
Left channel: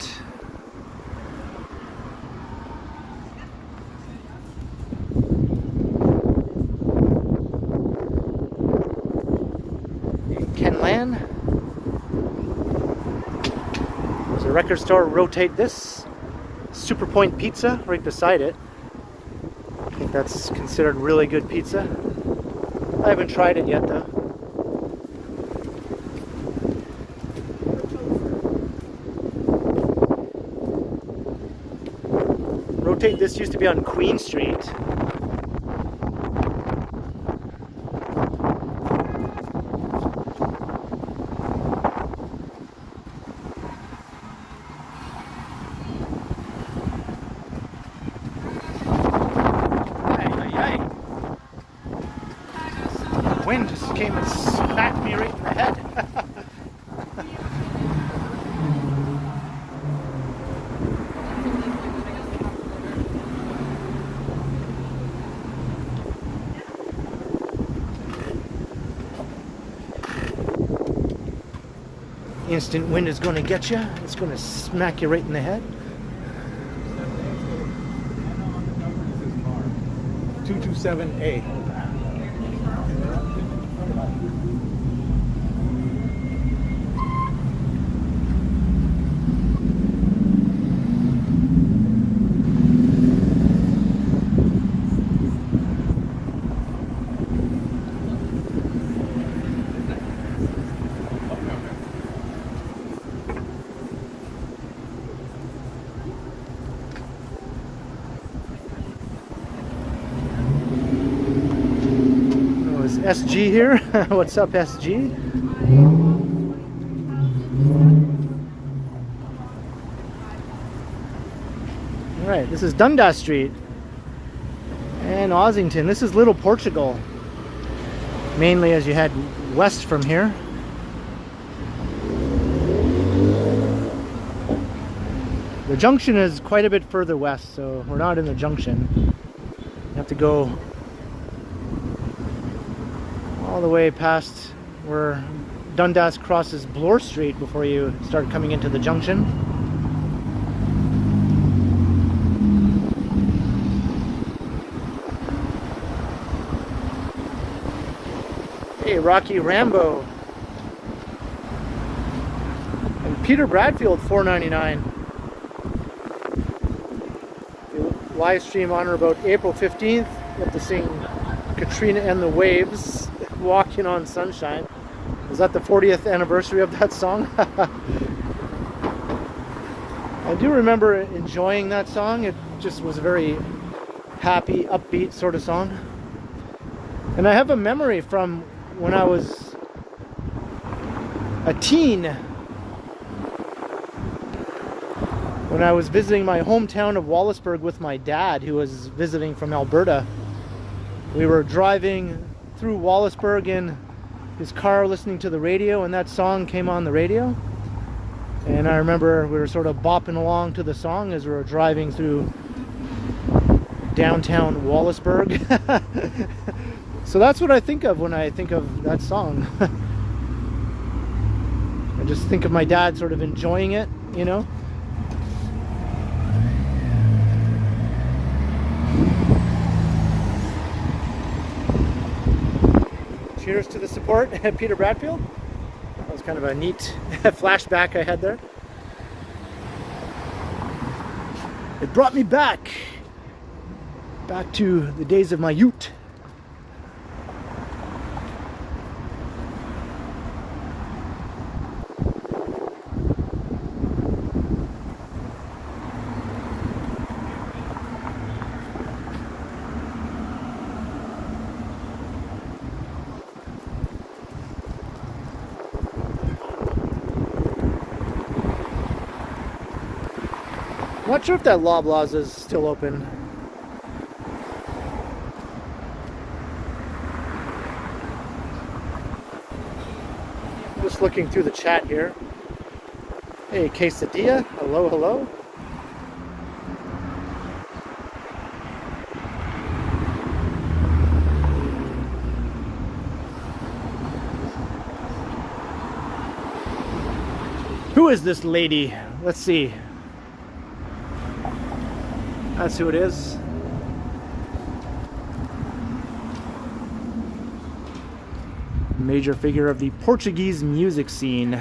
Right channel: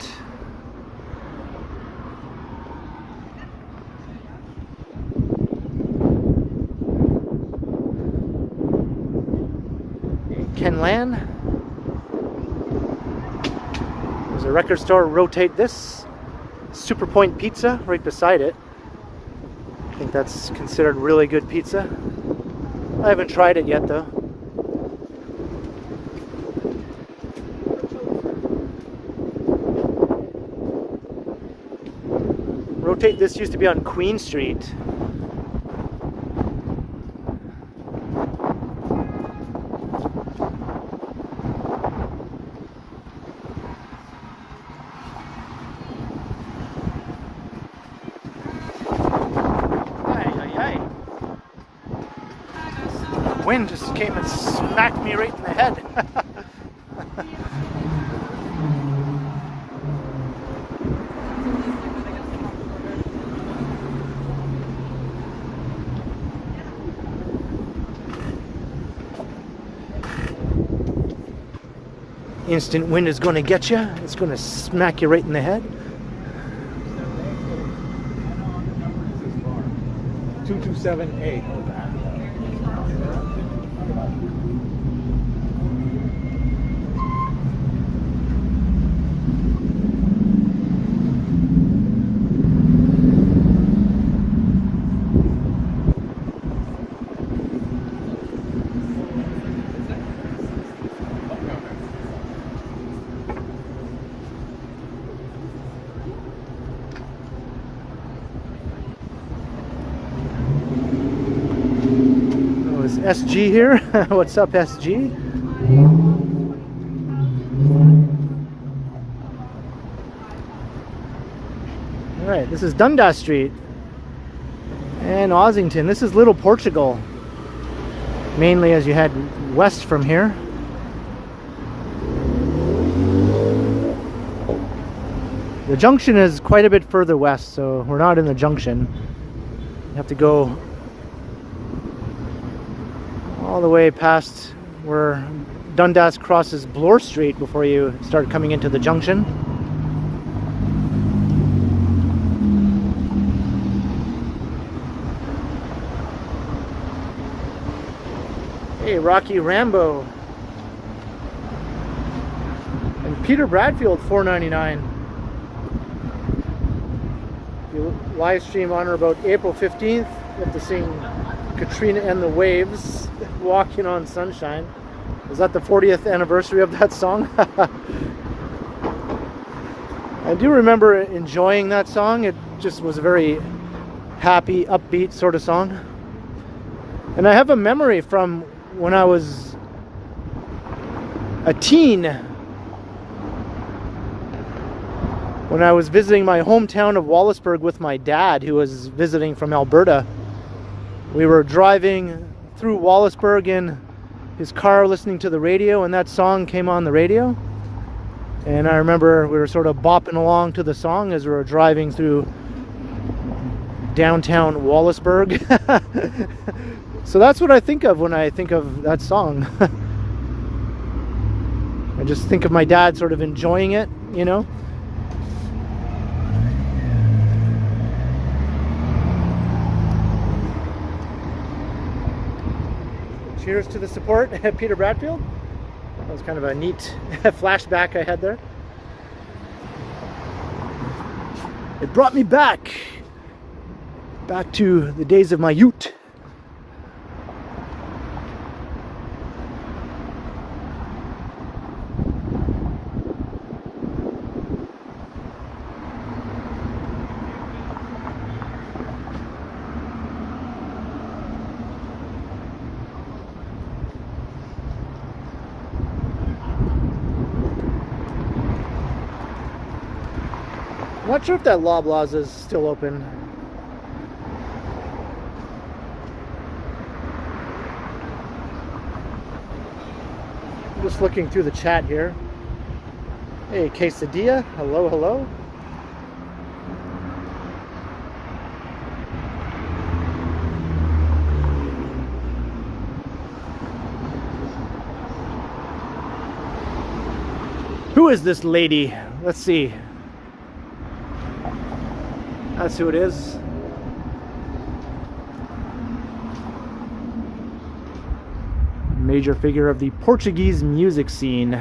Ken Lan. There's a record store, rotate this. Super Point Pizza right beside it. I think that's considered really good pizza. I haven't tried it yet though. rotate. This used to be on Queen Street. Wind just came and smacked me right in the head. Instant wind is going to get you. It's going to smack you right in the head. 227A. SG here. What's up, SG? Alright, this is Dundas Street and Ossington. This is Little Portugal, mainly as you head west from here. The junction is quite a bit further west, so we're not in the junction. You have to go all the way past where Dundas crosses Bloor Street before you start coming into the junction. Hey, Rocky Rambo. And Peter Bradfield, $4.99. You live stream on or about April 15th. You have to sing Katrina and the Waves, Walking on Sunshine. Was that the 40th anniversary of that song? I do remember enjoying that song. It just was a very happy, upbeat sort of song. And I have a memory from when I was a teen, when I was visiting my hometown of Wallaceburg with my dad, who was visiting from Alberta. We were driving through Wallaceburg in his car listening to the radio, and that song came on the radio. And I remember we were sort of bopping along to the song as we were driving through downtown Wallaceburg. So that's what I think of when I think of that song. I just think of my dad sort of enjoying it, you know. Cheers to the support, Peter Bradfield. That was kind of a neat flashback I had there. It brought me back to the days of my youth. I'm not sure if that Loblaws is still open. I'm just looking through the chat here. Hey, Quesadilla. Hello, hello. Who is this lady? Let's see. That's who it is. Major figure of the Portuguese music scene.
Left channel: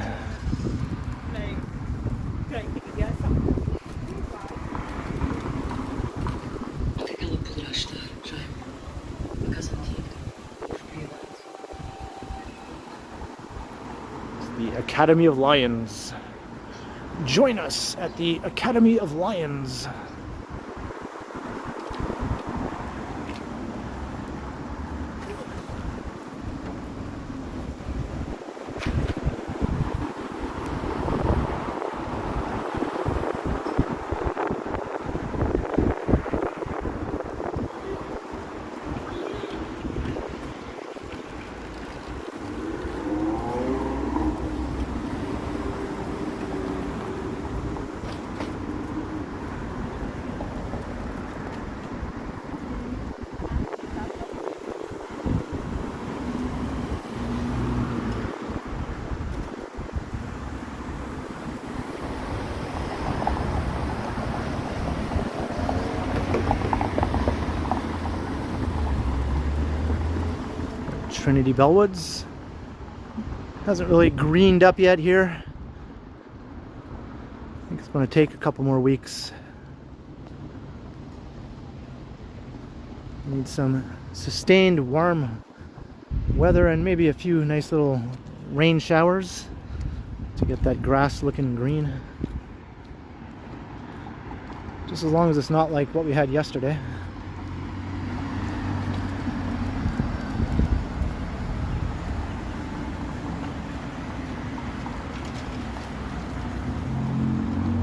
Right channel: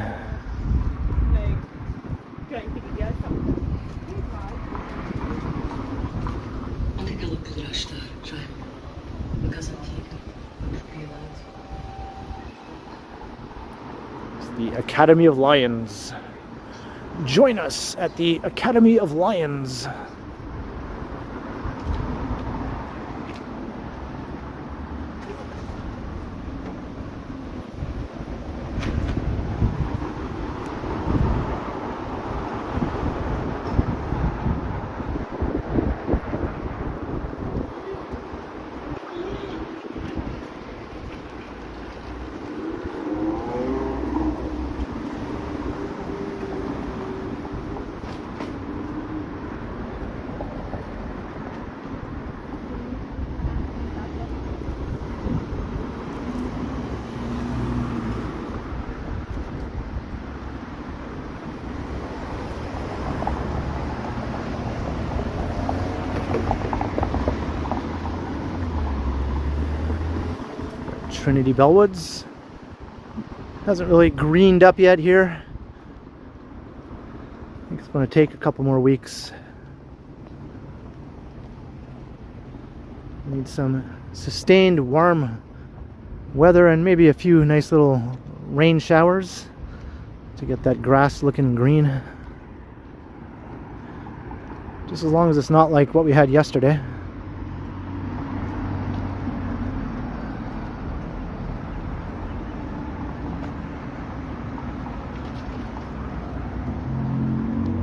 The Academy of Lions. Join us at the Academy of Lions. Trinity Bellwoods. Hasn't really greened up yet here. I think it's going to take a couple more weeks. Need some sustained warm weather and maybe a few nice little rain showers to get that grass looking green. Just as long as it's not like what we had yesterday.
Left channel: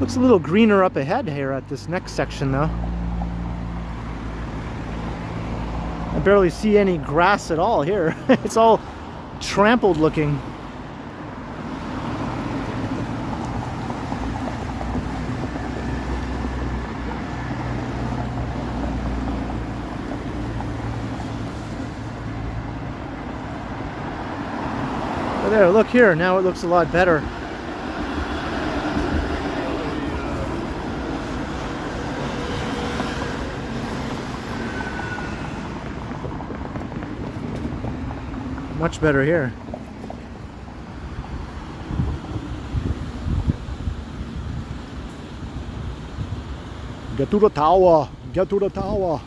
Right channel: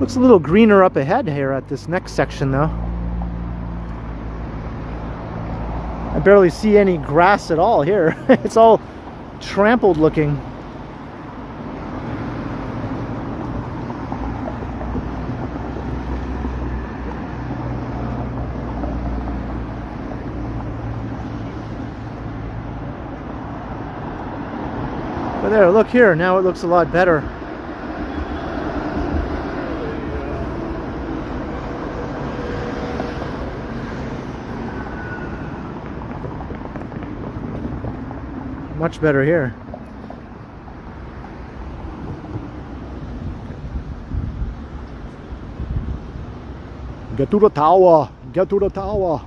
Looks a little greener up ahead here at this next section though. I barely see any grass at all here. It's all trampled looking. But there, look here, now it looks a lot better. Much better here. Get to the tower! Get to the tower!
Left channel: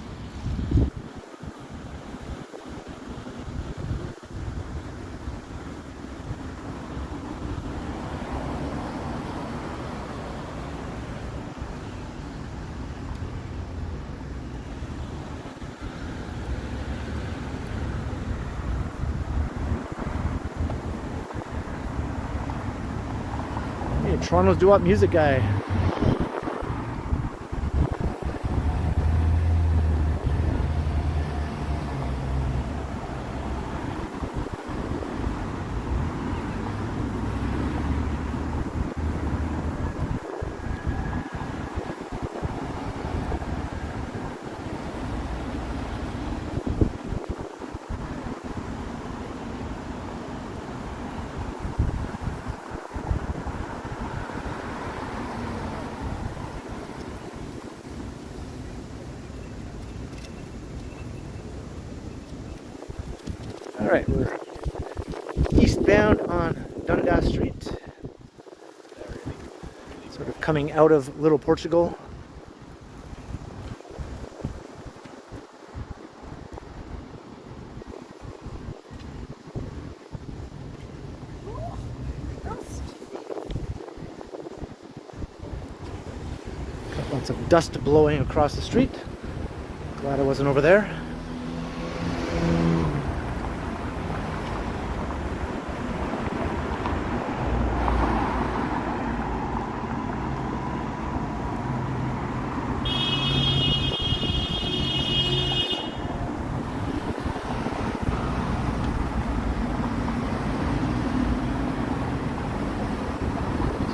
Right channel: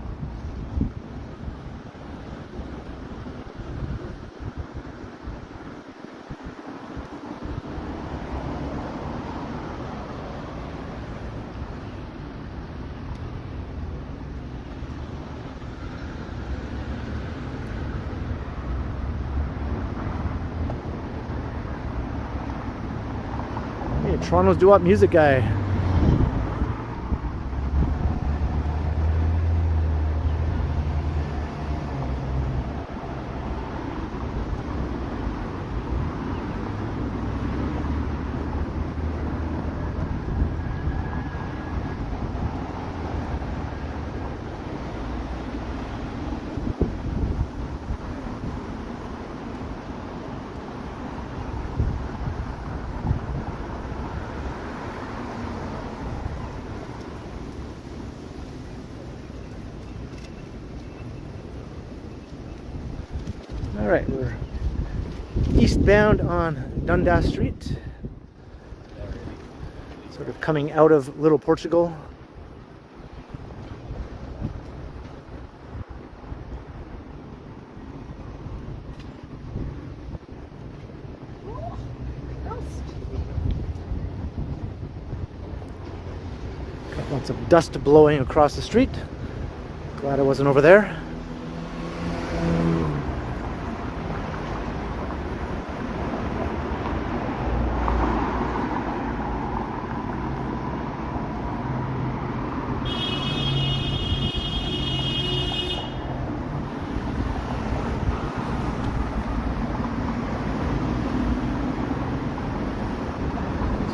Hey, Toronto's doo-wop music guy. Alright, we're eastbound on Dundas Street. Sort of coming out of Little Portugal. Got lots of dust blowing across the street. Glad I wasn't over there.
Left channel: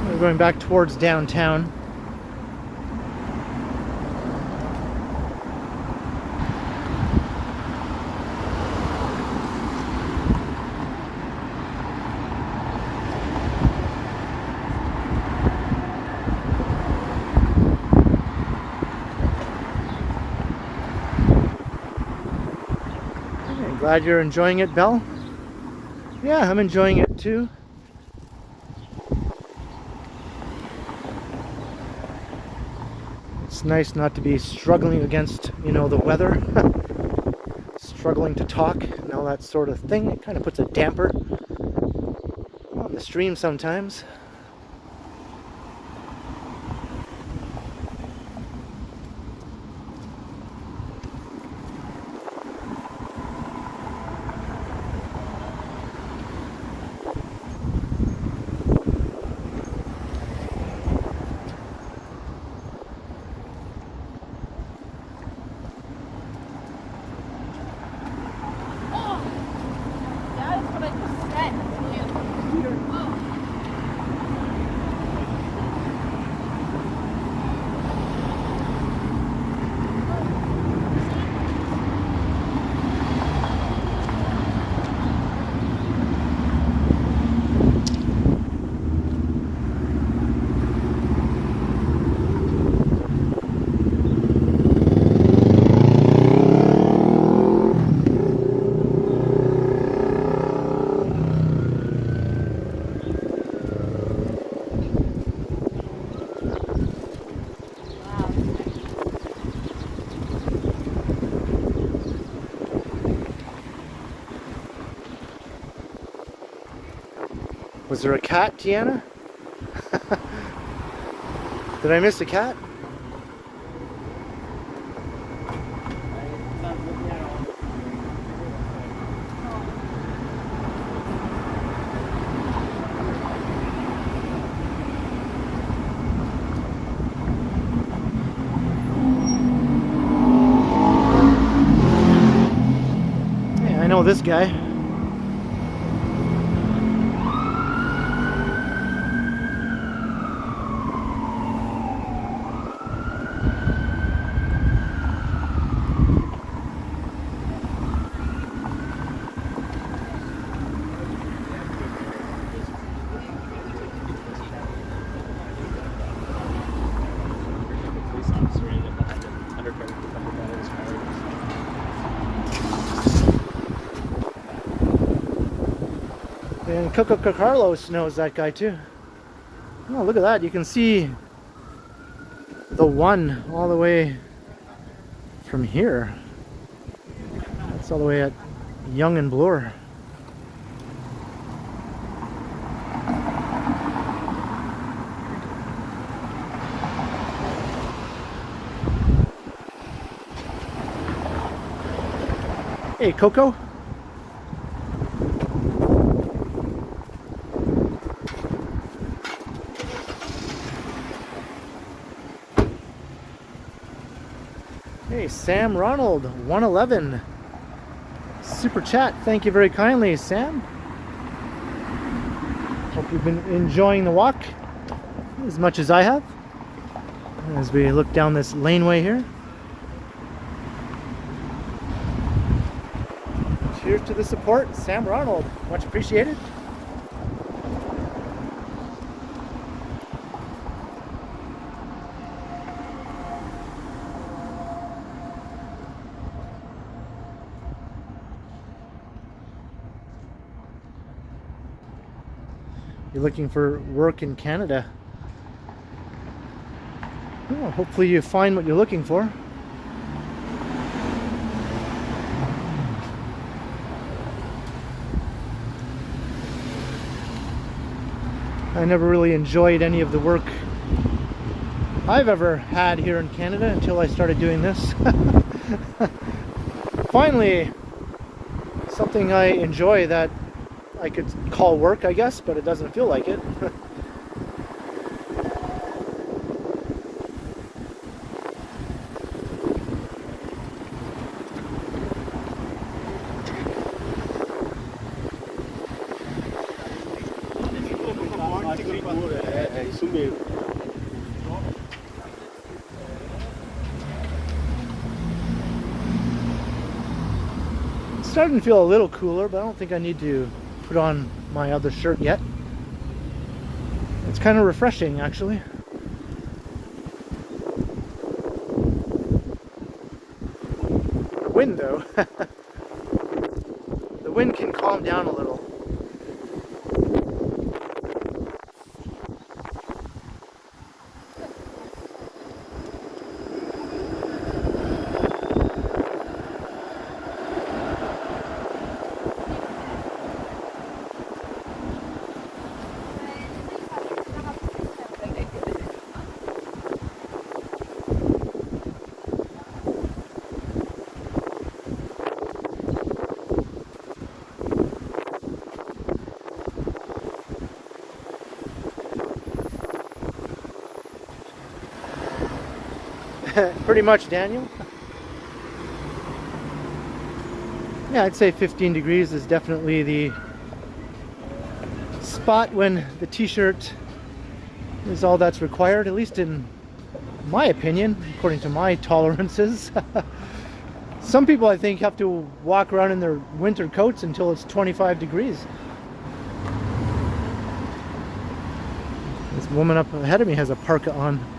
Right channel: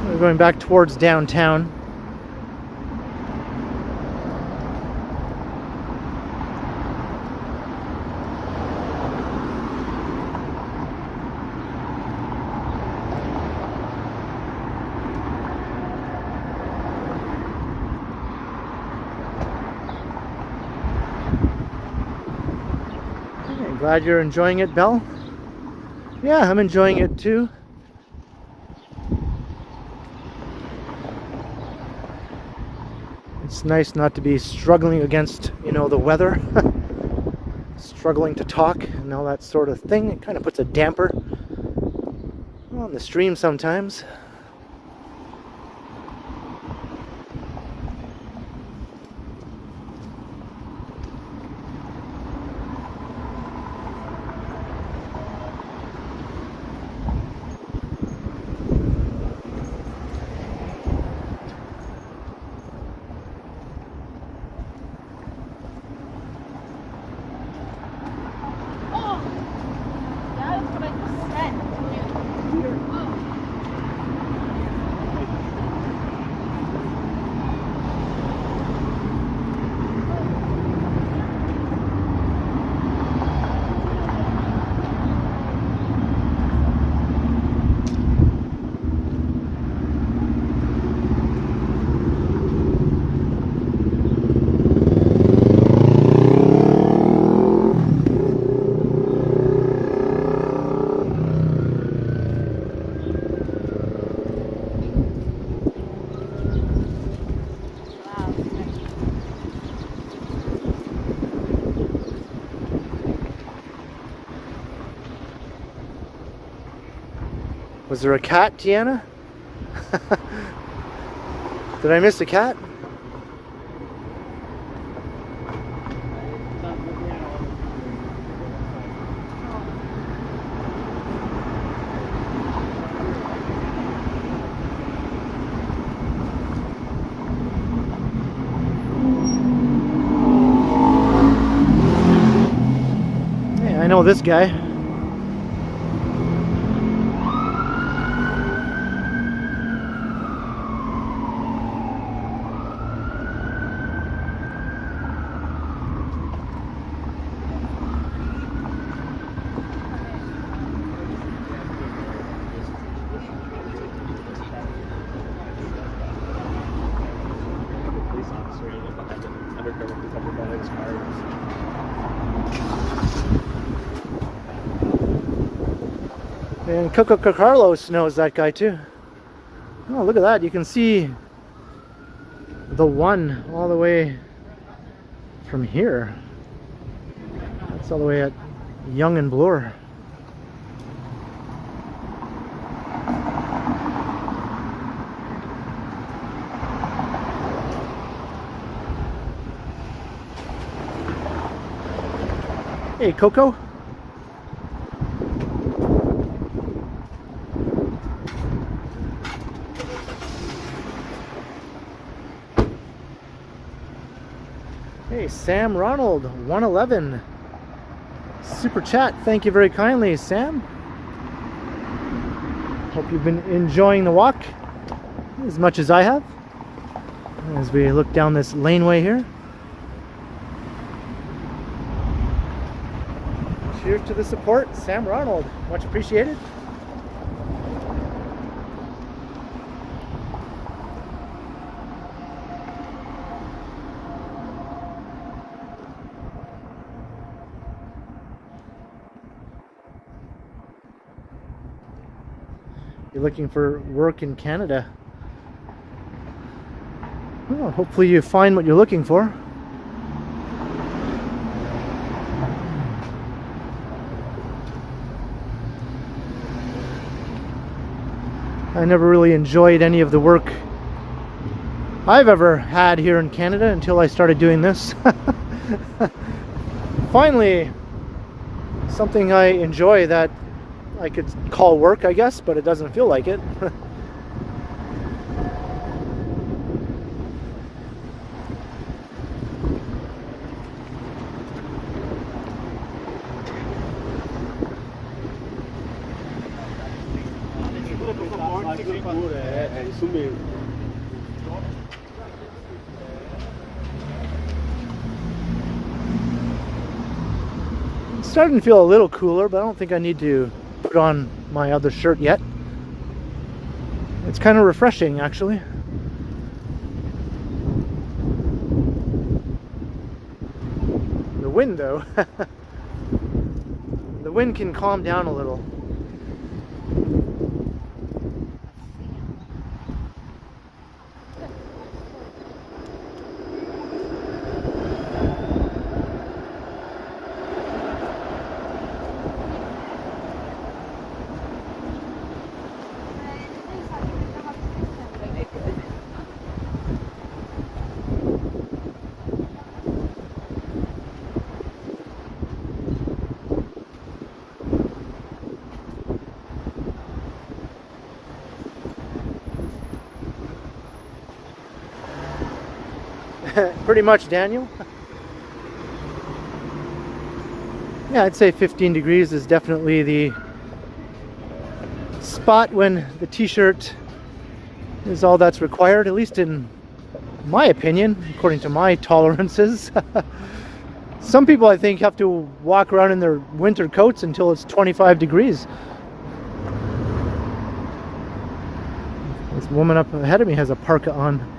We're going back towards downtown. Okay, glad you're enjoying it, Belle. Yeah, I'm enjoying it too. It's nice not to be struggling against, the weather, struggling to talk and all that sort of thing. It kind of puts a damper on the stream sometimes. Was there a cat, Tiana? Did I miss a cat? Yeah, I know this guy. And Coco Carlos knows that guy too. Oh, look at that. You can see the one all the way from here. That's all the way at Young and Bloor. Hey, Coco. Hey, Sam Ronald, 111. Super chat, thank you very kindly, Sam. Hope you've been enjoying the walk as much as I have as we look down this laneway here. Cheers to the support, Sam Ronald. Much appreciated. You're looking for work in Canada. Well, hopefully you find what you're looking for. I never really enjoyed any of the work I've ever had here in Canada until I started doing this. Finally, something I enjoy that I could call work, I guess, but it doesn't feel like it. It's starting to feel a little cooler, but I don't think I need to put on my other shirt yet. It's kind of refreshing, actually. The wind, though. The wind can calm down a little. Pretty much, Daniel. Yeah, I'd say 15 degrees is definitely the spot when the t-shirt is all that's required, at least in my opinion, according to my tolerances. Some people, I think, have to walk around in their winter coats until it's 25 degrees. This woman up ahead of me has a parka on.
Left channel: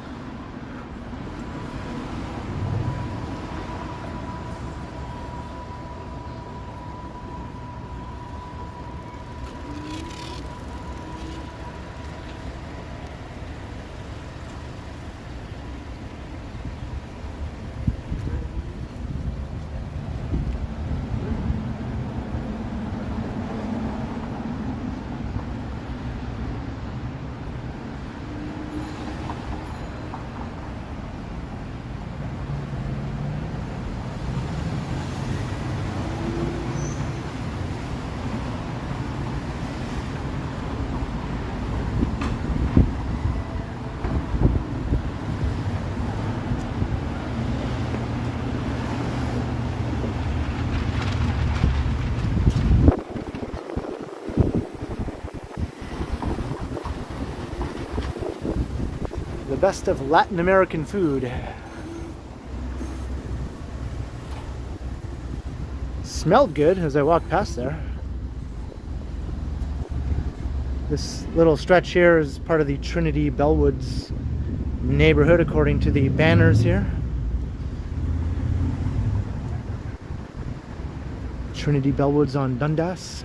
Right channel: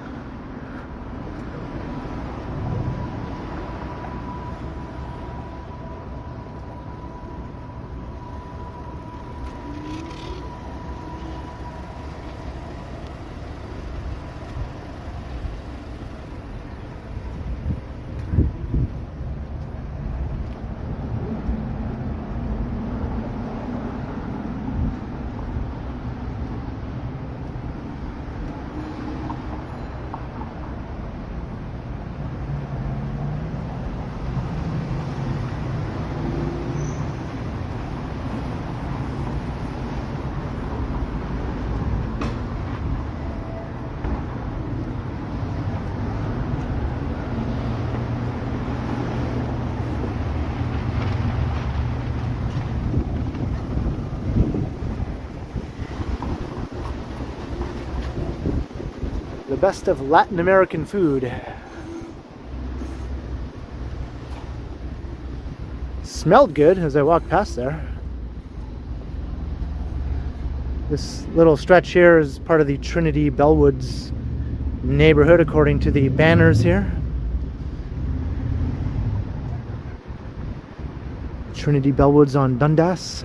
best of Latin American food. Smelled good as I walked past there. This little stretch here is part of the Trinity Bellwoods neighborhood according to the banners here. Trinity Bellwoods on Dundas.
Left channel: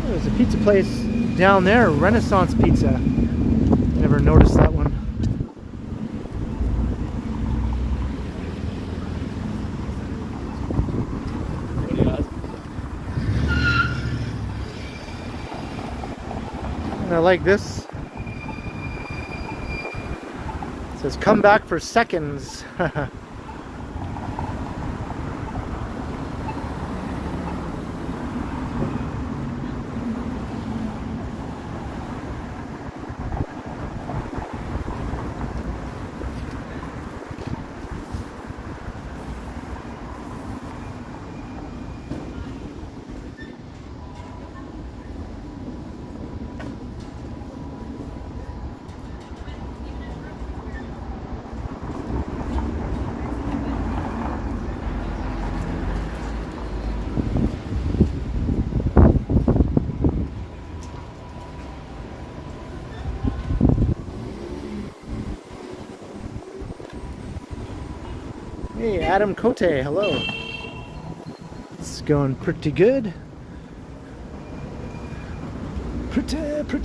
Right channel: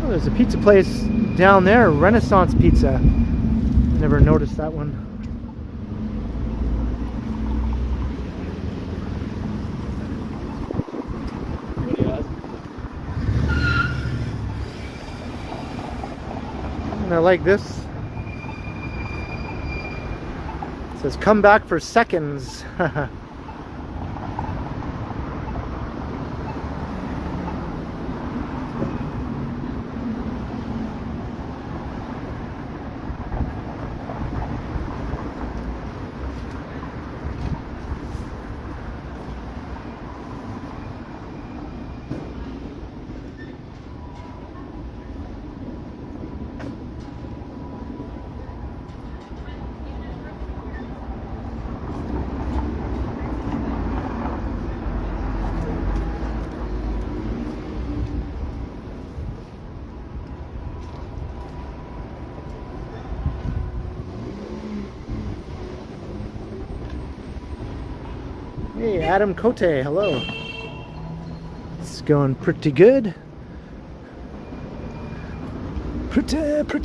Oh, there's a pizza place down there, Renaissance Pizza. Never noticed that one. And I like this. It says come back for seconds. Hey, Adam Cote, hello. It's going pretty good. Pretty good. Is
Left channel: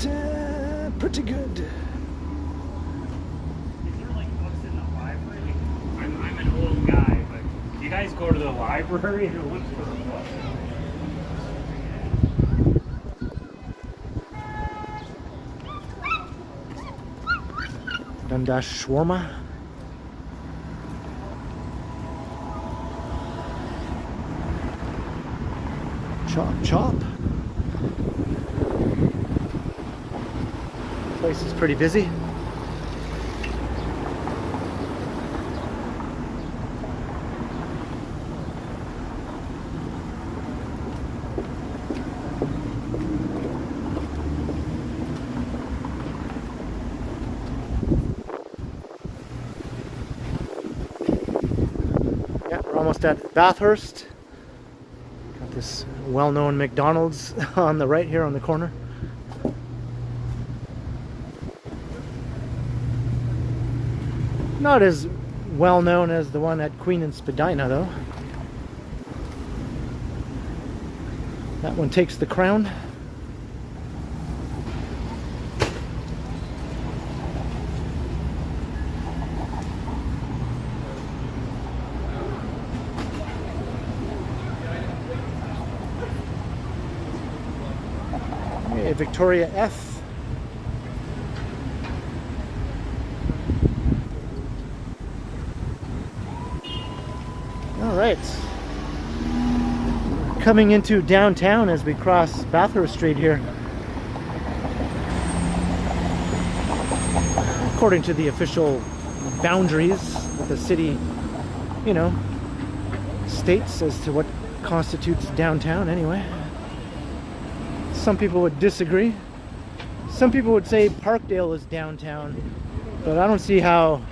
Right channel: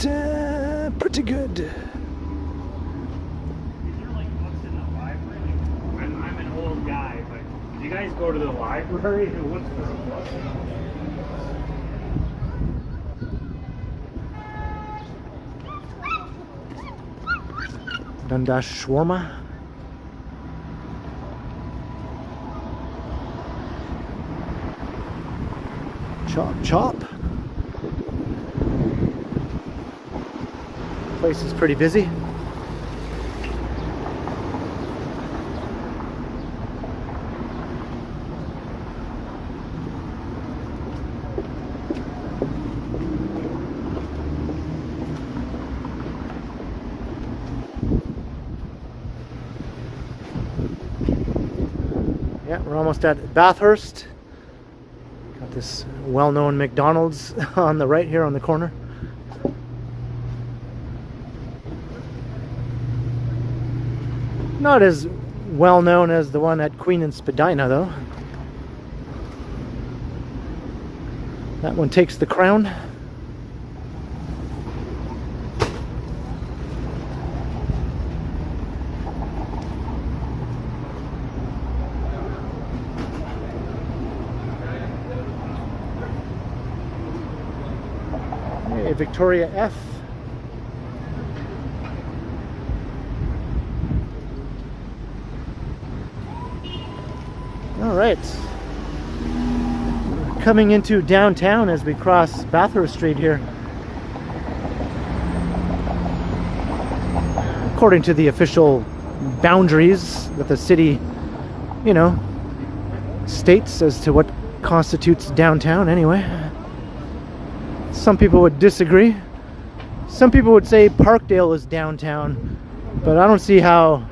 there like books in the library? I'm an old guy, but do you guys go to the library to look for the books? Dundas shawarma. Chop, chop. Place is pretty busy. Yeah, we're almost at Bathurst. Got this well-known McDonald's on the right here on the corner. Not as well known as the one at Queen and Spadina though. That one takes the crown. Hey, Victoria F. All right. Coming into downtown as we cross Bathurst Street here. According to the official boundaries that the city, you know, states as to what constitutes downtown anyway. Some people would disagree. Some people would say Parkdale is downtown, but I don't see how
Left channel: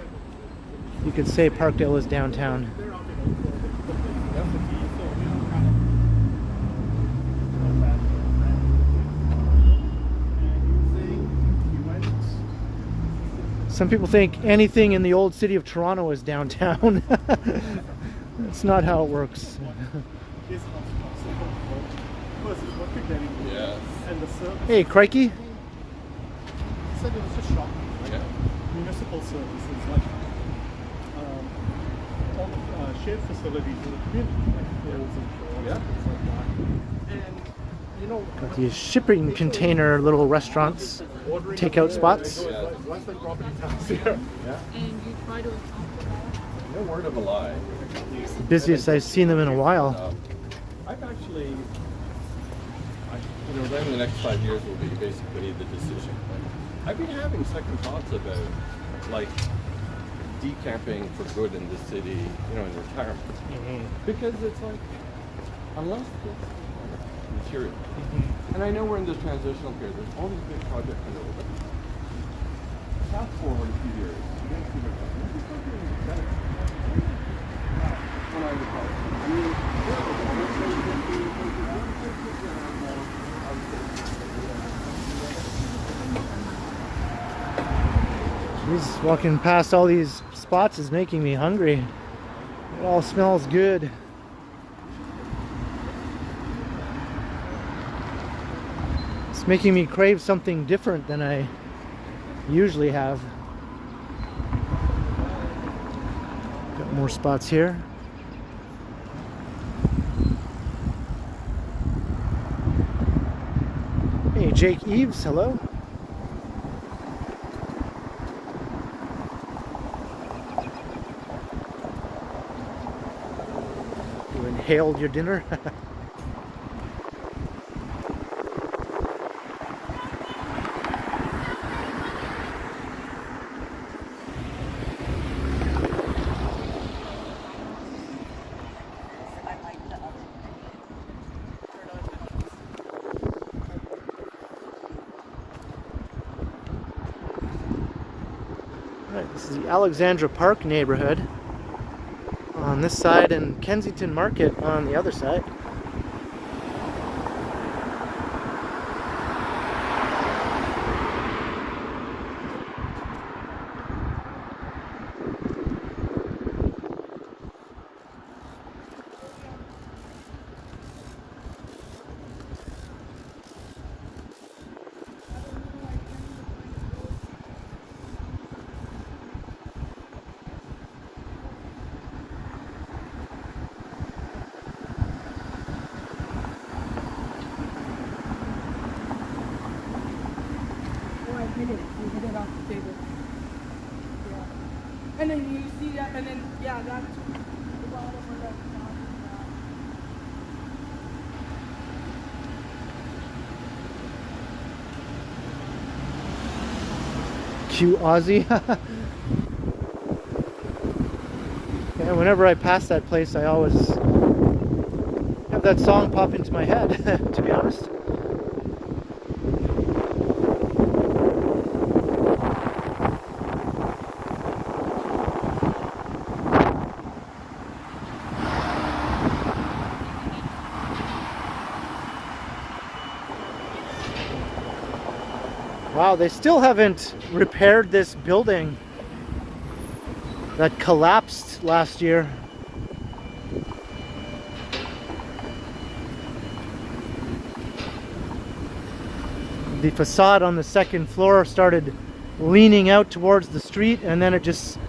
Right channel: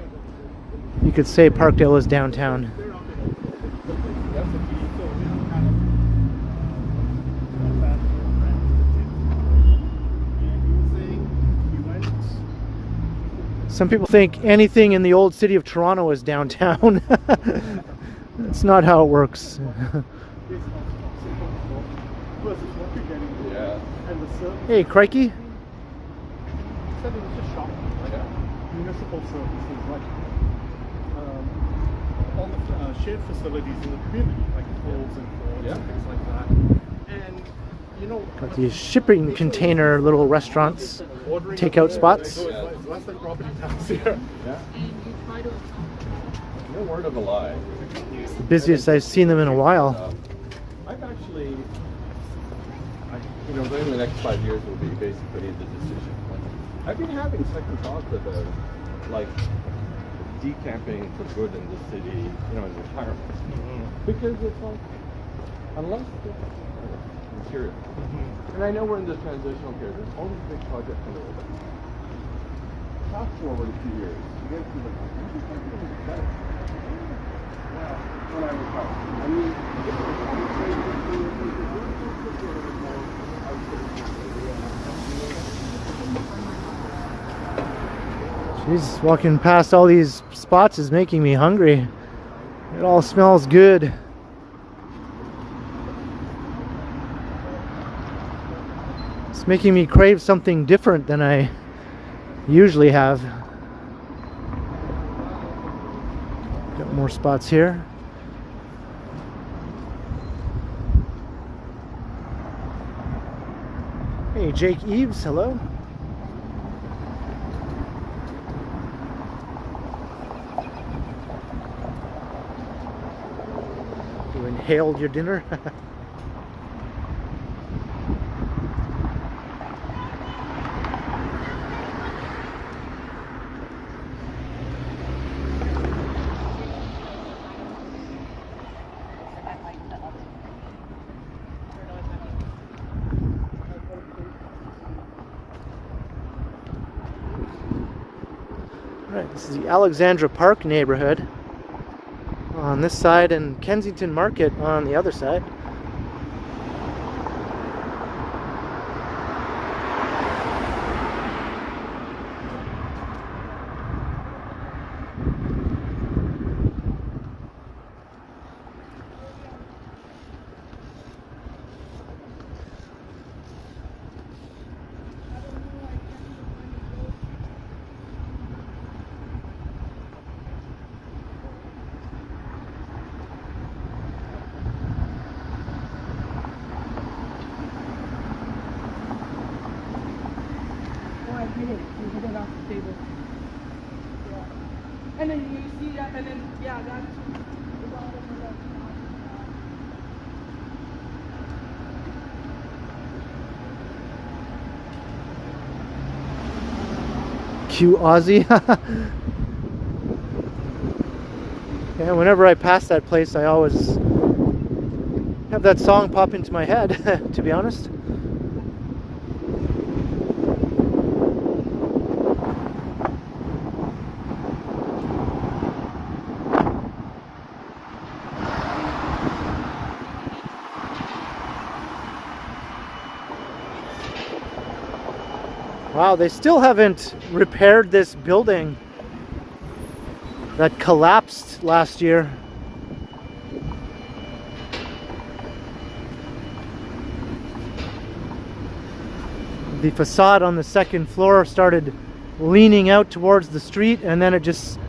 you could say Parkdale is downtown. Some people think anything in the old city of Toronto is downtown. That's not how it works. Hey, crikey. Said it was a shop, like municipal services, like all the shared facilities in the community, like fields and shores, things like that. And you know, Got these shipping container little restaurants, takeout spots. once they brought these houses here, and you try to. No word of a lie. Busiest I've seen them in a while. I've actually, during the next 5 years will be basically the decision. I've been having second thoughts about, like, decamping for good in the city, you know, in retirement. Because it's like, unless it's material. And I know we're in this transitional period. There's all these big projects in the world. Fast forward a few years, you guys see what happens. Yeah, when I retire. I mean, Jeez, walking past all these spots is making me hungry. It all smells good. It's making me crave something different than I usually have. Got more spots here. Hey, Jake Eves, hello. You inhaled your dinner? Right, this is the Alexandra Park neighborhood on this side and Kensington Market on the other side. You hit it off the table. Yeah. And then you see that, and then, yeah, that's... Cue Aussie. And whenever I pass that place, I always have that song pop into my head, to be honest. Wow, they still haven't repaired this building that collapsed last year. The facade on the second floor started leaning out towards the street, and then it just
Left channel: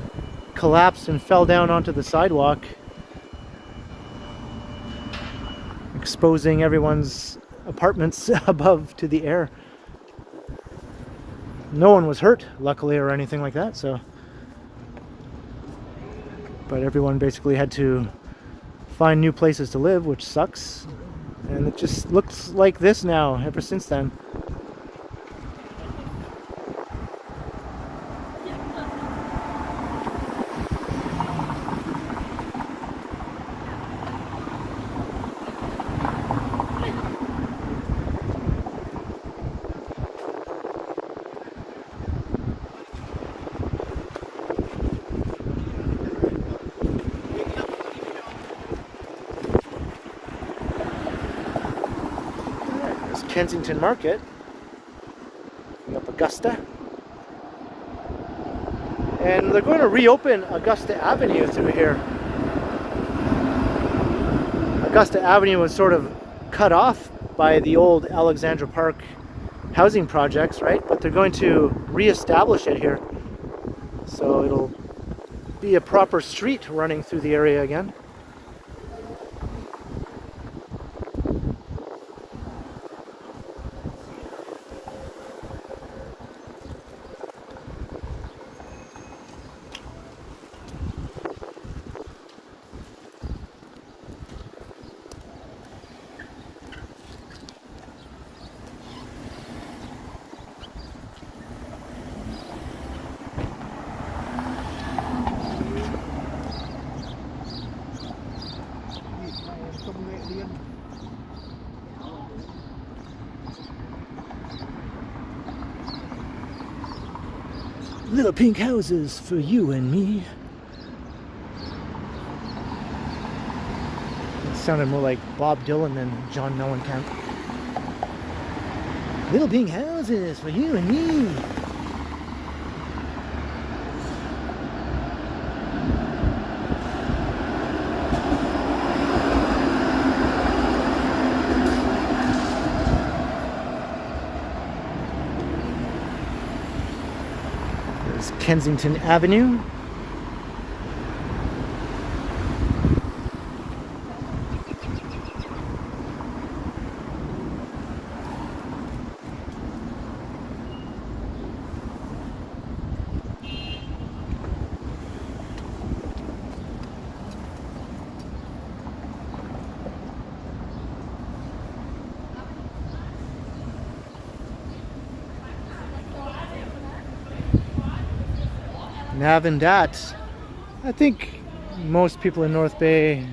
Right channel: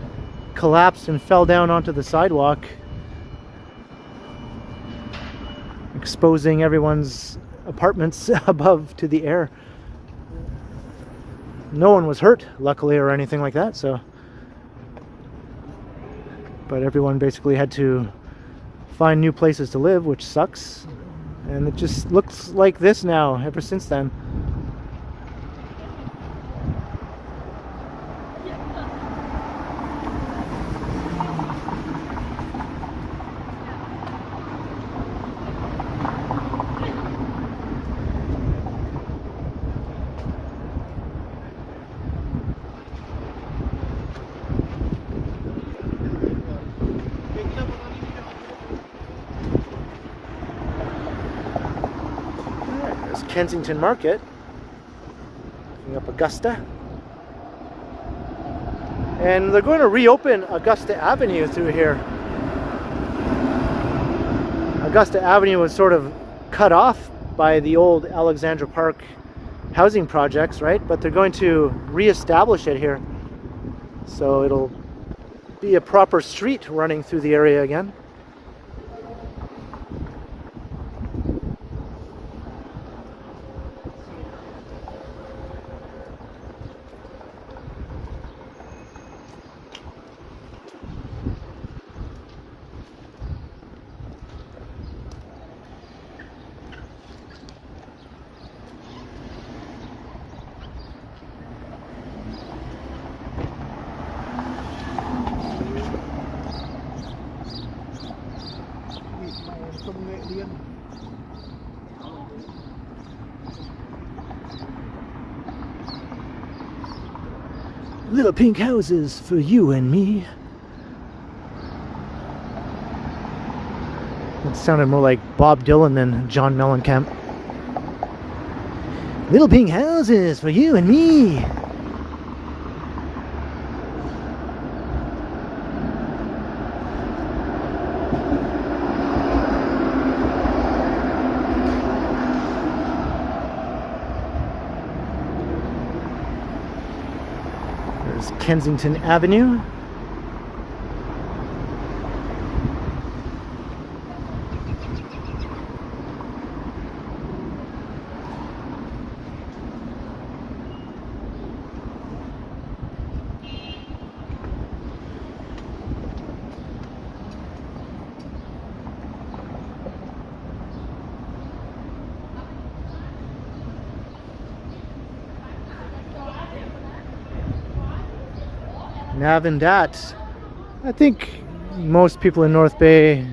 collapsed and fell down onto the sidewalk, exposing everyone's apartments above to the air. No one was hurt, luckily, or anything like that, so. But everyone basically had to find new places to live, which sucks. And it just looks like this now, ever since then. Kensington Market, looking up Augusta, and they're going to reopen Augusta Avenue through here. Augusta Avenue was sort of cut off by the old Alexandra Park housing projects, right? But they're going to re-establish it here, so it'll be a proper street running through the area again. Little pink houses for you and me. It sounded more like Bob Dylan than John Mellencamp. Little pink houses for you and me. There's Kensington Avenue. Nav and Dat. I think most people in North Bay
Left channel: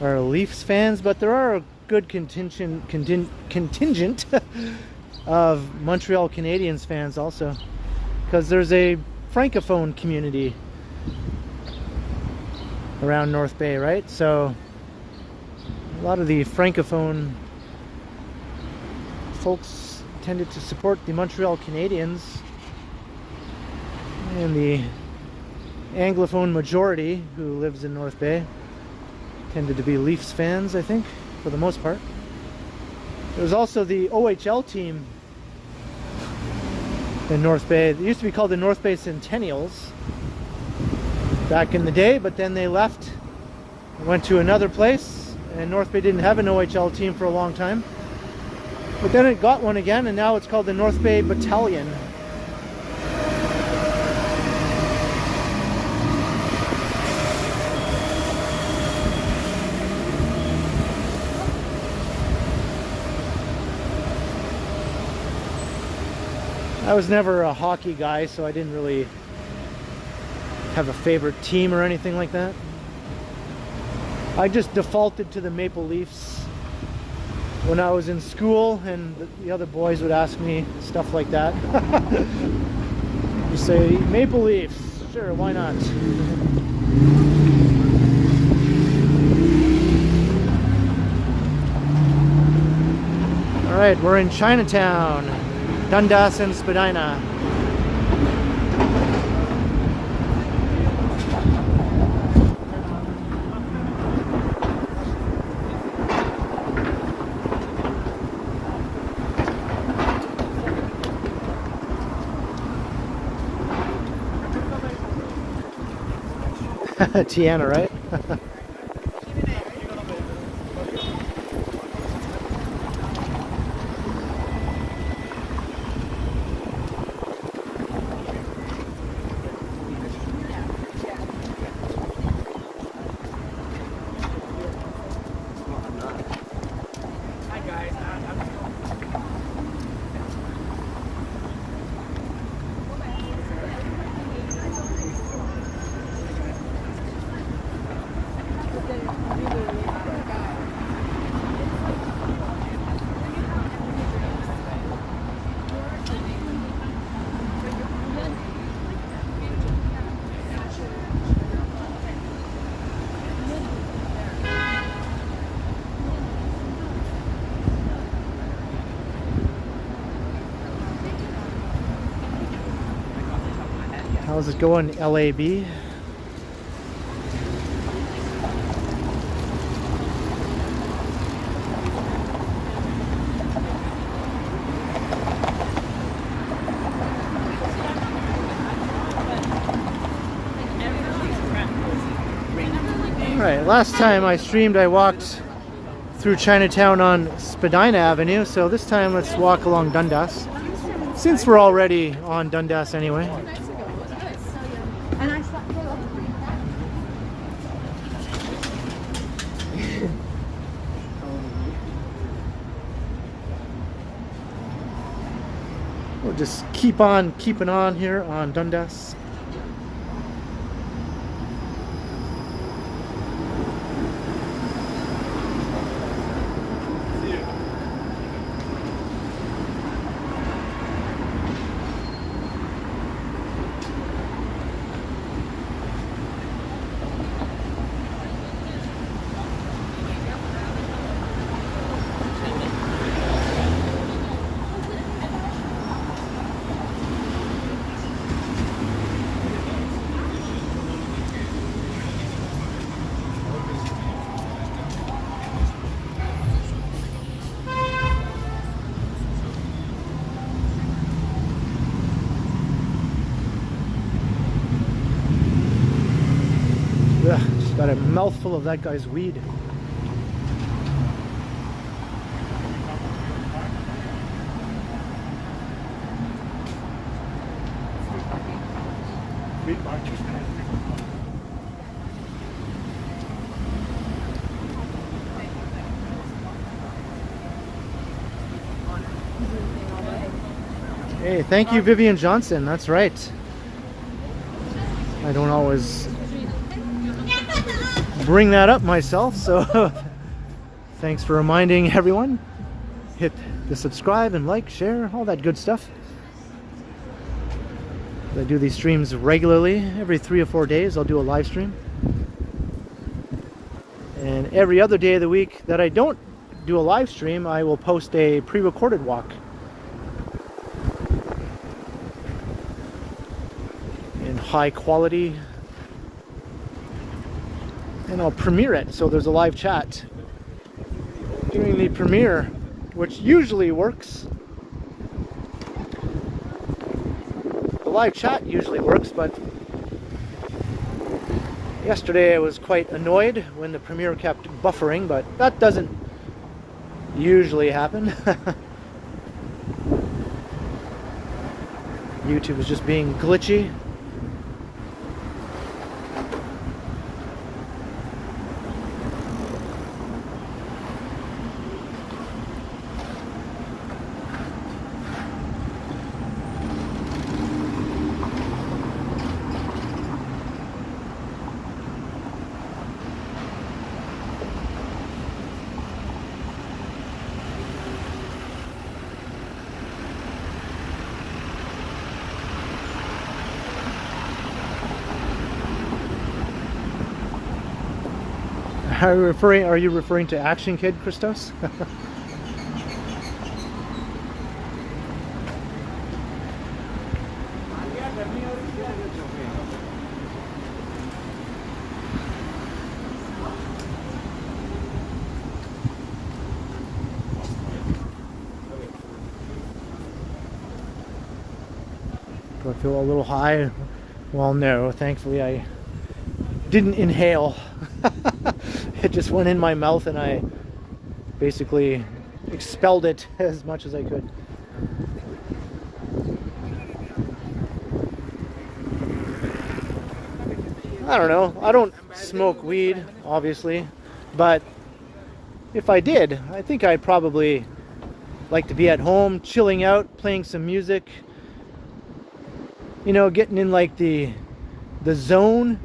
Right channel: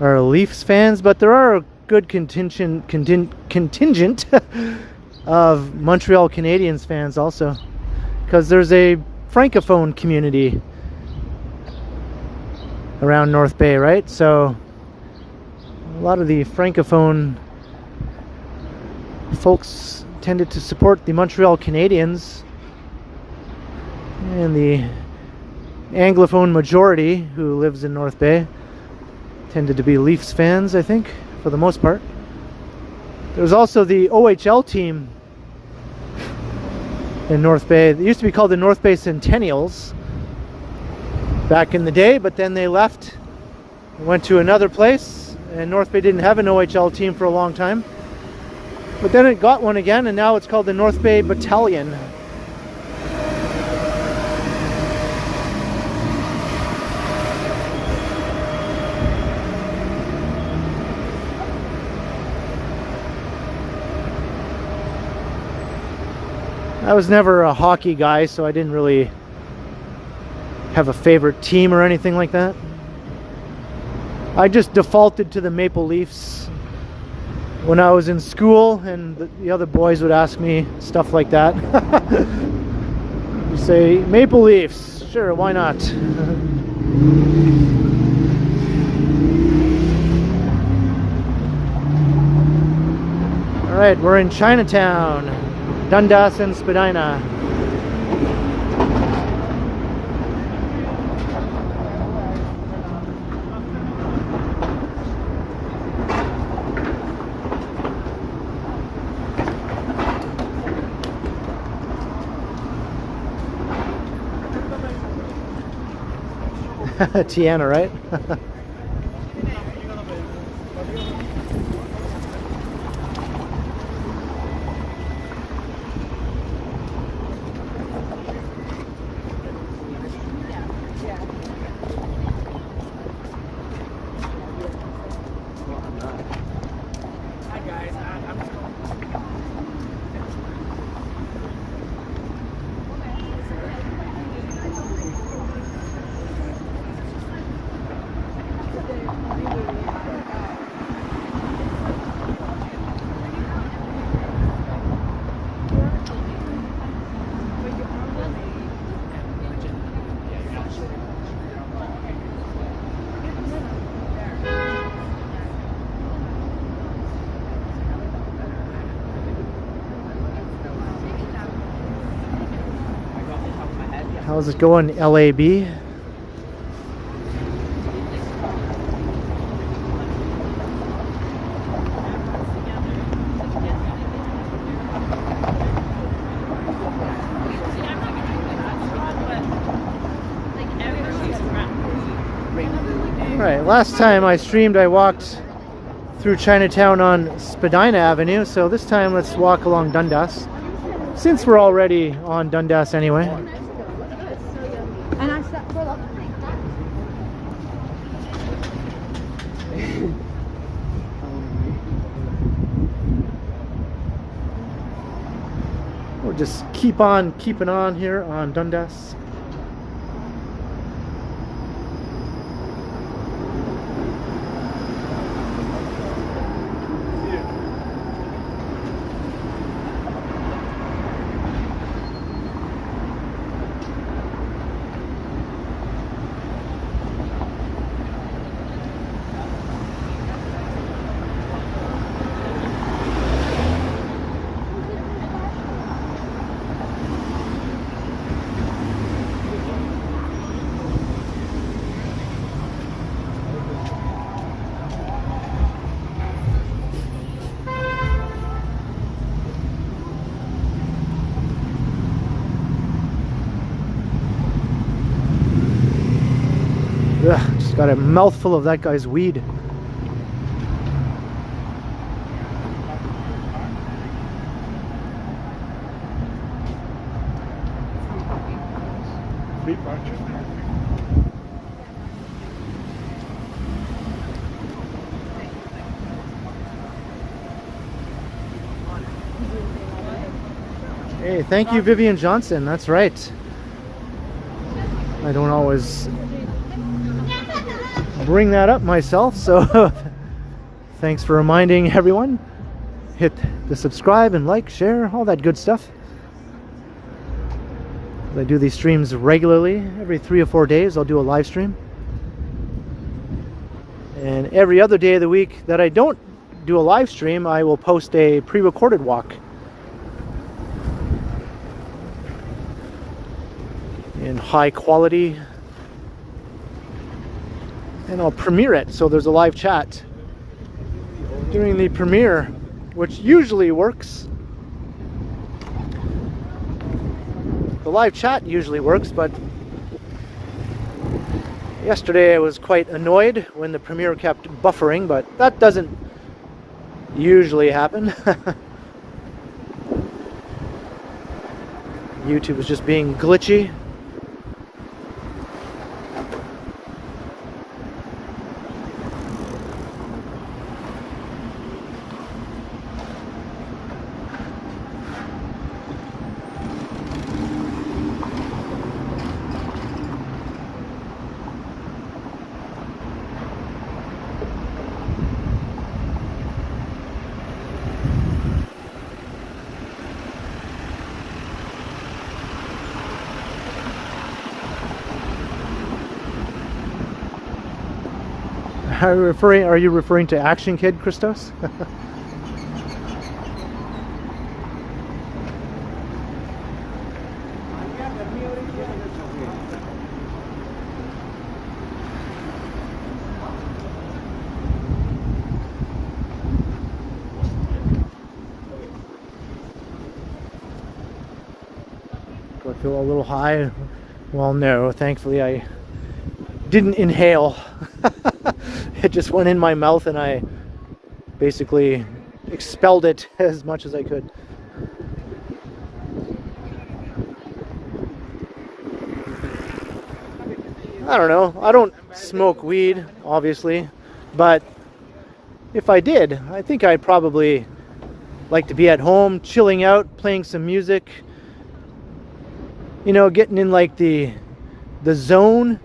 are Leafs fans, but there are a good contingent of Montreal Canadiens fans also, because there's a francophone community around North Bay, right? So a lot of the francophone folks tended to support the Montreal Canadiens. And the Anglophone majority who lives in North Bay tended to be Leafs fans, I think, for the most part. There was also the OHL team in North Bay. It used to be called the North Bay Centennials back in the day, but then they left and went to another place, and North Bay didn't have an OHL team for a long time. But then it got one again, and now it's called the North Bay Battalion. I was never a hockey guy, so I didn't really have a favorite team or anything like that. I just defaulted to the Maple Leafs when I was in school, and the other boys would ask me stuff like that. You say, Maple Leafs, sure, why not? Alright, we're in Chinatown. Dundas and Spadina. Tiana, right? How's it going, LAB? Alright, last time I streamed I walked through Chinatown on Spadina Avenue, so this time let's walk along Dundas, since we're already on Dundas anyway. We'll just keep on keeping on here on Dundas. Ugh, just got a mouthful of that guy's weed. Hey, thank you, Vivian Johnson. That's right. I don't always bring that up myself, so thanks for reminding everyone. Hit the subscribe and like, share, all that good stuff. I do these streams regularly. Every 3 or 4 days I'll do a live stream. And every other day of the week that I don't do a live stream, I will post a pre-recorded walk. In high quality, and I'll premiere it, so there's a live chat during the premiere, which usually works. The live chat usually works, but yesterday I was quite annoyed when the premiere kept buffering, but that doesn't usually happen. YouTube was just being glitchy. Are you referring to Action Kid, Christos? Do I feel a little high? Well, no, thankfully I didn't inhale. It just went in my mouth and I basically expelled it as much as I could. I don't know. I don't smoke weed, obviously, but if I did, I think I'd probably like to be at home, chilling out, playing some music, you know, getting in like the zone,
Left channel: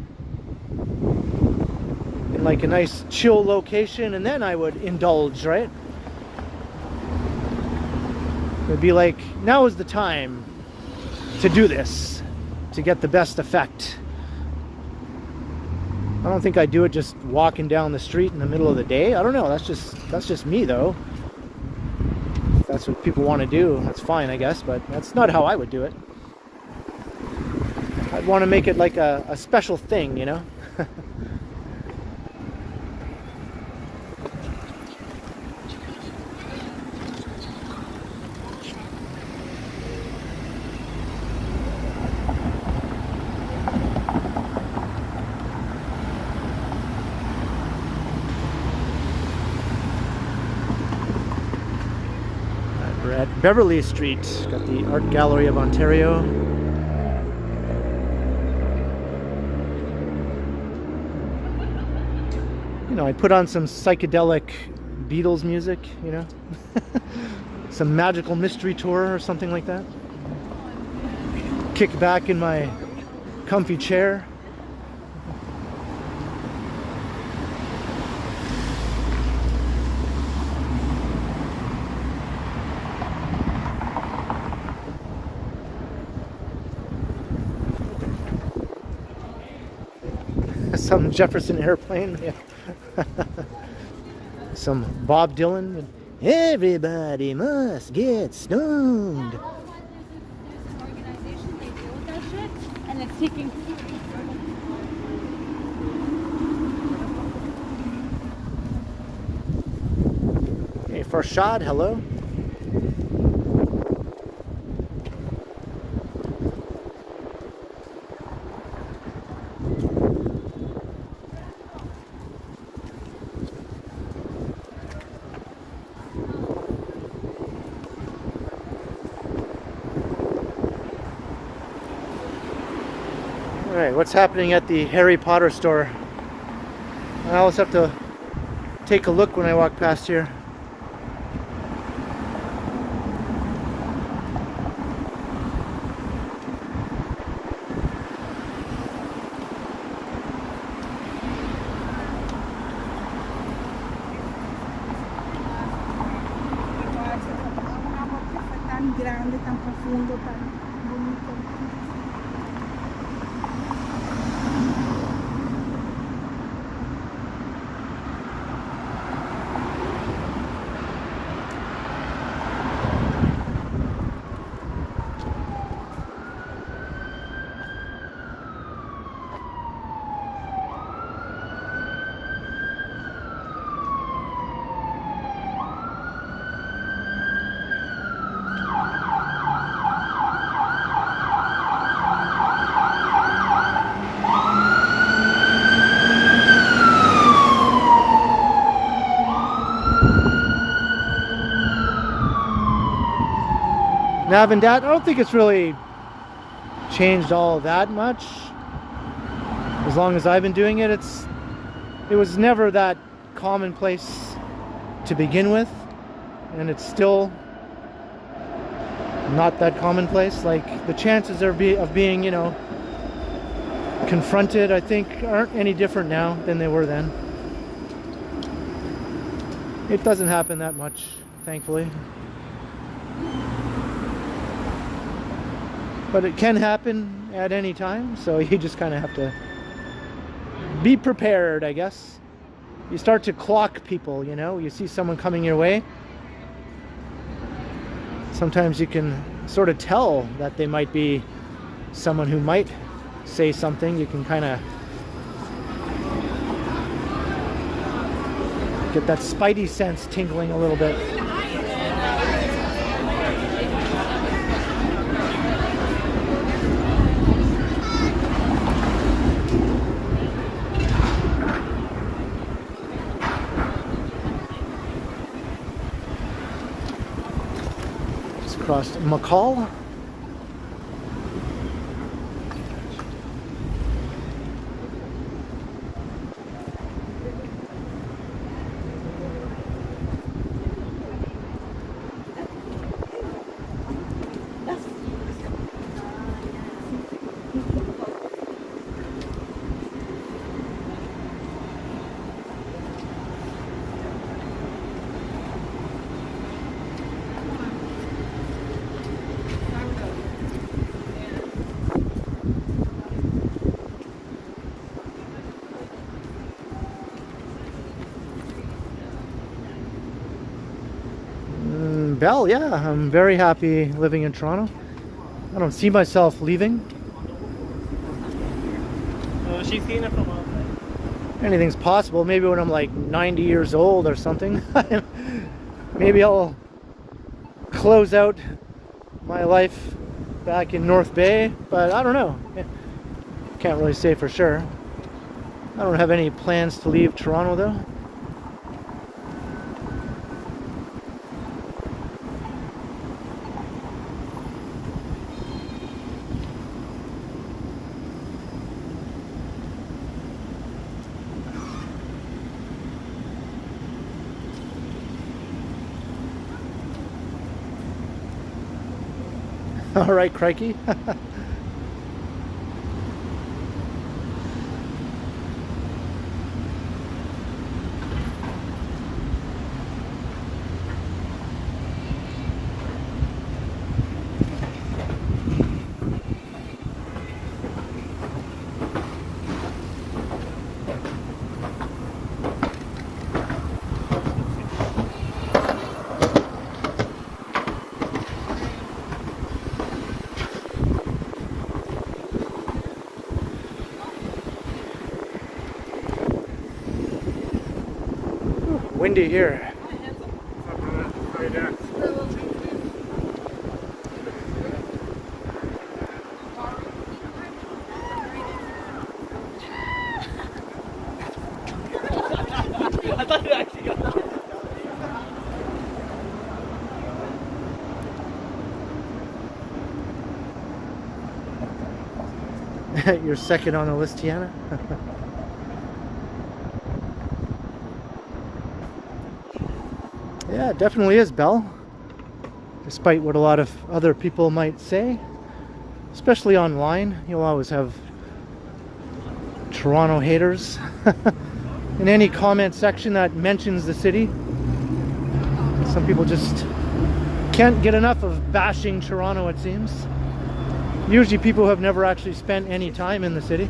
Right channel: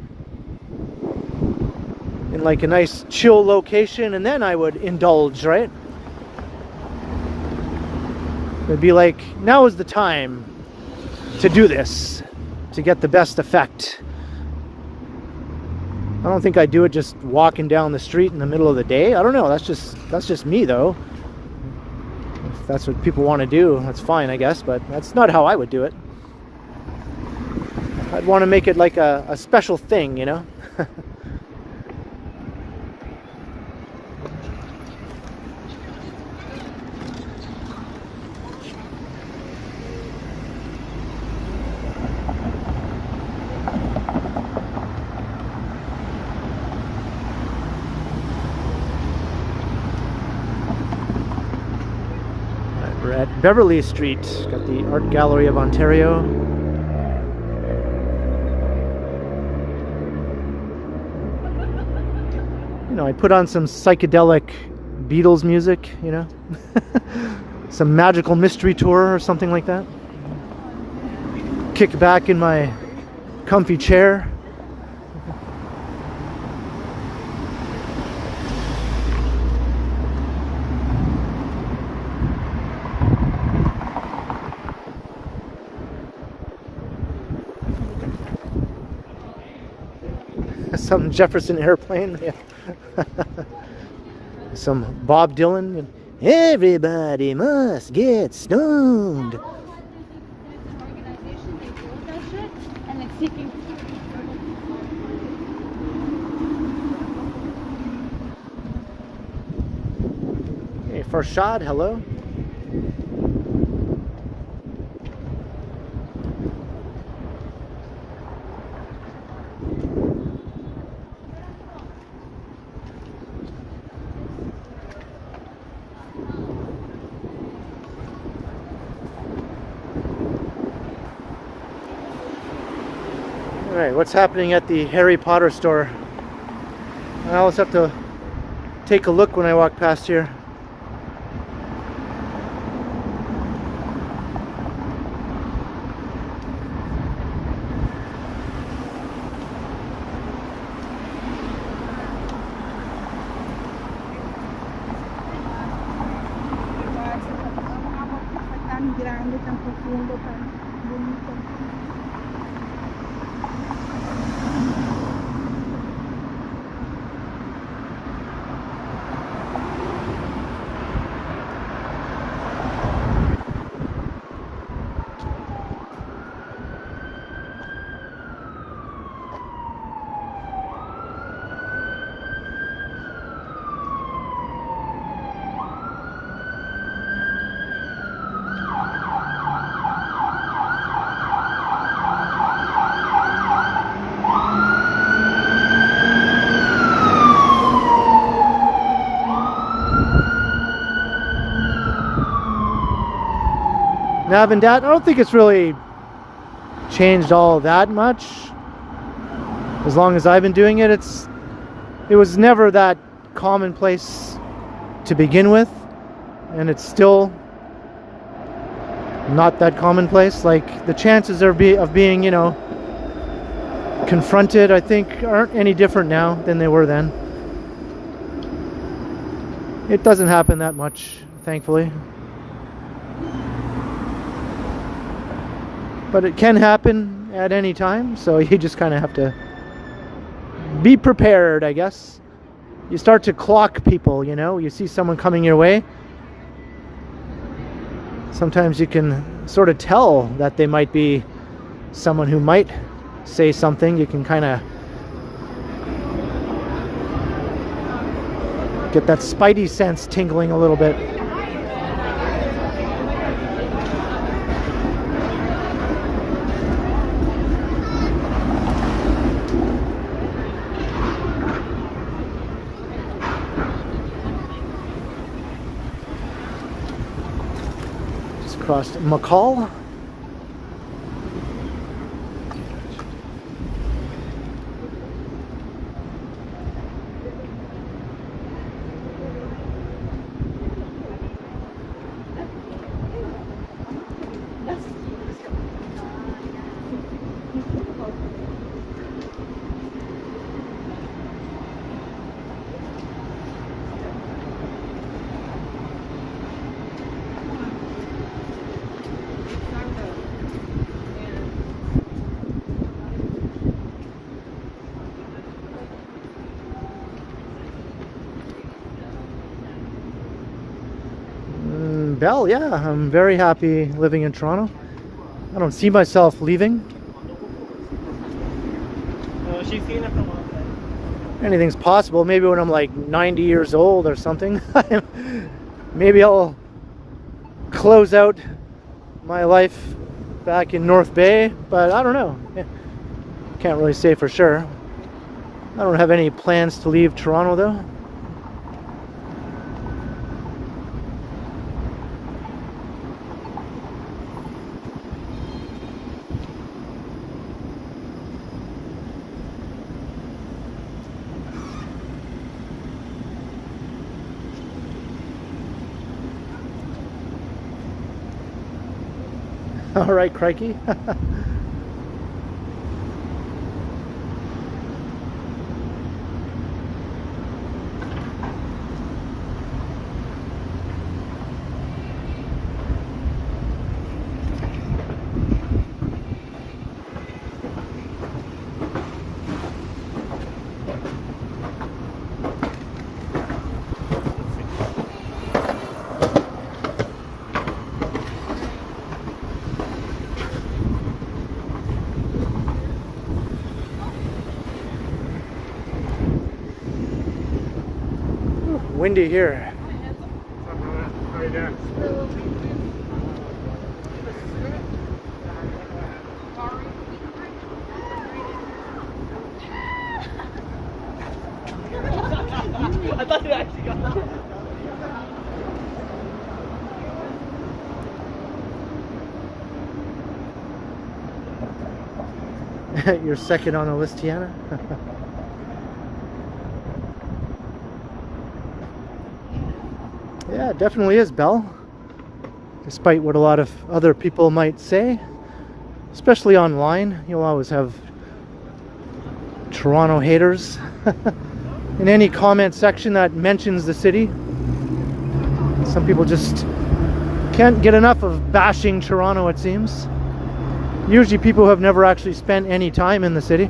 in like a nice chill location, and then I would indulge, right? It'd be like, now is the time to do this, to get the best effect. I don't think I'd do it just walking down the street in the middle of the day. I don't know, that's just me though. If that's what people want to do, that's fine, I guess, but that's not how I would do it. I'd want to make it like a special thing, you know? We're at Beverly Street, got the Art Gallery of Ontario. You know, I put on some psychedelic Beatles music, you know, some Magical Mystery Tour or something like that. Kick back in my comfy chair. Some Jefferson Airplane, yeah. Some Bob Dylan. Everybody must get stoned. Organization, they deal with that shit, and it's seeking. Hey, Farshad, hello. Alright, what's happening at the Harry Potter store? I always have to take a look when I walk past here. Grande, tan profundo, tan bonito. Nav and Dat, I don't think it's really changed all that much. As long as I've been doing it, it was never that commonplace to begin with, and it's still not that commonplace. Like, the chances of being, you know, confronted, I think, aren't any different now than they were then. It doesn't happen that much, thankfully. But it can happen at any time, so you just kind of have to be prepared, I guess. You start to clock people, you know. You see someone coming your way. Sometimes you can sort of tell that they might be someone who might say something. You can kind of get that spidey sense tingling a little bit. Across McCall. Bell, yeah, I'm very happy living in Toronto. I don't see myself leaving. Anything's possible. Maybe when I'm like 90 years old or something. Maybe I'll close out my life back in North Bay, but I don't know. Can't really say for sure. I don't have any plans to leave Toronto though. All right, crikey. Windy here. Right there. I thought you actually got it. You're second on the list, Tiana. Yeah, it definitely is, Bell. Despite what a lot of other people might say, especially online, you'll always have Toronto haters in any comment section that mentions the city. Some people just can't get enough of bashing Toronto, it seems. Usually people who have never actually spent any time in the city.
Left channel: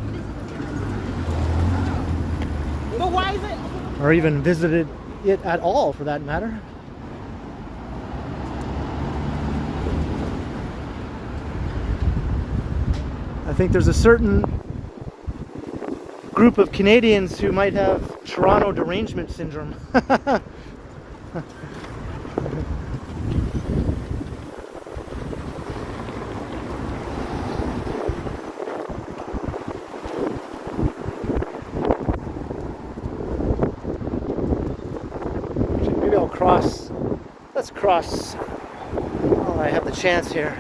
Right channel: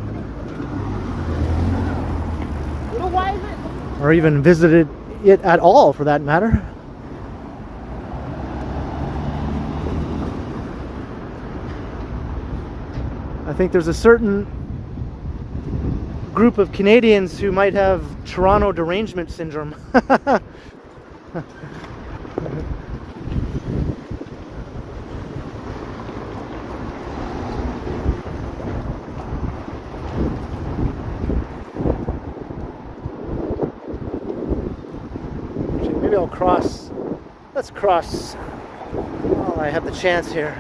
Well, why is it? Or even visited it at all, for that matter. I think there's a certain group of Canadians who might have Toronto derangement syndrome. Maybe I'll cross. Let's cross while I have the chance here.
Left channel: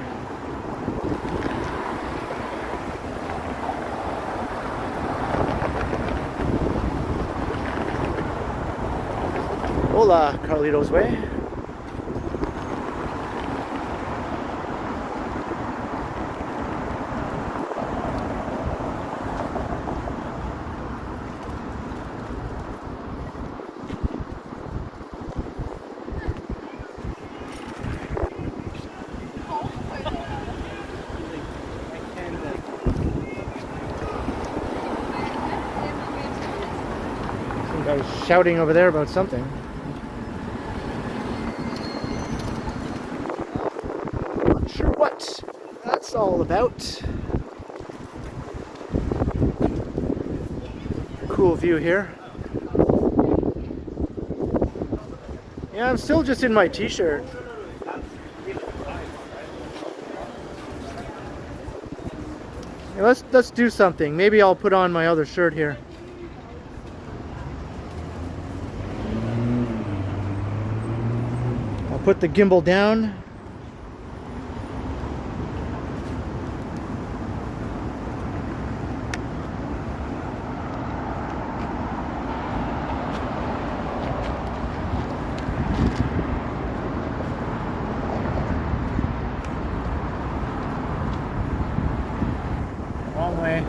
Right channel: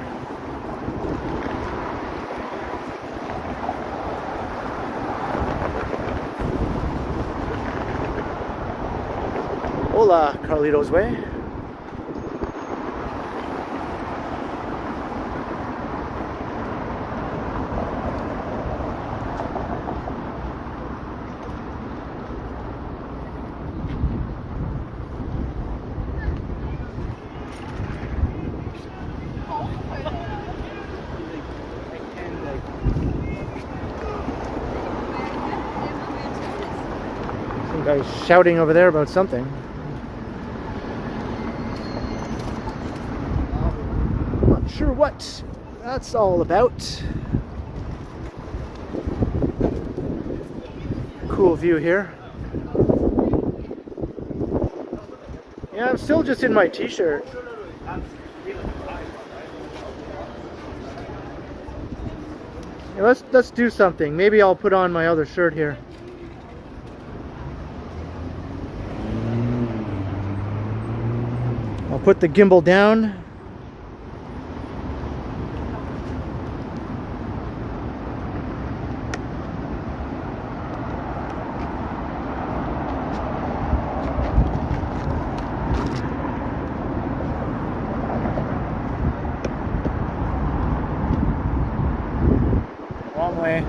Hola, Carlito's Way. Some guy's shouting over there about something. Sure what that's all about. Cool view here. Yeah, I'm still just in my t-shirt. Yeah, let's do something. Maybe I'll put on my other shirt here. I'll put the gimbal down. Wrong way.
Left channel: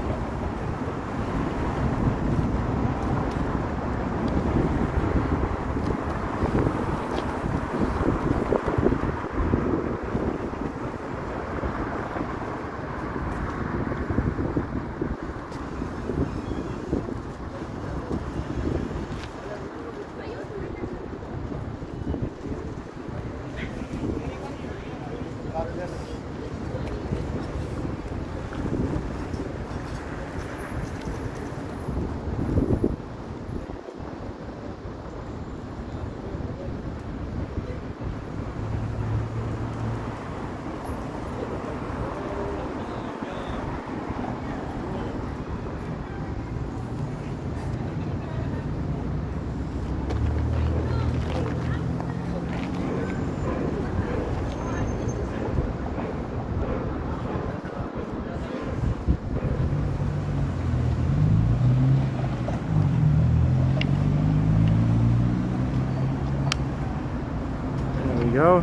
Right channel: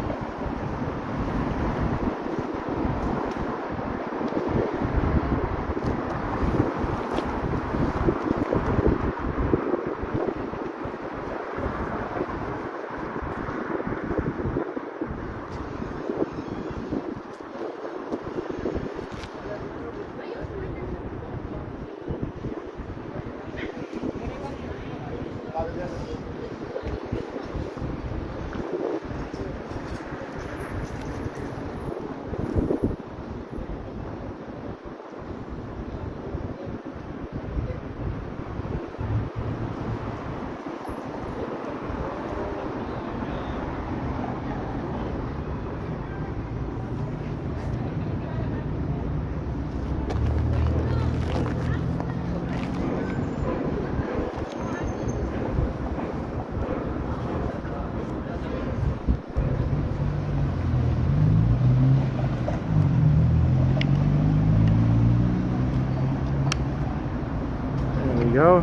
Go.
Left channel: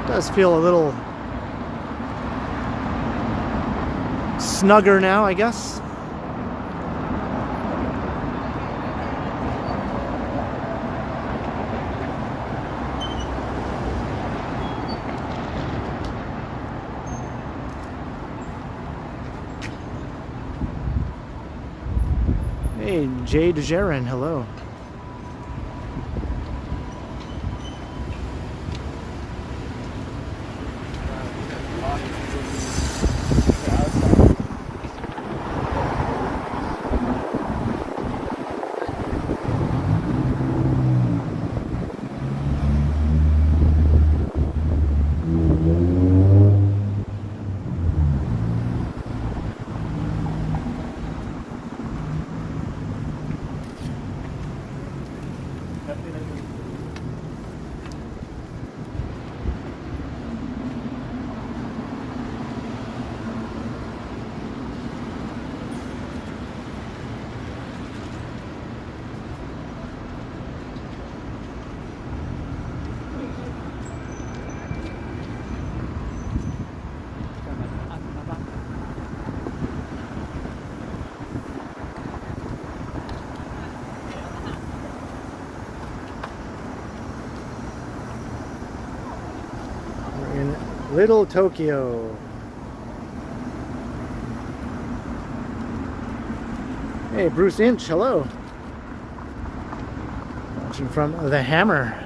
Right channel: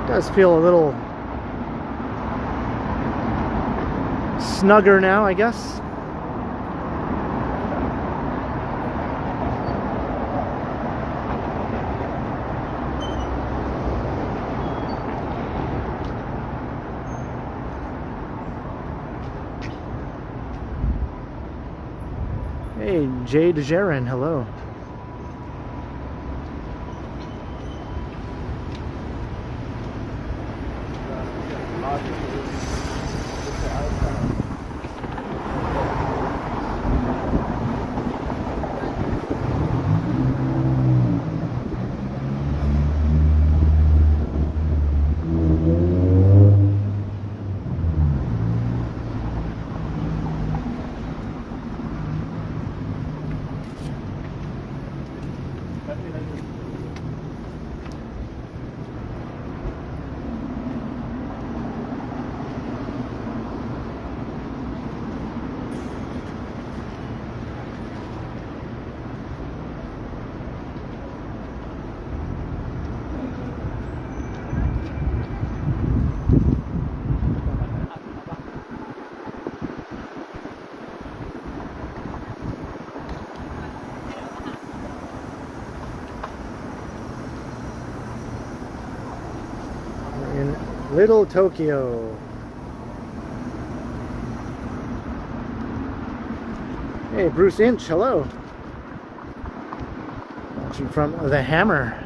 It does feel a little snugger now, I guess. Hey, Jay DeJaren, hello. Little Tokyo. Hey, Bruce Inch, hello. Watching from the Hammer.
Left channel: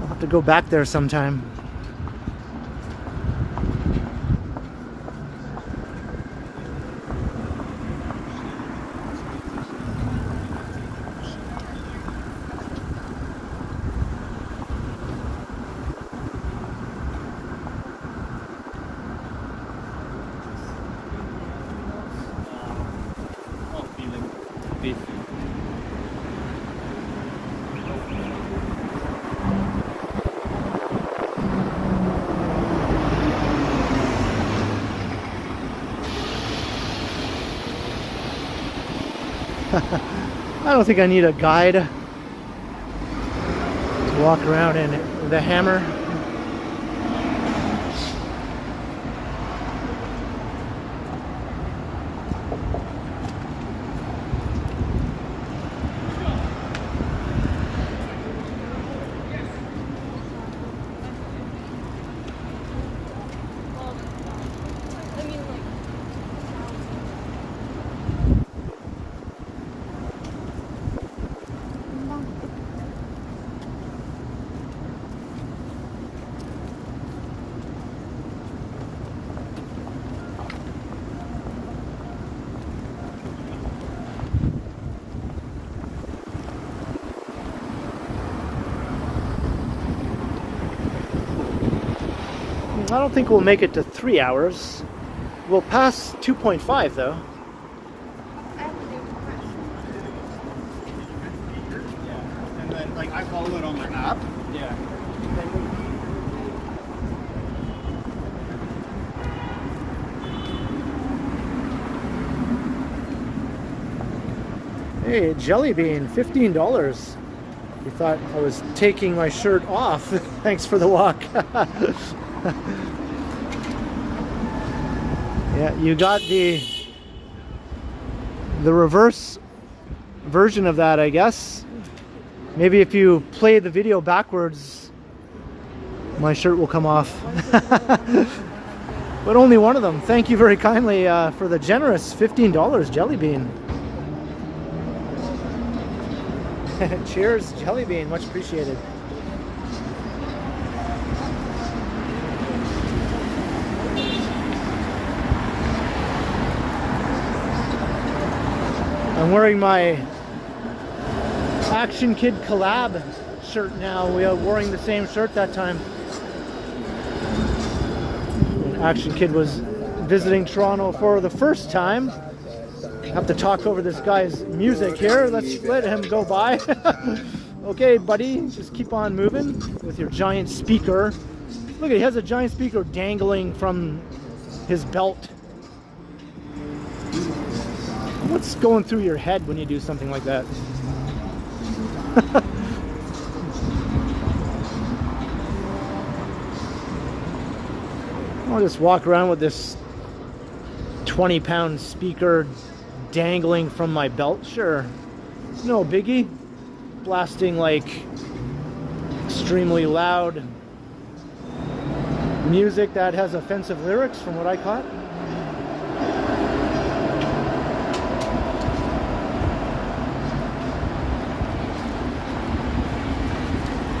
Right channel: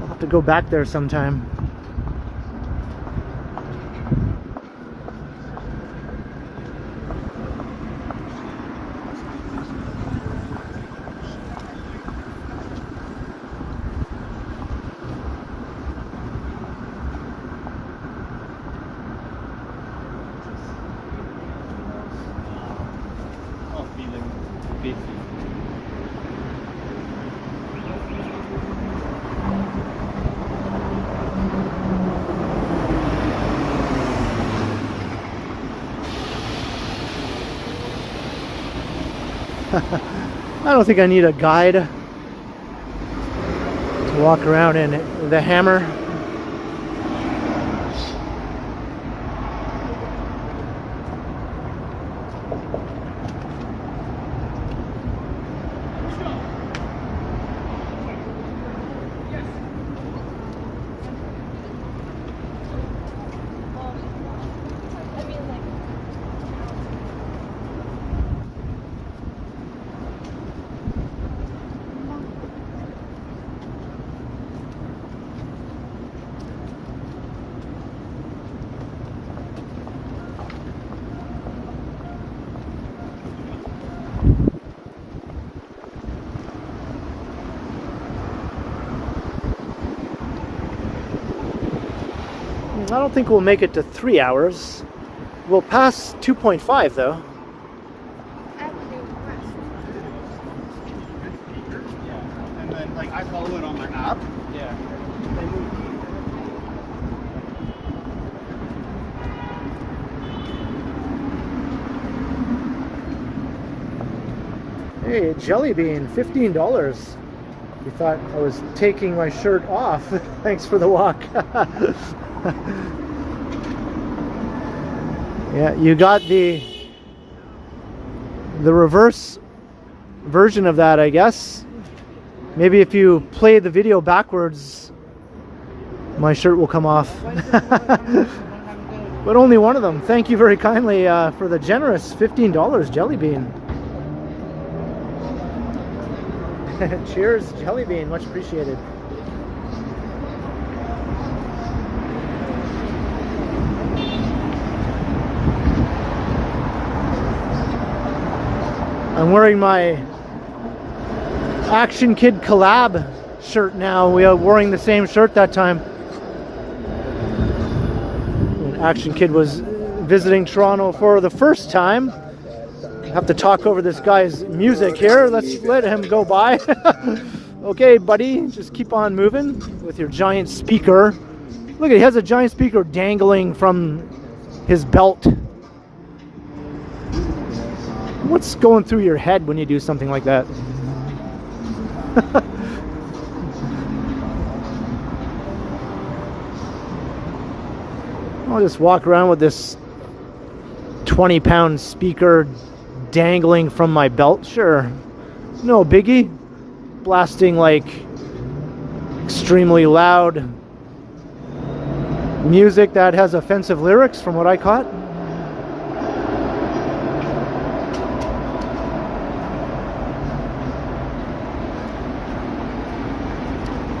I'll have to go back there sometime. I don't think I need a guide to walk around in the Hammer. I don't think we'll make it to 3 hours. We'll pass 2.5 though. And then, like, I follow it on my app. Yeah. Hey, Jelly Bean, $15. You thought I was taking my shirt off. Thanks for the walk. Yeah, you got the reverse version of that, I guess. Maybe if you play the video backwards, my shirt will come off. But only one of them. Thank you very kindly for the generous $15, Jelly Bean. Cheers, Jelly Bean. Much appreciated. I'm wearing my Action Kid collab shirt now. We are wearing the same shirt that time. When Action Kid was visiting Toronto for the first time. I have to talk over this guy's music here. Let's let him go by. Okay, buddy, just keep on moving with your giant speaker. Look, he has a giant speaker dangling from his belt. What's going through your head when you do something like that? I'll just walk around with this 20-pound speaker dangling from my belt. Sure, no biggie. Blasting like extremely loud music that has offensive lyrics from what I caught.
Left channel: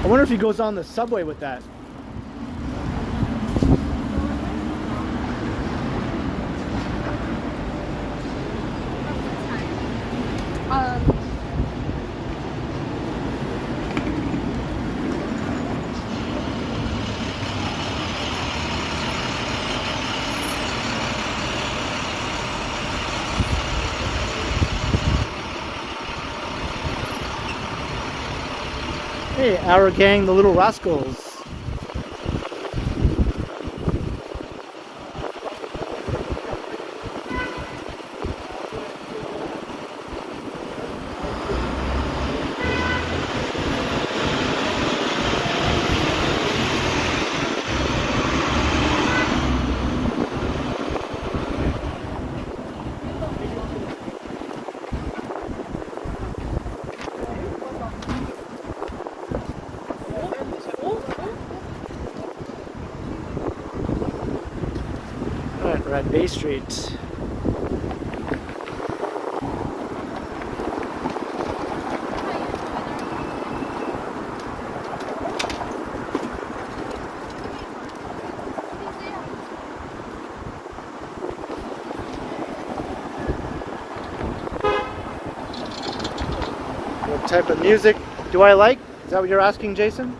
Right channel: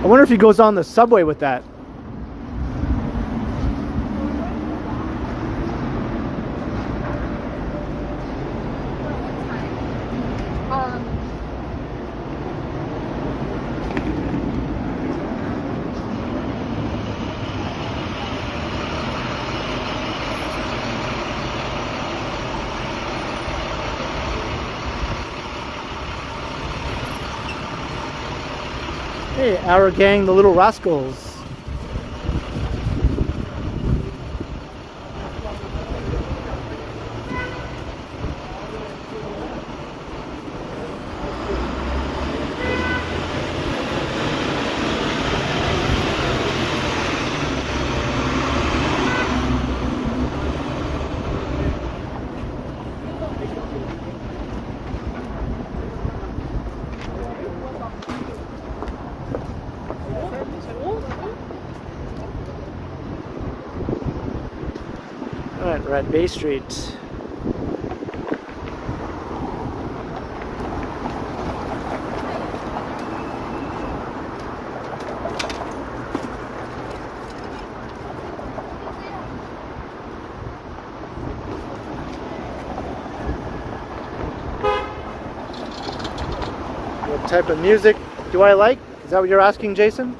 I wonder if he goes on the subway with that. Hey, our gang, the Little Rascals. We're at Bay Street. What type of music do I like? Is that what you're asking, Jason?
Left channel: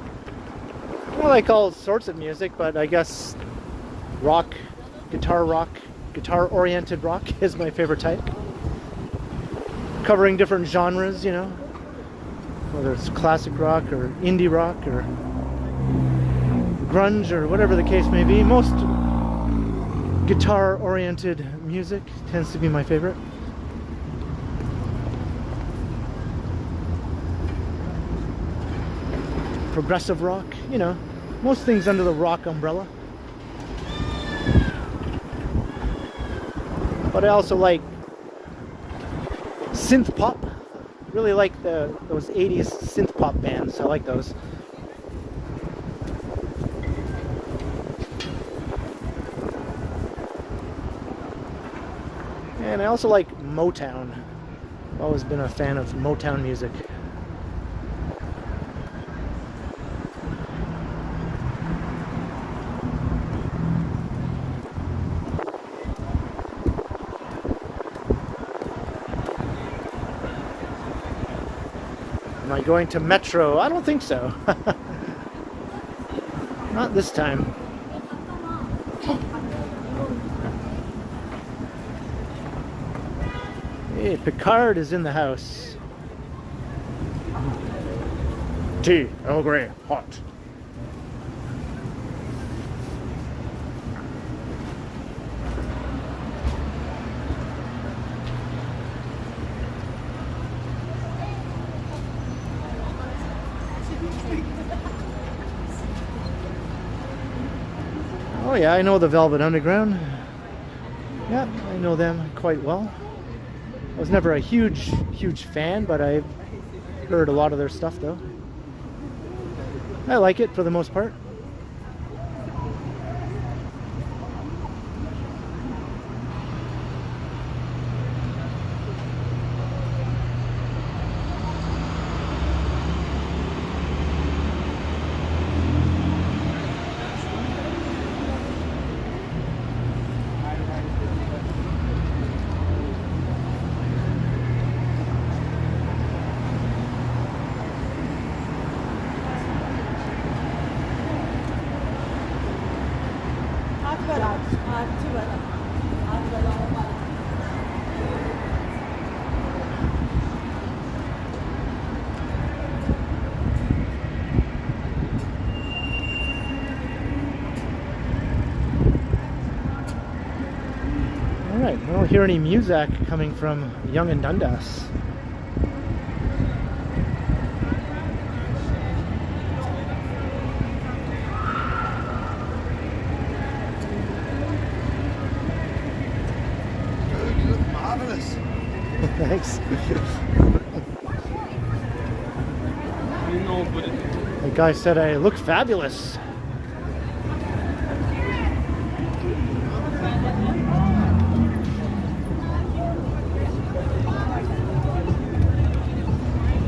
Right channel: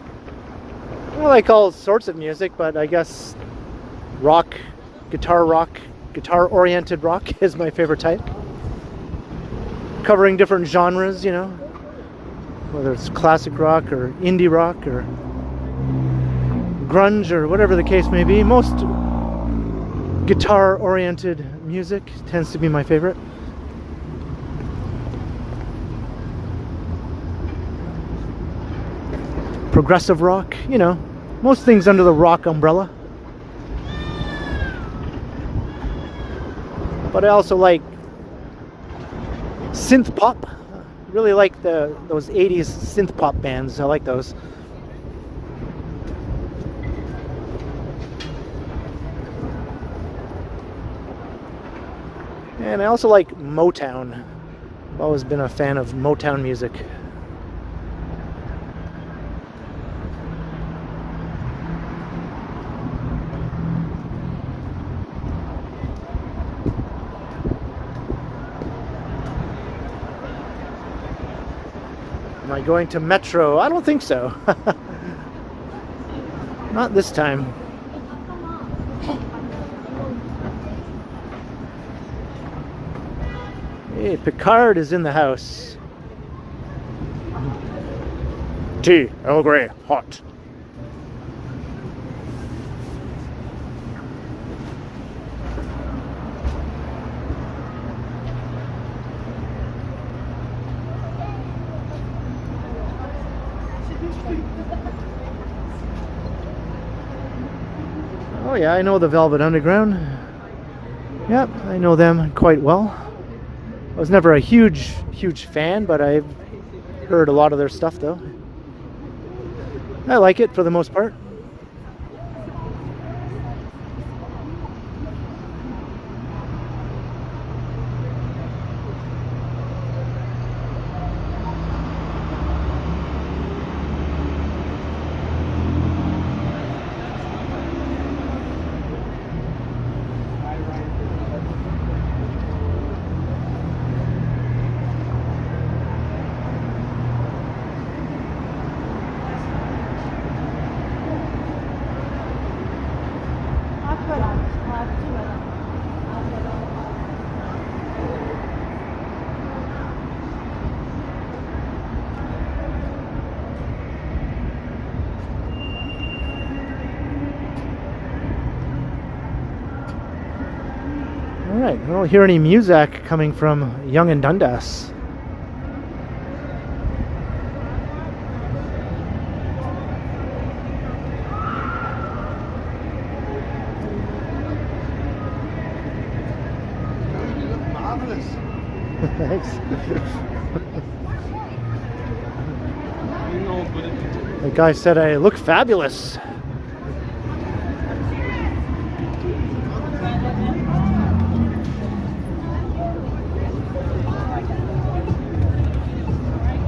I like all sorts of music, but I guess rock, guitar-oriented rock is my favorite type. Covering different genres, you know, whether it's classic rock or indie rock or grunge or whatever the case may be. Most guitar-oriented music tends to be my favorite. Progressive rock, you know, most things under the rock umbrella. But I also like synth pop. Really like those 80s synth pop bands. I like those. And I also like Motown. I've always been a fan of Motown music. Am I going to Metro? I don't think so. Not this time. Hey, Picard is in the house. Tea, Earl Grey, hot. Oh yeah, I know the Velvet Underground. Yep, I know them quite well. I was never a huge fan, but I've heard a lot of their stuff though. I like it for the most part. Alright, I don't hear any music coming from Yonge and Dundas. You look marvelous. Thanks. The guy said I look fabulous.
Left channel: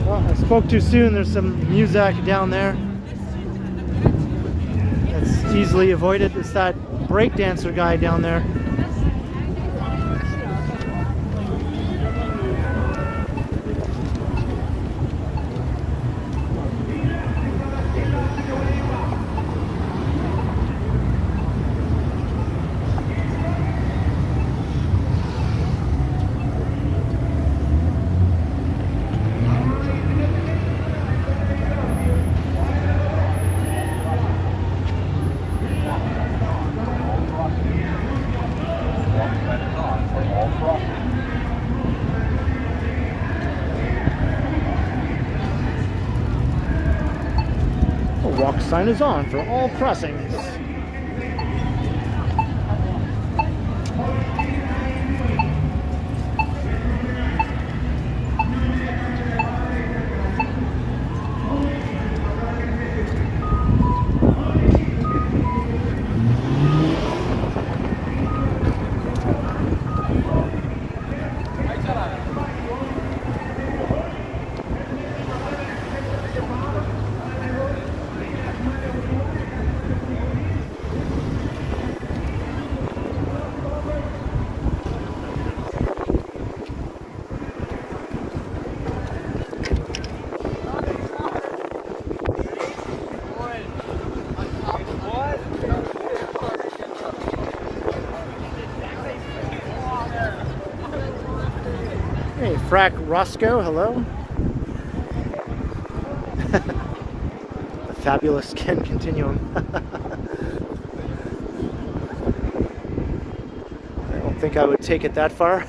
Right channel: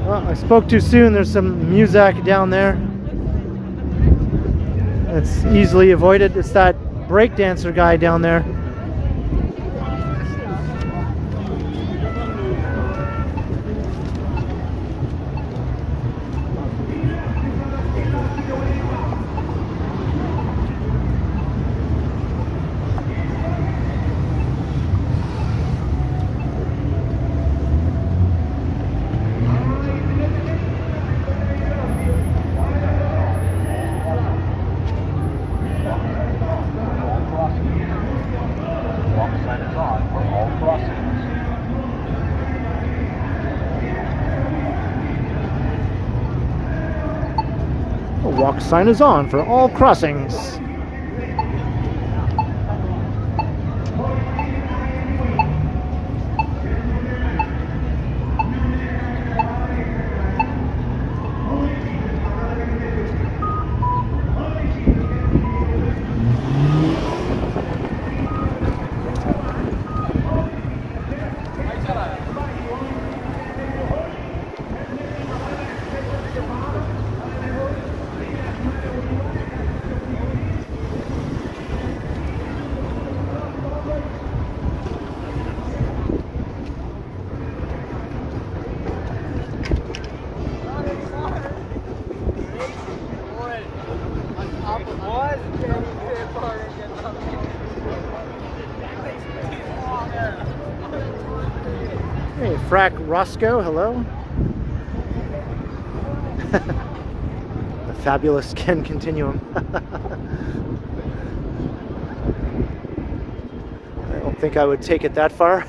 Well, I spoke too soon. There's some music down there. That's easily avoided. It's that breakdancer guy down there. Walk sign is on for all crossings. Frack Roscoe, hello. The fabulous Ken Continuum. I don't think I would take it that far.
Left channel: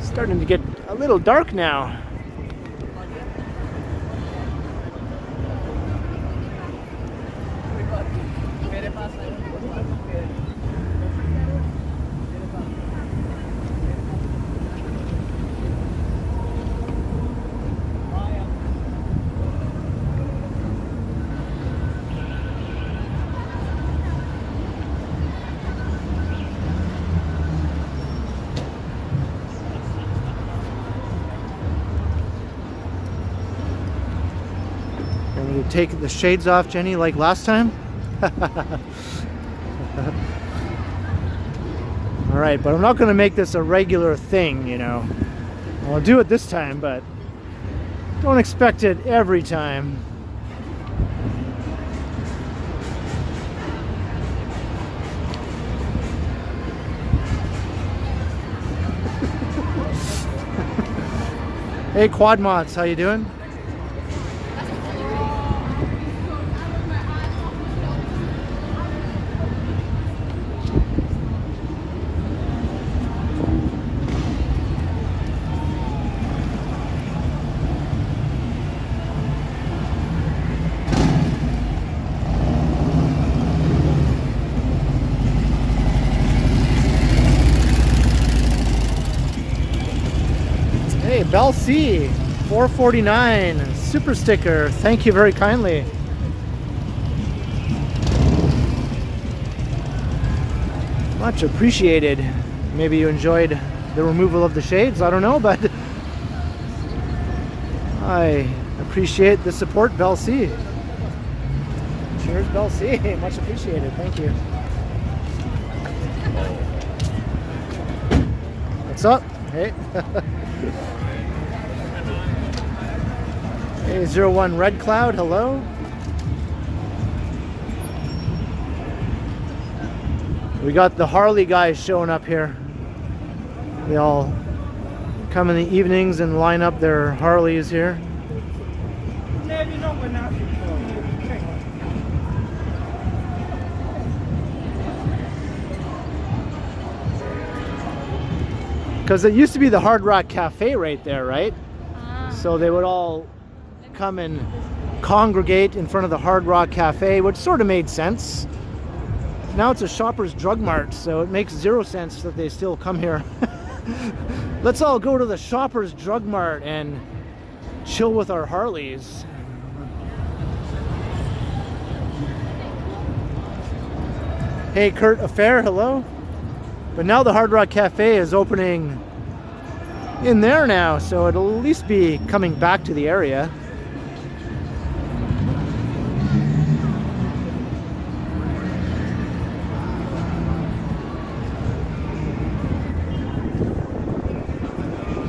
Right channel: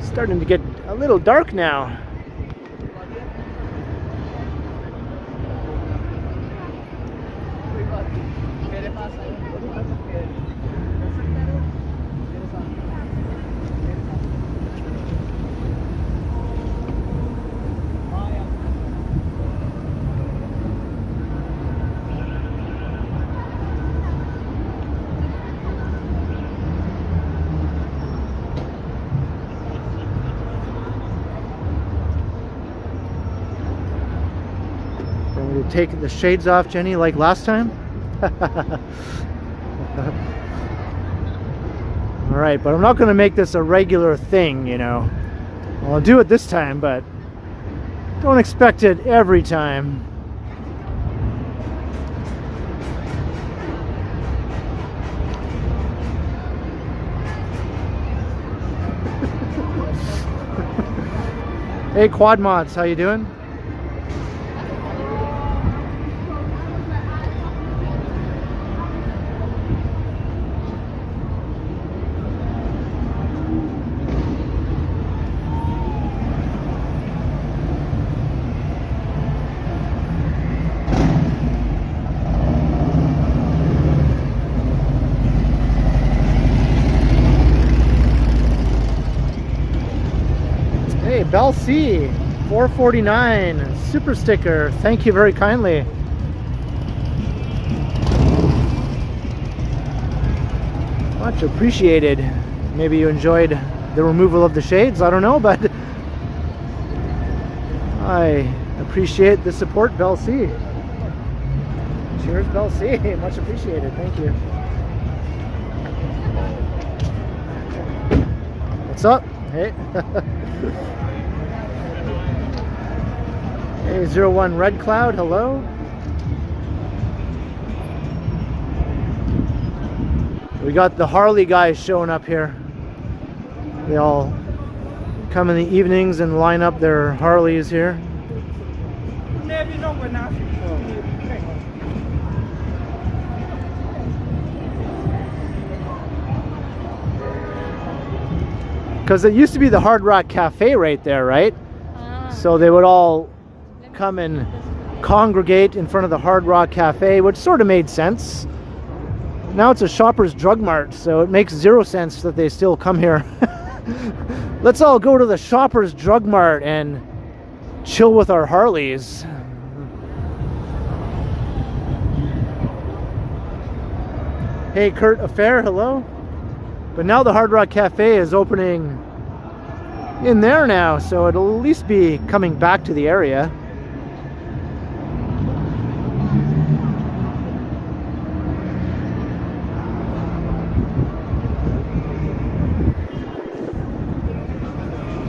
Starting to get a little dark now. Take the shades off, Jenny, like last time. All right, but I'm not going to make this a regular thing, you know. I'll do it this time, but don't expect it every time. Hey, Quad Mods, how you doing? Abell C, 449, super sticker. Thank you very kindly. Much appreciated. Maybe you enjoyed the removal of the shades, I don't know, but I appreciate the support, Bell C. Cheers, Bell C. Much appreciated. Thank you. What's up? Hey. Hey, 01 Red Cloud, hello. We got the Harley guys showing up here. They all come in the evenings and line up their Harleys here. Because it used to be the Hard Rock Cafe right there, right? So they would all come and congregate in front of the Hard Rock Cafe, which sort of made sense. Now it's a Shoppers Drug Mart, so it makes zero sense that they still come here. Let's all go to the Shoppers Drug Mart and chill with our Harleys. Hey, Kurt Affair, hello. But now the Hard Rock Cafe is opening in there now, so it'll at least be coming back to the area.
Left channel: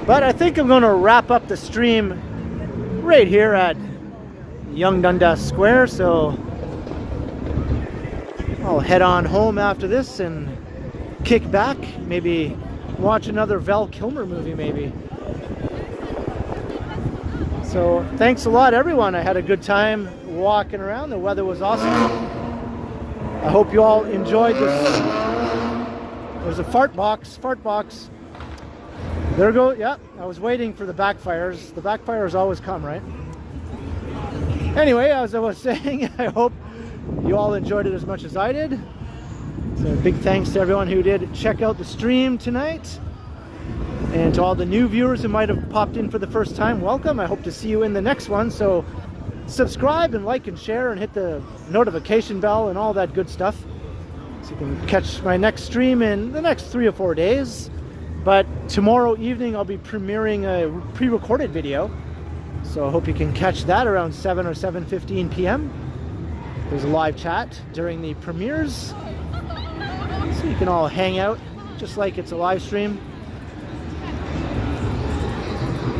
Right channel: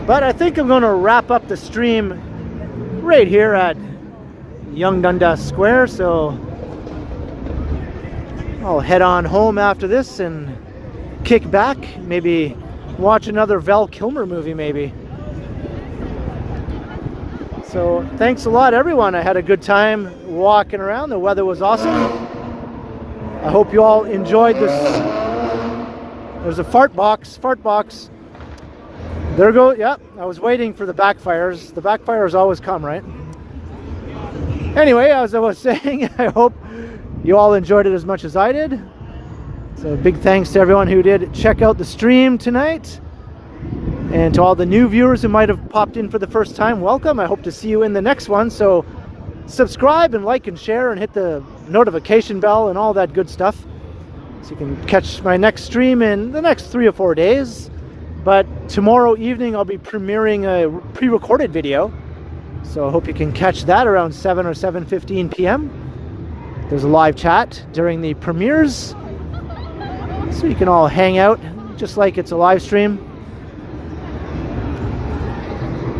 But I think I'm going to wrap up the stream right here at Young Dundas Square, so I'll head on home after this and kick back, maybe watch another Val Kilmer movie maybe. So thanks a lot everyone. I had a good time walking around. The weather was awesome. I hope you all enjoyed this. There's a fart box. There we go. Yep, I was waiting for the backfires. The backfires always come, right? Anyway, as I was saying, I hope you all enjoyed it as much as I did. So big thanks to everyone who did check out the stream tonight. And to all the new viewers who might have popped in for the first time, welcome. I hope to see you in the next one. So subscribe and like and share and hit the notification bell and all that good stuff. So you can catch my next stream in the next 3 or 4 days. But tomorrow evening I'll be premiering a pre-recorded video. So I hope you can catch that around 7 or 7:15 p.m. There's a live chat during the premieres, so you can all hang out just like it's a live stream.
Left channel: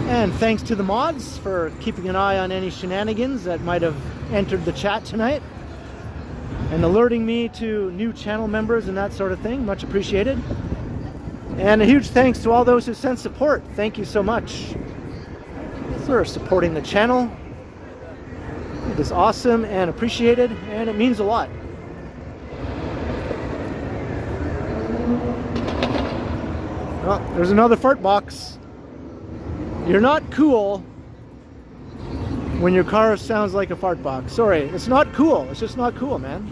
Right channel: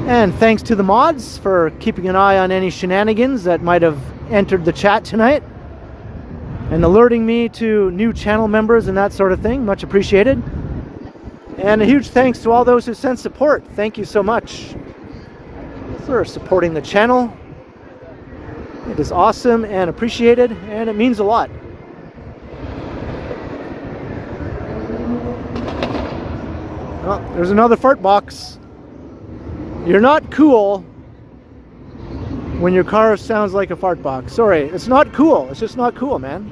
And thanks to the mods for keeping an eye on any shenanigans that might have entered the chat tonight and alerting me to new channel members and that sort of thing. Much appreciated. And a huge thanks to all those who sent support. Thank you so much for supporting the channel. It is awesome and appreciated, and it means a lot. Oh, there's another fart box. You're not cool when your car sounds like a fart box. Sorry, it's not cool. It's just not cool, man.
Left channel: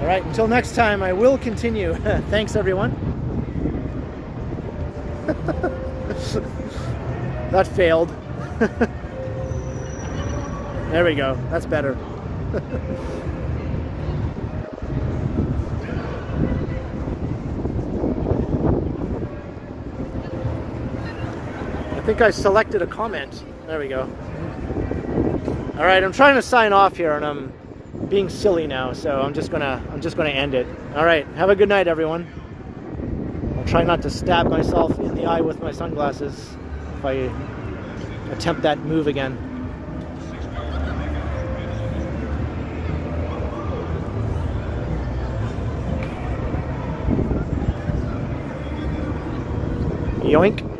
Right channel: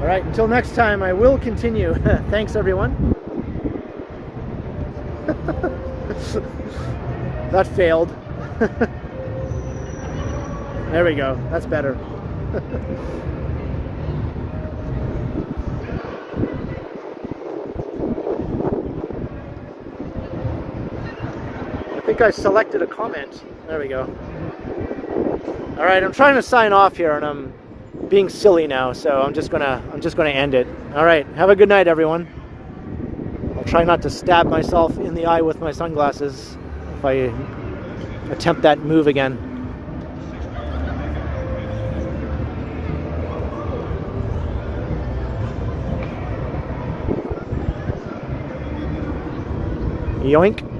All right, until next time, I will continue. Thanks, everyone. That failed. There we go. That's better. I think I selected a comment. There we go. All right, I'm trying to sign off here, and I'm being silly now, so I'm just gonna end it. All right, have a good night, everyone. I'll try not to stab myself in the eye with my sunglasses if I attempt that move again. Yoink.